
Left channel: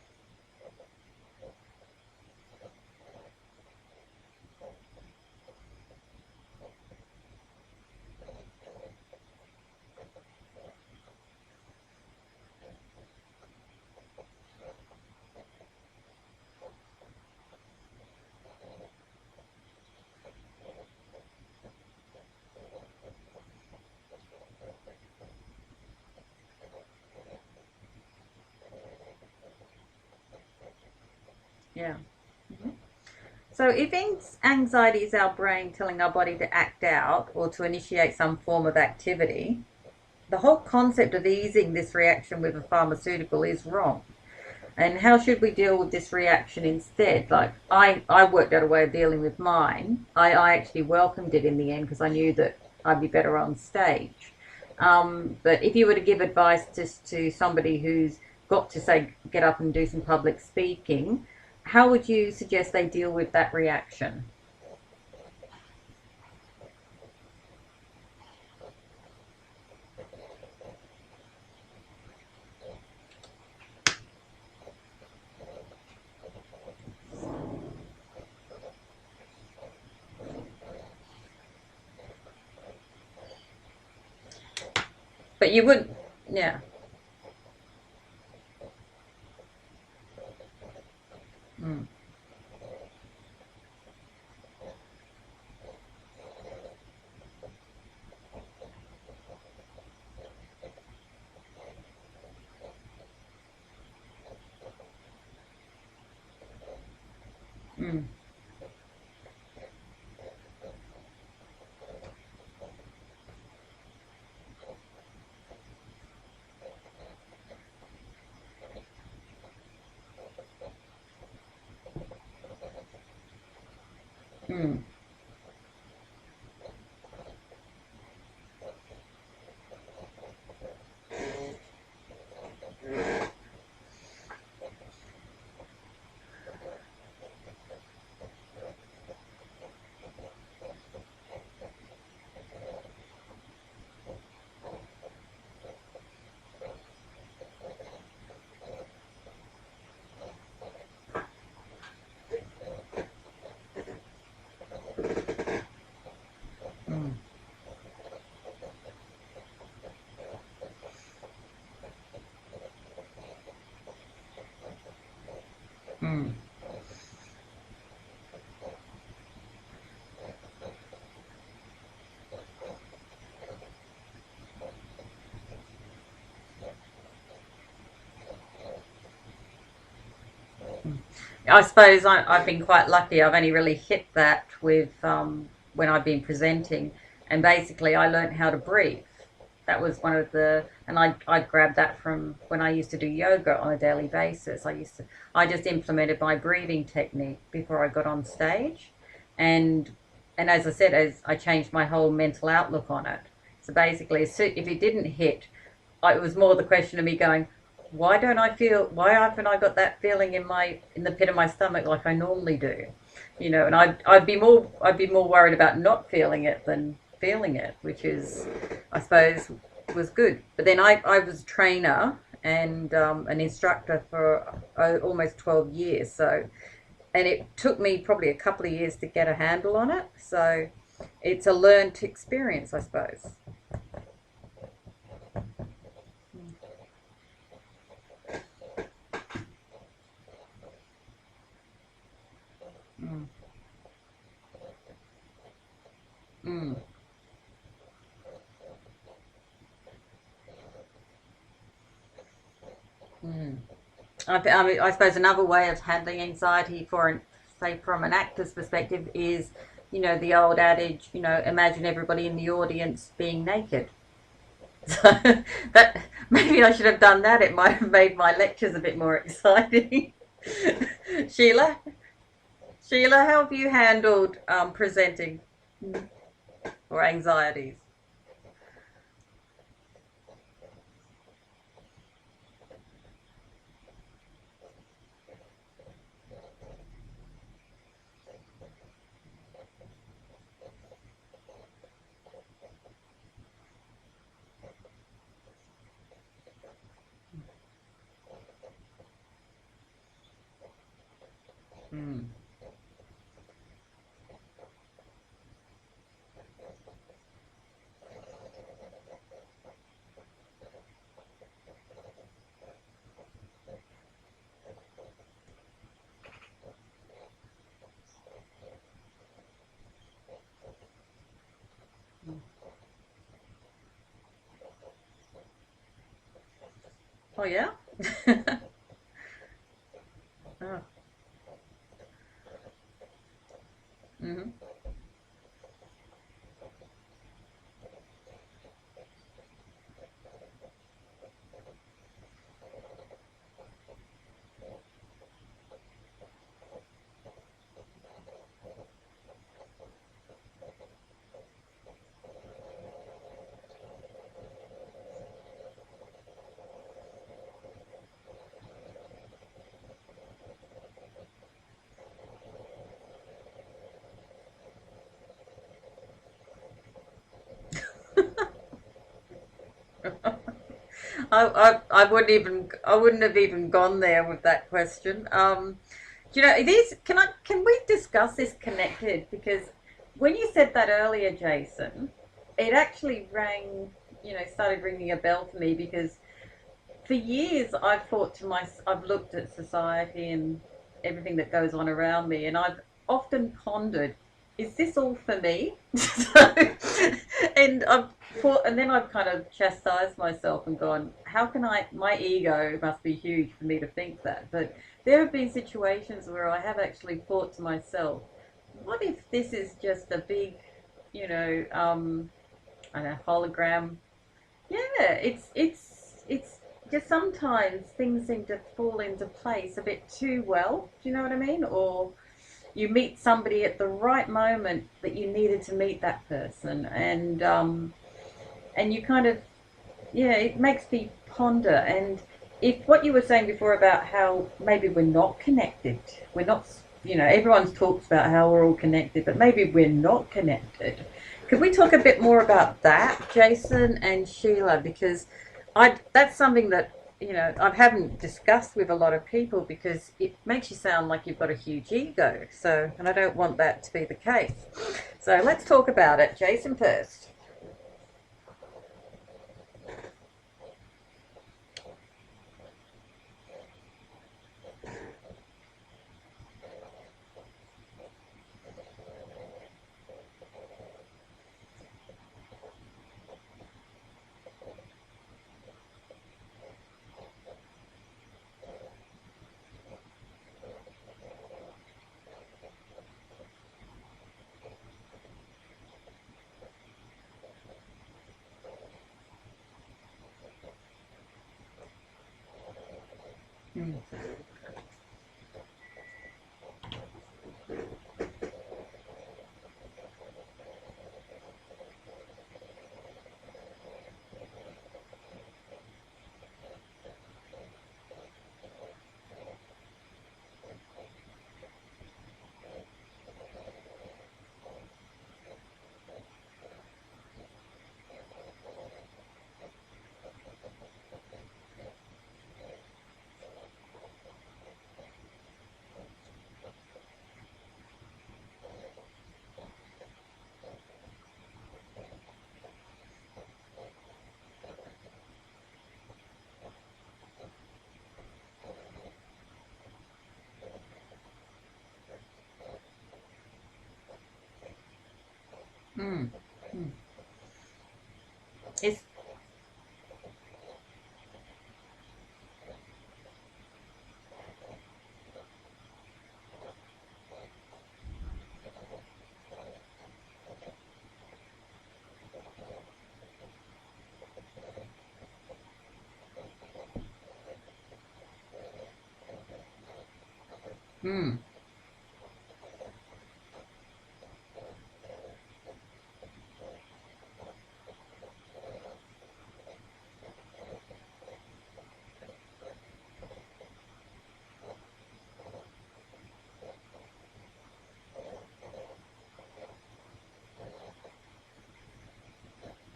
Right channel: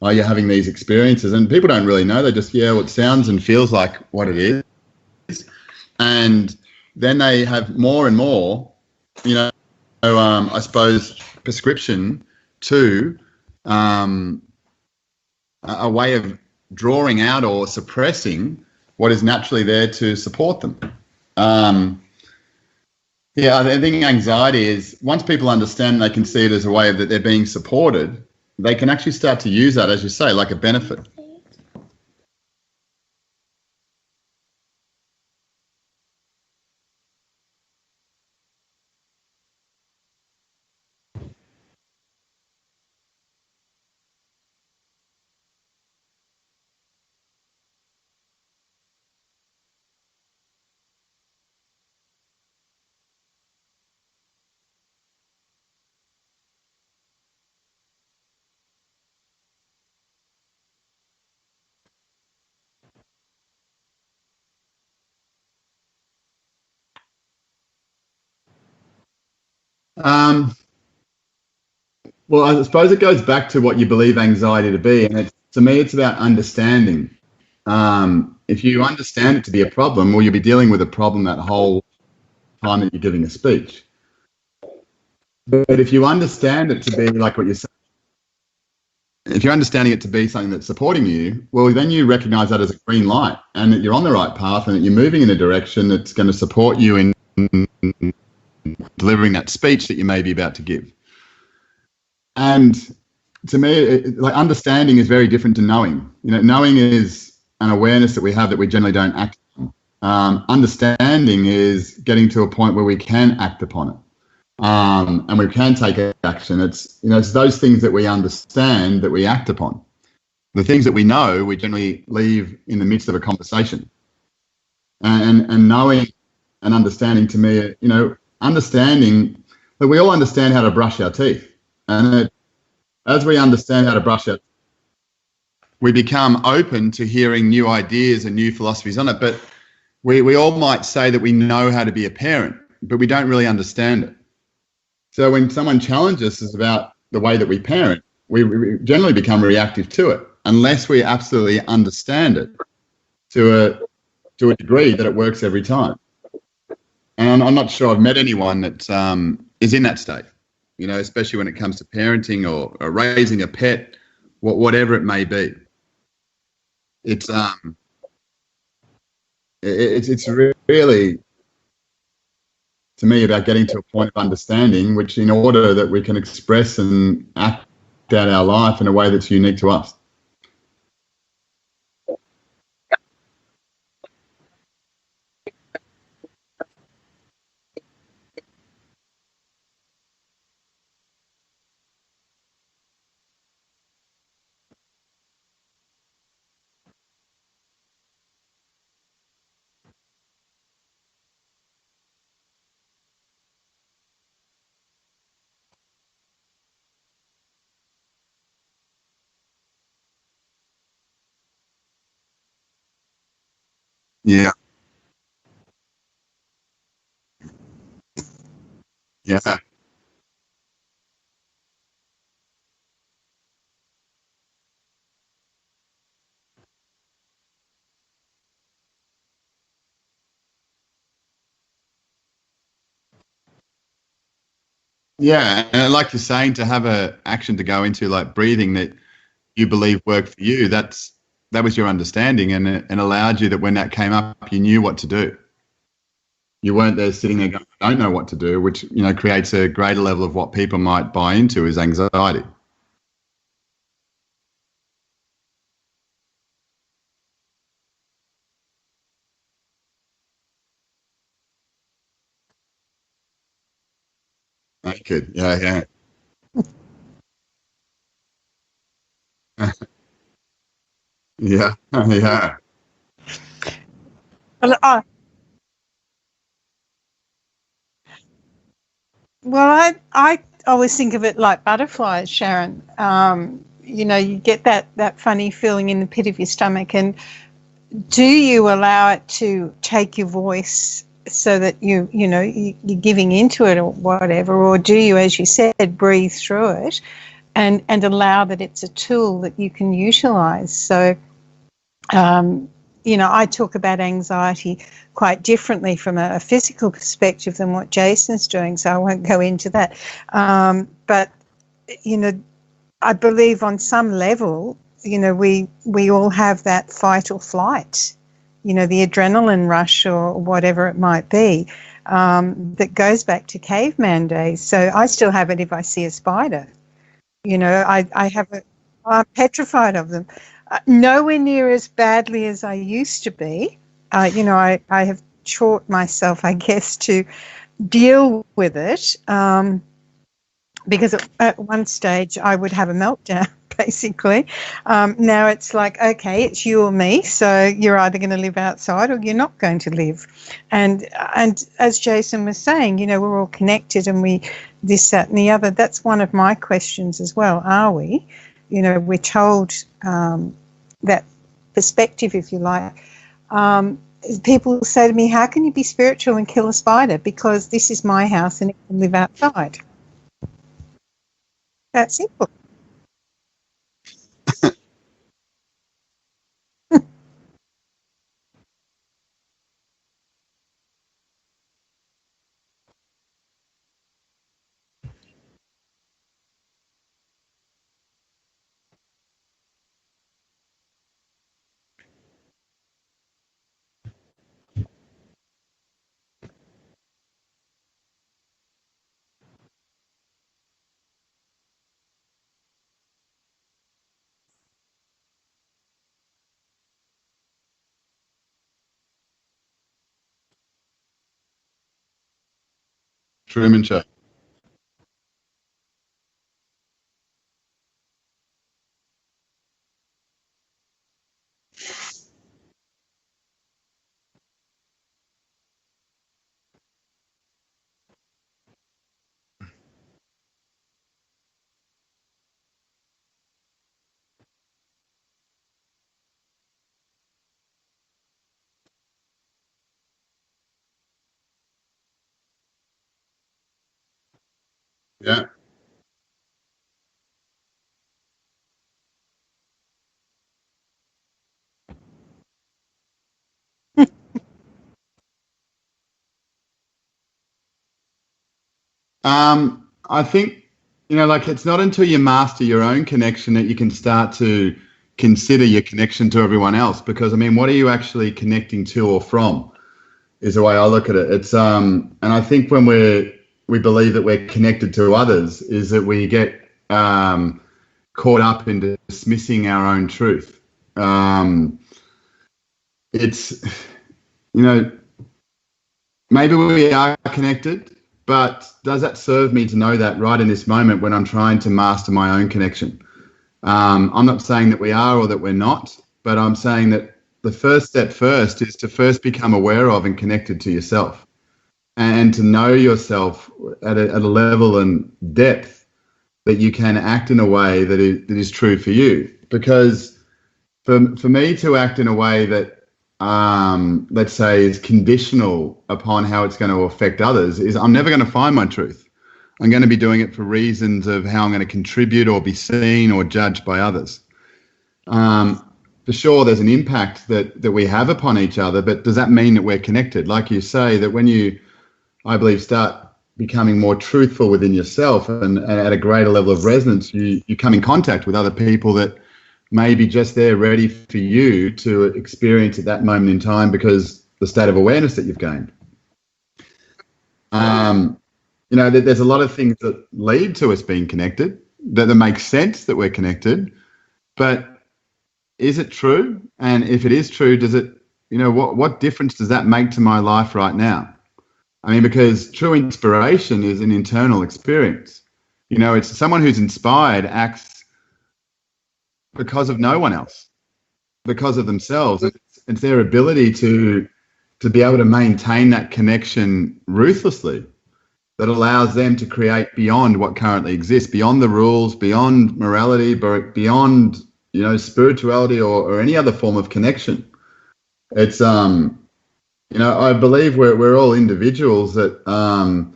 oh, you're having these experiences, and people don't really know. They just, well, it sounds and feels like what it is. And then they have more and more, I suppose, prescription to a way of drawing out or suppressing what is naturally there to support them. I think anxiety is, once people understand, they can see it as a way that they're being supported, they can actually start to use that, as you say, like a benefit. Yeah. So if anxiety is our brain telling our body to act out or to initiate some form of activity, the whole concept of easing this reaction with a pharmaceutical is wrong. And how should we deal with this reaction instead? Like, I worked out a way of dealing with mine. I actually welcomed it in the end, because I knew that I'd be better on stage. But if you were to give advice to somebody who's got to, say, get up and do some public speaking, how would you suggest they deal with that reaction? Well, I suppose it goes back to what you believe anxiety to be, and to me, it's about understanding. If you understand it to be a problem, well, you'll be dealing with a problem that whole time that you're giving a speech. But you But would, if you understand it to be like what you're saying, if you're understanding it to be something that's supporting you, well, then you recognize that as a green light and that you're on the right path and that you're moving in a direction that's going to support you in delivering that speech that you may be about to give. And to me, like understanding is very different to knowing. You know, knowing is an awareness that we have that we generally don't act on. Understanding is getting to a point where we can act upon it. And we can take action. It's those things that we understand that we act upon. The things that we know, we generally leave in the midst of a conversation. And knowing and understanding, to me, understanding that we all understand how to brush our teeth, and as we understand how to brush it, we become open to hearing new ideas and new philosophies on it. But we all might say that we know how to be a parent, but we don't really understand it. So when someone challenges us about the way that we parent, we generally become reactive to it, unless we absolutely understand it to a degree that it works every time. And I'm not sure I've met anyone that is in that state, especially when it comes to parenting or raising a pet, whatever it may be. It's really, to me, about getting to a point of understanding, which in order that we can express and act out our life in a way that's unique to us. I suppose I've been quite lucky. I've only really hit that with when I've been presenting, and basically I learned how to breathe. That was one of and I grabbed that from when I used to do yoga on a daily basis. I just implemented my breathing technique before I got on stage, and as I said, as I changed my whole mental outlook on it. So basically, if it didn't hit, it was more the question of me going, why haven't I got that feeling in the pit of my stomach like I normally do? And I'd be more worried about not feeling it than feeling it, which is, I suppose, was good. But then I was a trainer and an instructor for almost 12 years. So, and it took me probably a couple of years to get a handle on it. So it's a learned experience, I suppose. Yeah, and like you're saying, to have a action to go into like breathing that you believe worked for you, that was your understanding, and it allowed you that when that came up, you knew what to do. You weren't there sitting there going, I don't know what to do, which creates a greater level of what people might buy into is anxiety. I suppose another way of handling anxiety from an actor's perspective is, the old adage, imagine everybody in the audience being naked. Yeah. Maybe I should have done that. It might have made my lectures a bit more exciting. Sheila? Sheila, how have you handled presenting or anxieties? Well, I always think of it like butterflies, Sharon. You get that funny feeling in the pit of your stomach, and do you allow it to take your voice so that you're giving into it or whatever, or do you, as you said, breathe through it and allow that it's a tool that you can utilize? So, I talk about anxiety quite differently from a physical perspective than what Jason's doing, so I won't go into that. But, I believe on some level, we all have that fight or flight, the adrenaline rush or whatever it might be, that goes back to caveman days. So I still have it if I see a spider. I have it. I'm petrified of them. Nowhere near as badly as I used to be. I have taught myself, I guess, to deal with it, because at one stage I would have a meltdown, basically. Now it's like, okay, it's you or me, so you're either going to live outside or you're not going to live. And as Jason was saying, we're all connected, and we this, that, and the other. That's one of my questions as well. Are we? We're told that perspective, if you like. People say to me, how can you be spiritual and kill a spider? Because this is my house and it can live outside. I That's wouldn't simple. even I wouldn't have even gone there with that question. Do you know it is? Can we discuss this connected? Because when you said that earlier, Jason, it actually rang. Started ringing a bell for me because for years I've thought to myself, I've looked at society and everything that goes on around me, and I've often pondered, is this all for me? So, and I've thought, and then I've kind of chastised myself and gone, how can I? My ego must be huge for me to think that. So there have been situations where I have actually thought to myself, what if this is just a big, I don't know, Truman hologram? Show. Yeah, it's just sometimes things seem to fall into place a bit too well. Do you know what I mean? Or you meet somebody at the right moment that you needed to meet that person, and you kind of, yeah, it makes me ponder. And if what you were saying before about how maybe we're not connected, we're not, everyone's talks about how we're all connected, but maybe we're not connected. Could we talk a bit more about that, Jason and Sheila? Because Yeah. that's something that I haven't discussed with a lot of people because it makes you sound like you've got a huge ego. So, and I don't want that to be the case. So let's talk about it. Jason first. I think, like it's not until you master your own connection that you can start to consider your connection to everyone else. Because I mean, what are you actually connecting to or from? Is the way I look at it. It's and I think when we believe that we're connected to others, is that we get caught up in dismissing our own truth. It's maybe we are connected, but does that serve me to know that right in this moment when I'm trying to master my own connection? I'm not saying that we are or that we're not, but I'm saying that the first step first is to first become aware of and connected to yourself and to know yourself at a level and depth that you can act in a way that is true for you. Because for me to act in a way that, let's say, is conditional upon how it's going to affect others, is I'm never going to find my truth. I'm going to be doing it for reasons of how I'm going to contribute or be seen or judged by others. For sure, there's an impact that we have upon each other, but does that mean that we're connected? Like you say, that when you, I believe, start becoming more truthful within yourself and at a greater level of resonance, you come in contact with other people that may be just there ready for you to experience at that moment in time because the state of awareness that you've gained. There's a lot of things that lead to us being connected, that makes sense that we're connected, but is it true? And if it is true, does it, what difference does that make to my life right now? I mean, because true inspiration is an internal experience. It's someone who's inspired acts because of no one else, because of themselves. It's their ability to be able to maintain that connection ruthlessly that allows them to create beyond what currently exists, beyond the rules, beyond morality, beyond spirituality or any other form of connection. It's I believe we're all individuals that are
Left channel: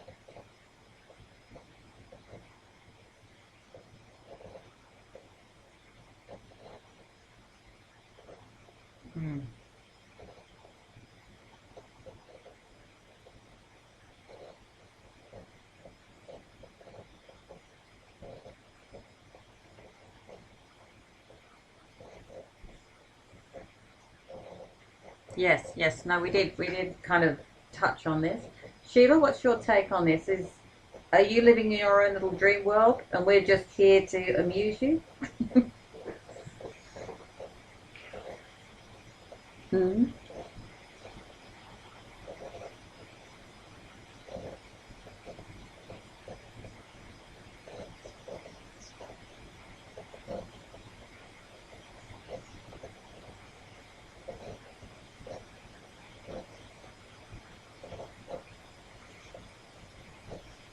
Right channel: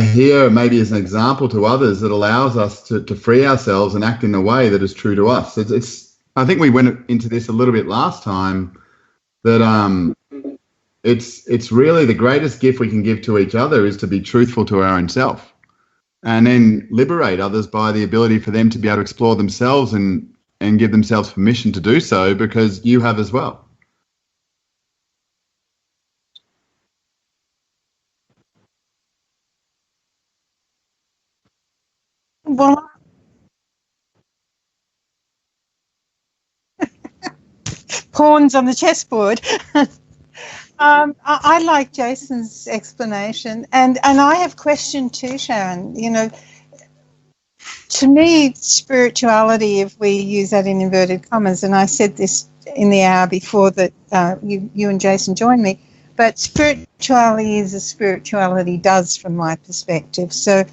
here maybe as an example to others that allows us to free ourselves and act in a way that is true to us. I think we went into this a little bit last time that it's really the greatest gift we can give to each other is to be truthful to our own self. And then liberate others by the ability for them to be able to explore themselves and give themselves permission to do so because you have as well. Yes. No, we did kind of touch on this. Sheila, what's your take on this? Are you living in your own little dream world and we're just here to amuse you? Pawns on the chessboard. I like Jason's explanation, and I have question too, Sharon. To me, spirituality, if we use that in inverted commas, and I said this in the hour before that you and Jason joined me, but spirituality is as spirituality does from my perspective. So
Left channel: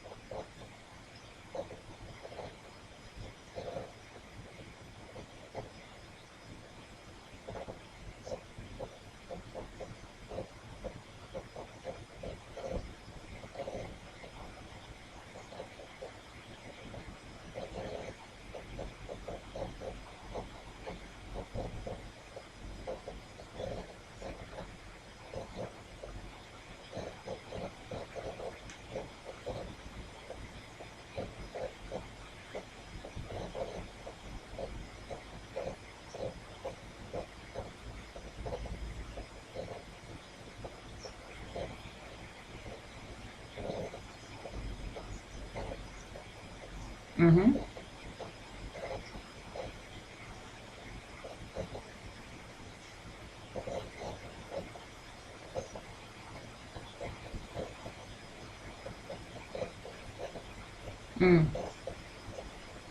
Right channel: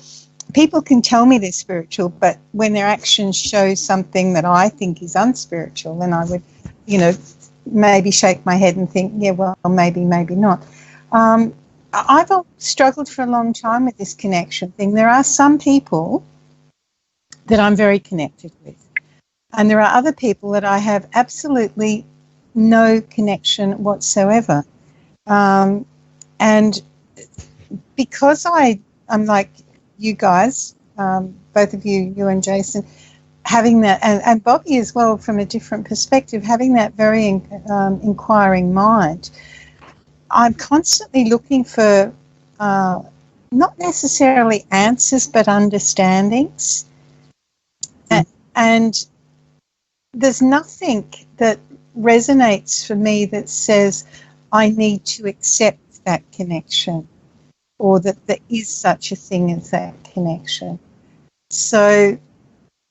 people can tell me they're spiritual, but when their actions show something that I think is unspiritual, then I would, maybe shake my head and think, yeah, well, maybe not. I've struggled for a long time with this connection thing. There are some people that I'm very connected with, and there are other people that I have absolutely no connection whatsoever. And because I'm like you guys, both of you, you and Jason, having that, and Bobby as well, from a different perspective, having that very inquiring mind, I'm constantly looking for not necessarily answers, but understandings. Mm-hmm. And there's nothing that resonates for me that says I need to accept that connection, or that there is such a thing as that connection. So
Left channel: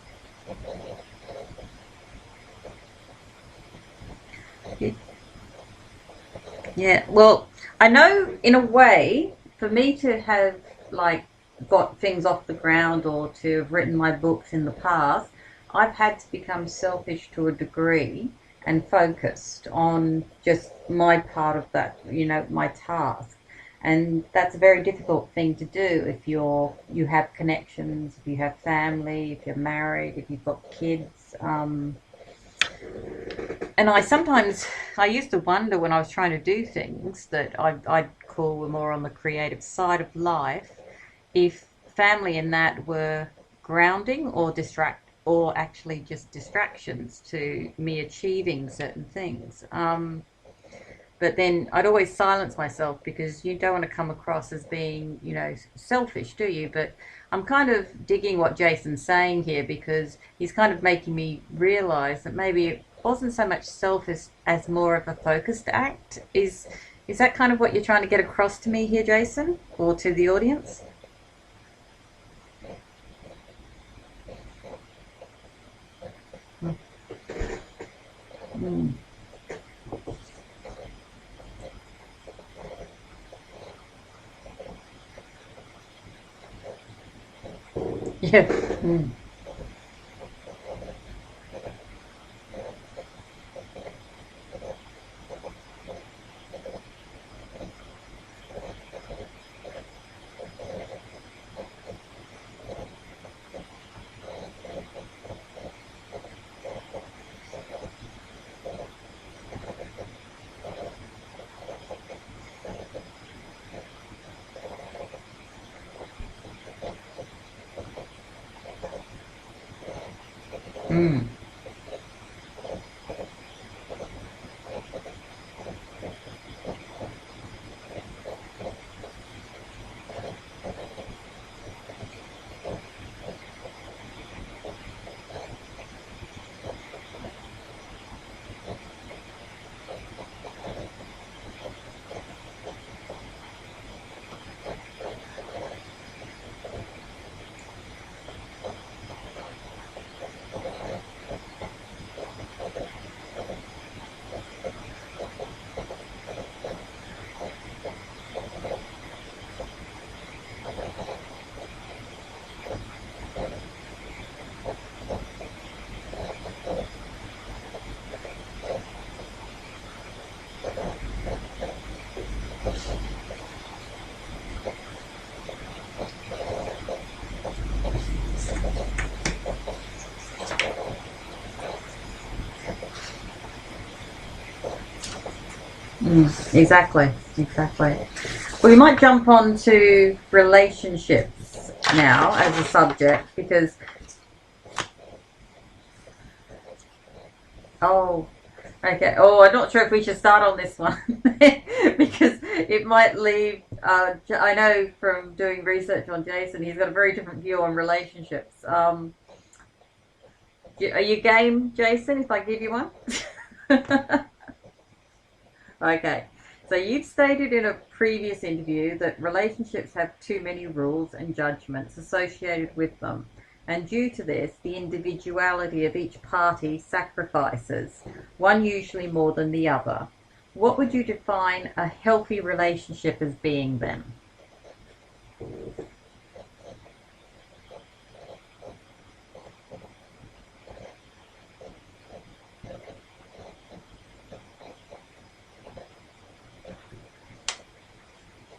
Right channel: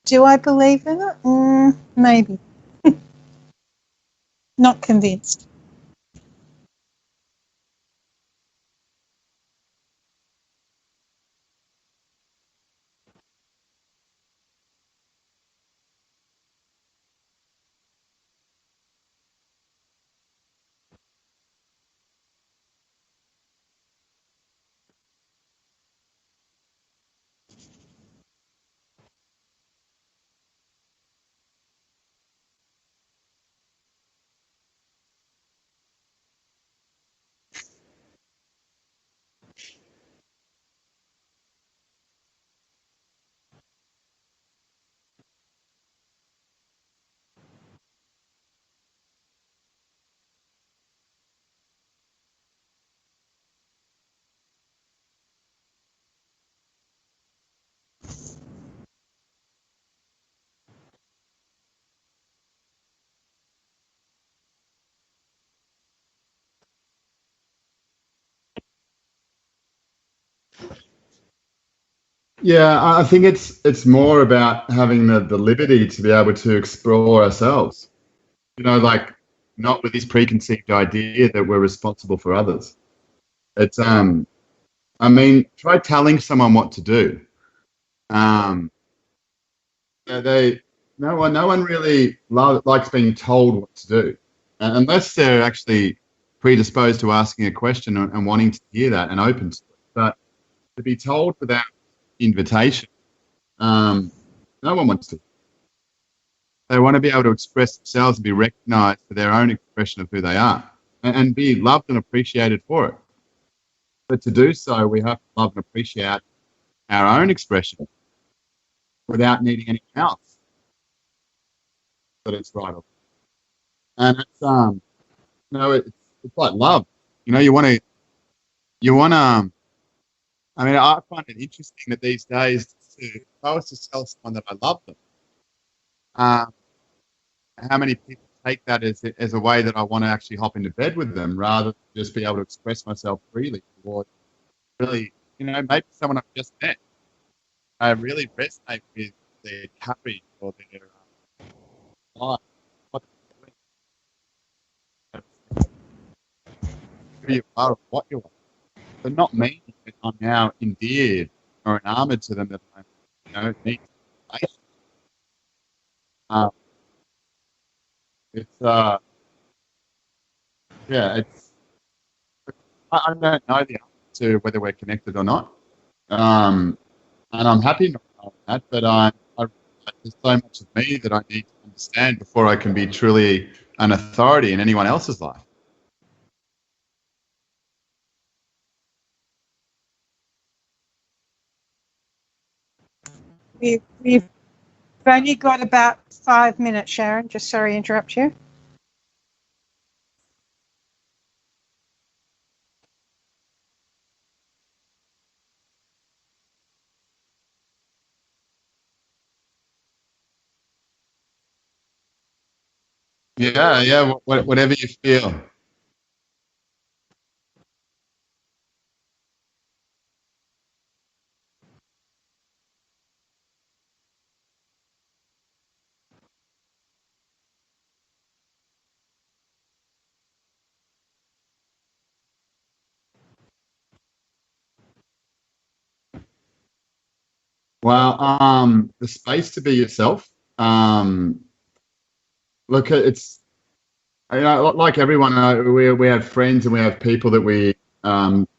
do I believe in it? Maybe. Not convinced. Yeah, well, I know in a way, for me to have like got things off the ground or to have written my books in the past, I've had to become selfish to a degree and focused on just my part of that, my task. And that's a very difficult thing to do if you have connections, if you have family, if you're married, if you've got kids. And I used to wonder when I was trying to do things that I'd call were more on the creative side of life, if family and that were grounding or actually just distractions to me achieving certain things. But then I'd always silence myself because you don't want to come across as being, selfish, do you? But I'm kind of digging what Jason's saying here because he's kind of making me realize that maybe it wasn't so much selfish as more of a focused act. Is that kind of what you're trying to get across to me here, Jason, or to the audience? Yeah, I think it's more about having the liberty to be able to explore ourselves. Like not with this preconceived idea that we're responsible for others. It's try telling someone what to do. No one really likes being told what to do, unless they're actually predisposed to asking a question and wanting to hear that and open to it. But to be told without invitation, no one wants to. They want to be able to express themselves and be recognized for their own expression of who they are and be loved and appreciated for it. But to do so, we have to love and appreciate our own expression without needing anything else. But it's right. And it's like love. You want to. I find it interesting that these days, if I was to tell someone that I love them, how many people take that as a way that I want to actually hop into bed with them rather than just be able to express myself freely, or really, maybe someone I've just met, I really resonate with their courage or who you are, what you're, but not me. I'm now endeared or enamored to them that need. I don't know the answer to whether we're connected or not, and I'm happy with that. But there's so much to me that I need to understand before I can be truly an authority in anyone else's life. Exactly. Well, we might jump on to relationships now as a subject because we've only got about 5 minutes, Sharon. Just sorry to interrupt you. Okay. Oh, I'm not sure if we should start on this one because it might leave. I know from doing research on Jason, he's got a very different view on relationships. Are you game, Jason, if I give you one? Yeah. Whatever you feel. Okay. So you've stated in a previous interview that relationships have too many rules and judgments associated with them. And due to this, the individuality of each party sacrifices, one usually more than the other. What would you define a healthy relationship as being then? Well, the space to be yourself. Look, it's like everyone. We have friends and we have people that we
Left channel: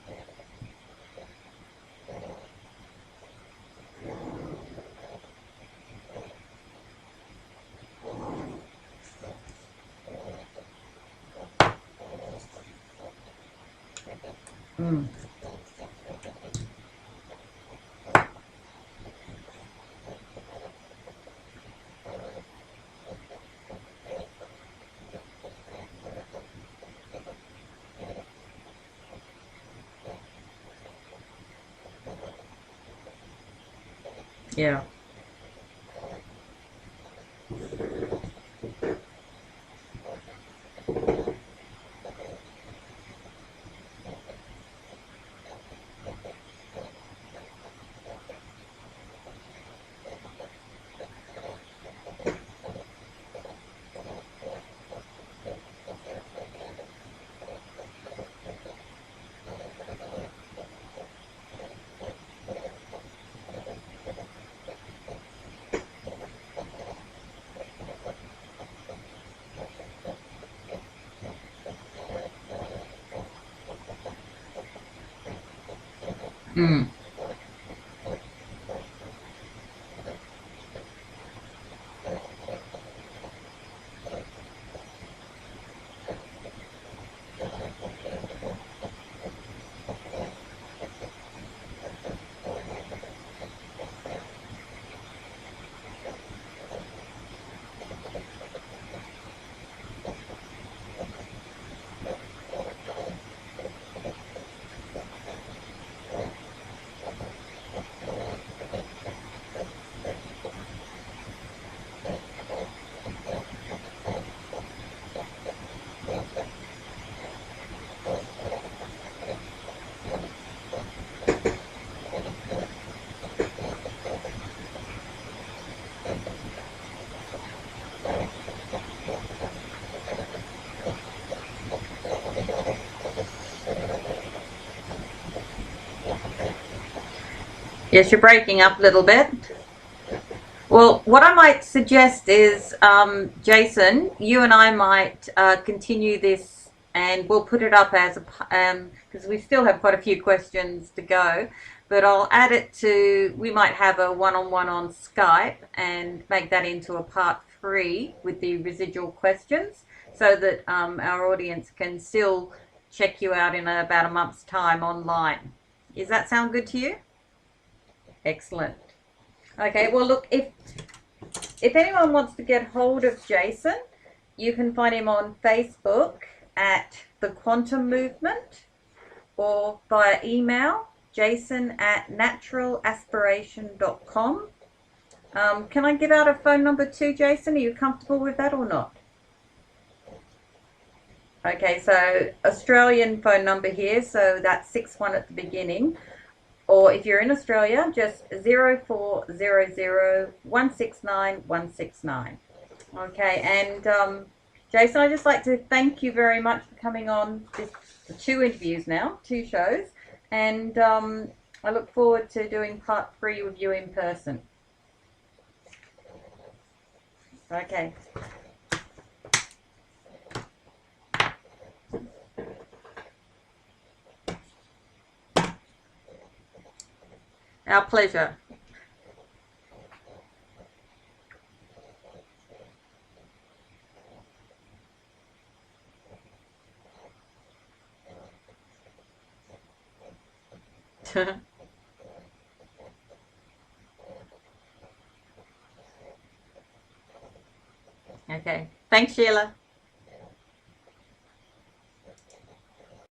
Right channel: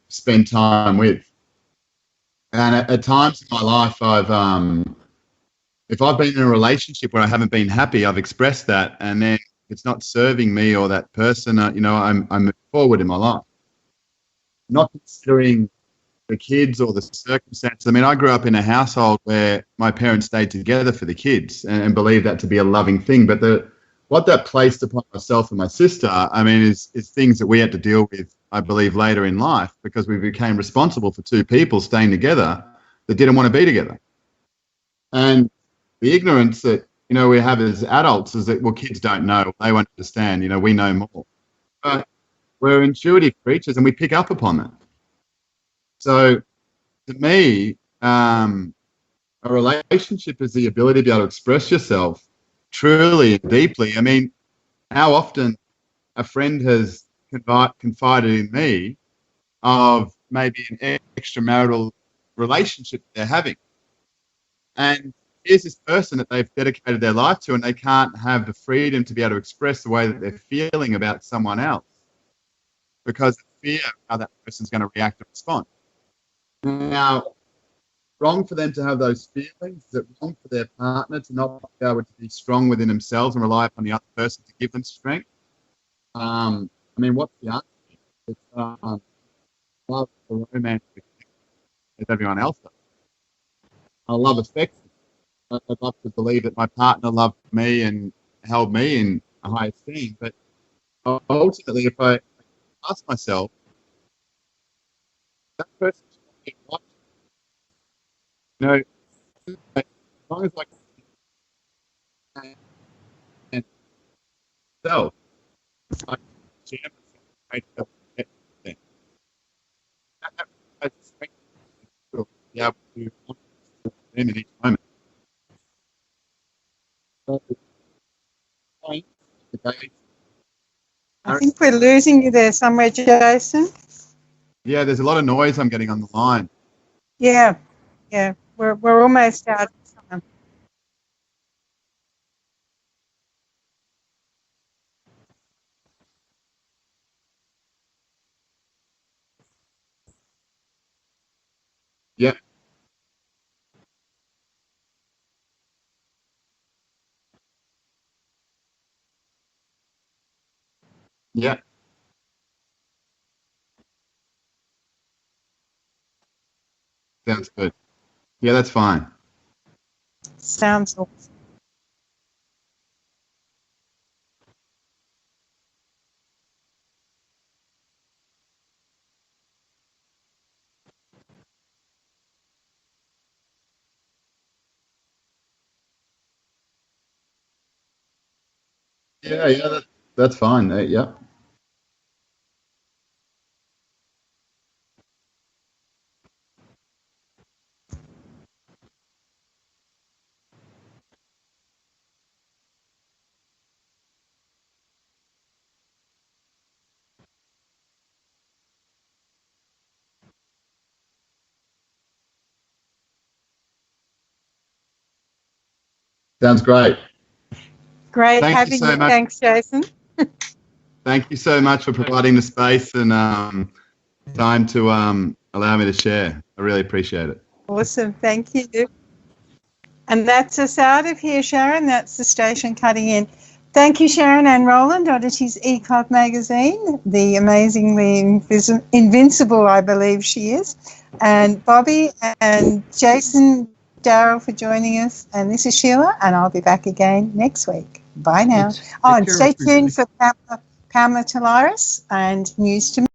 spend time with. And at times in my life, if I've been in a relationship where I haven't been happy, I've expressed that, and then it's not serving me or that person. I'm moving forward in my life, not considering the kids or the circumstances. I mean, I grew up in a household where my parents stayed together for the kids and believed that to be a loving thing. But what that placed upon myself and my sister, I mean, is things that we had to deal with, I believe, later in life, because we became responsible for two people staying together that didn't want to be together. Yeah. And the ignorance that, we have as adults is that, well, kids don't know. They won't understand. We know more. But we're intuitive creatures and we pick up upon that. So to me, a relationship is the ability to be able to express yourself truly and deeply. I mean, how often a friend has confided in me of maybe an extramarital relationship that they're having. And here's this person that they've dedicated their life to, and they can't have the freedom to be able to express the way that they're feeling about someone else because of fear of how that person's going to react and respond. Now, wrong for them to have those feelings. Is it wrong for their partner to not be able to be strong within themselves and rely upon the other person to give them strength? I mean, what the answer is, love or romance with everyone else. I love affection. I'd love to believe that my partner loved me and held me in a high esteem. But ultimately, if I ask myself, that person, as long as I can self, moment. I think we're losing you there somewhere, Jason. Yeah, there's a lot of noise I'm getting on the line. Yeah. Yes, you're breaking up a We're little bit. almost out. Well, what I might suggest is, Jason, you and I might continue this, and we'll put it up as a because we still have quite a few questions to go. But I'll add it to. We might have a one-on-one on Skype and make that into a part 3 with the residual questions, so that our audience can still check you out in about a month's time online. Does that sound good to you? Sounds good. Excellent. Yeah, that's fine. Okay, well, look, if anyone wants to get hold of Jason, you can find him on Facebook at The Quantum Movement or via email, jason@naturalaspiration.com. Can I give out a phone number too, Jason? Are you comfortable with that or not? Yeah, that's fine. Yeah. Okay, so Australian phone number here, so that's 61 at the beginning. Or if you're in Australia, just 0400 169 169. Okay, and Jason, I'd just like to thank you very much for coming on for 2 interviews now, 2 shows, and I look forward to doing part 3 with you in person. Sounds great. Okay. Great Thank having you so much. Thanks, Jason. Thank you so much for providing the space and time to allow me to share. I really appreciate it. Our Awesome. pleasure. Thank you. And that's us out of here, Sharon. That's the station cutting in. Thank you, Sharon and Roland, Oddities ECOG magazine, the amazingly invincible, I believe she is, and Bobby and Jason, Daryl for joining us. And this is Sheila, and I'll be back again next week. Bye now. Thanks, Sheila. Stay tuned for Pamela Talaris and News to Me.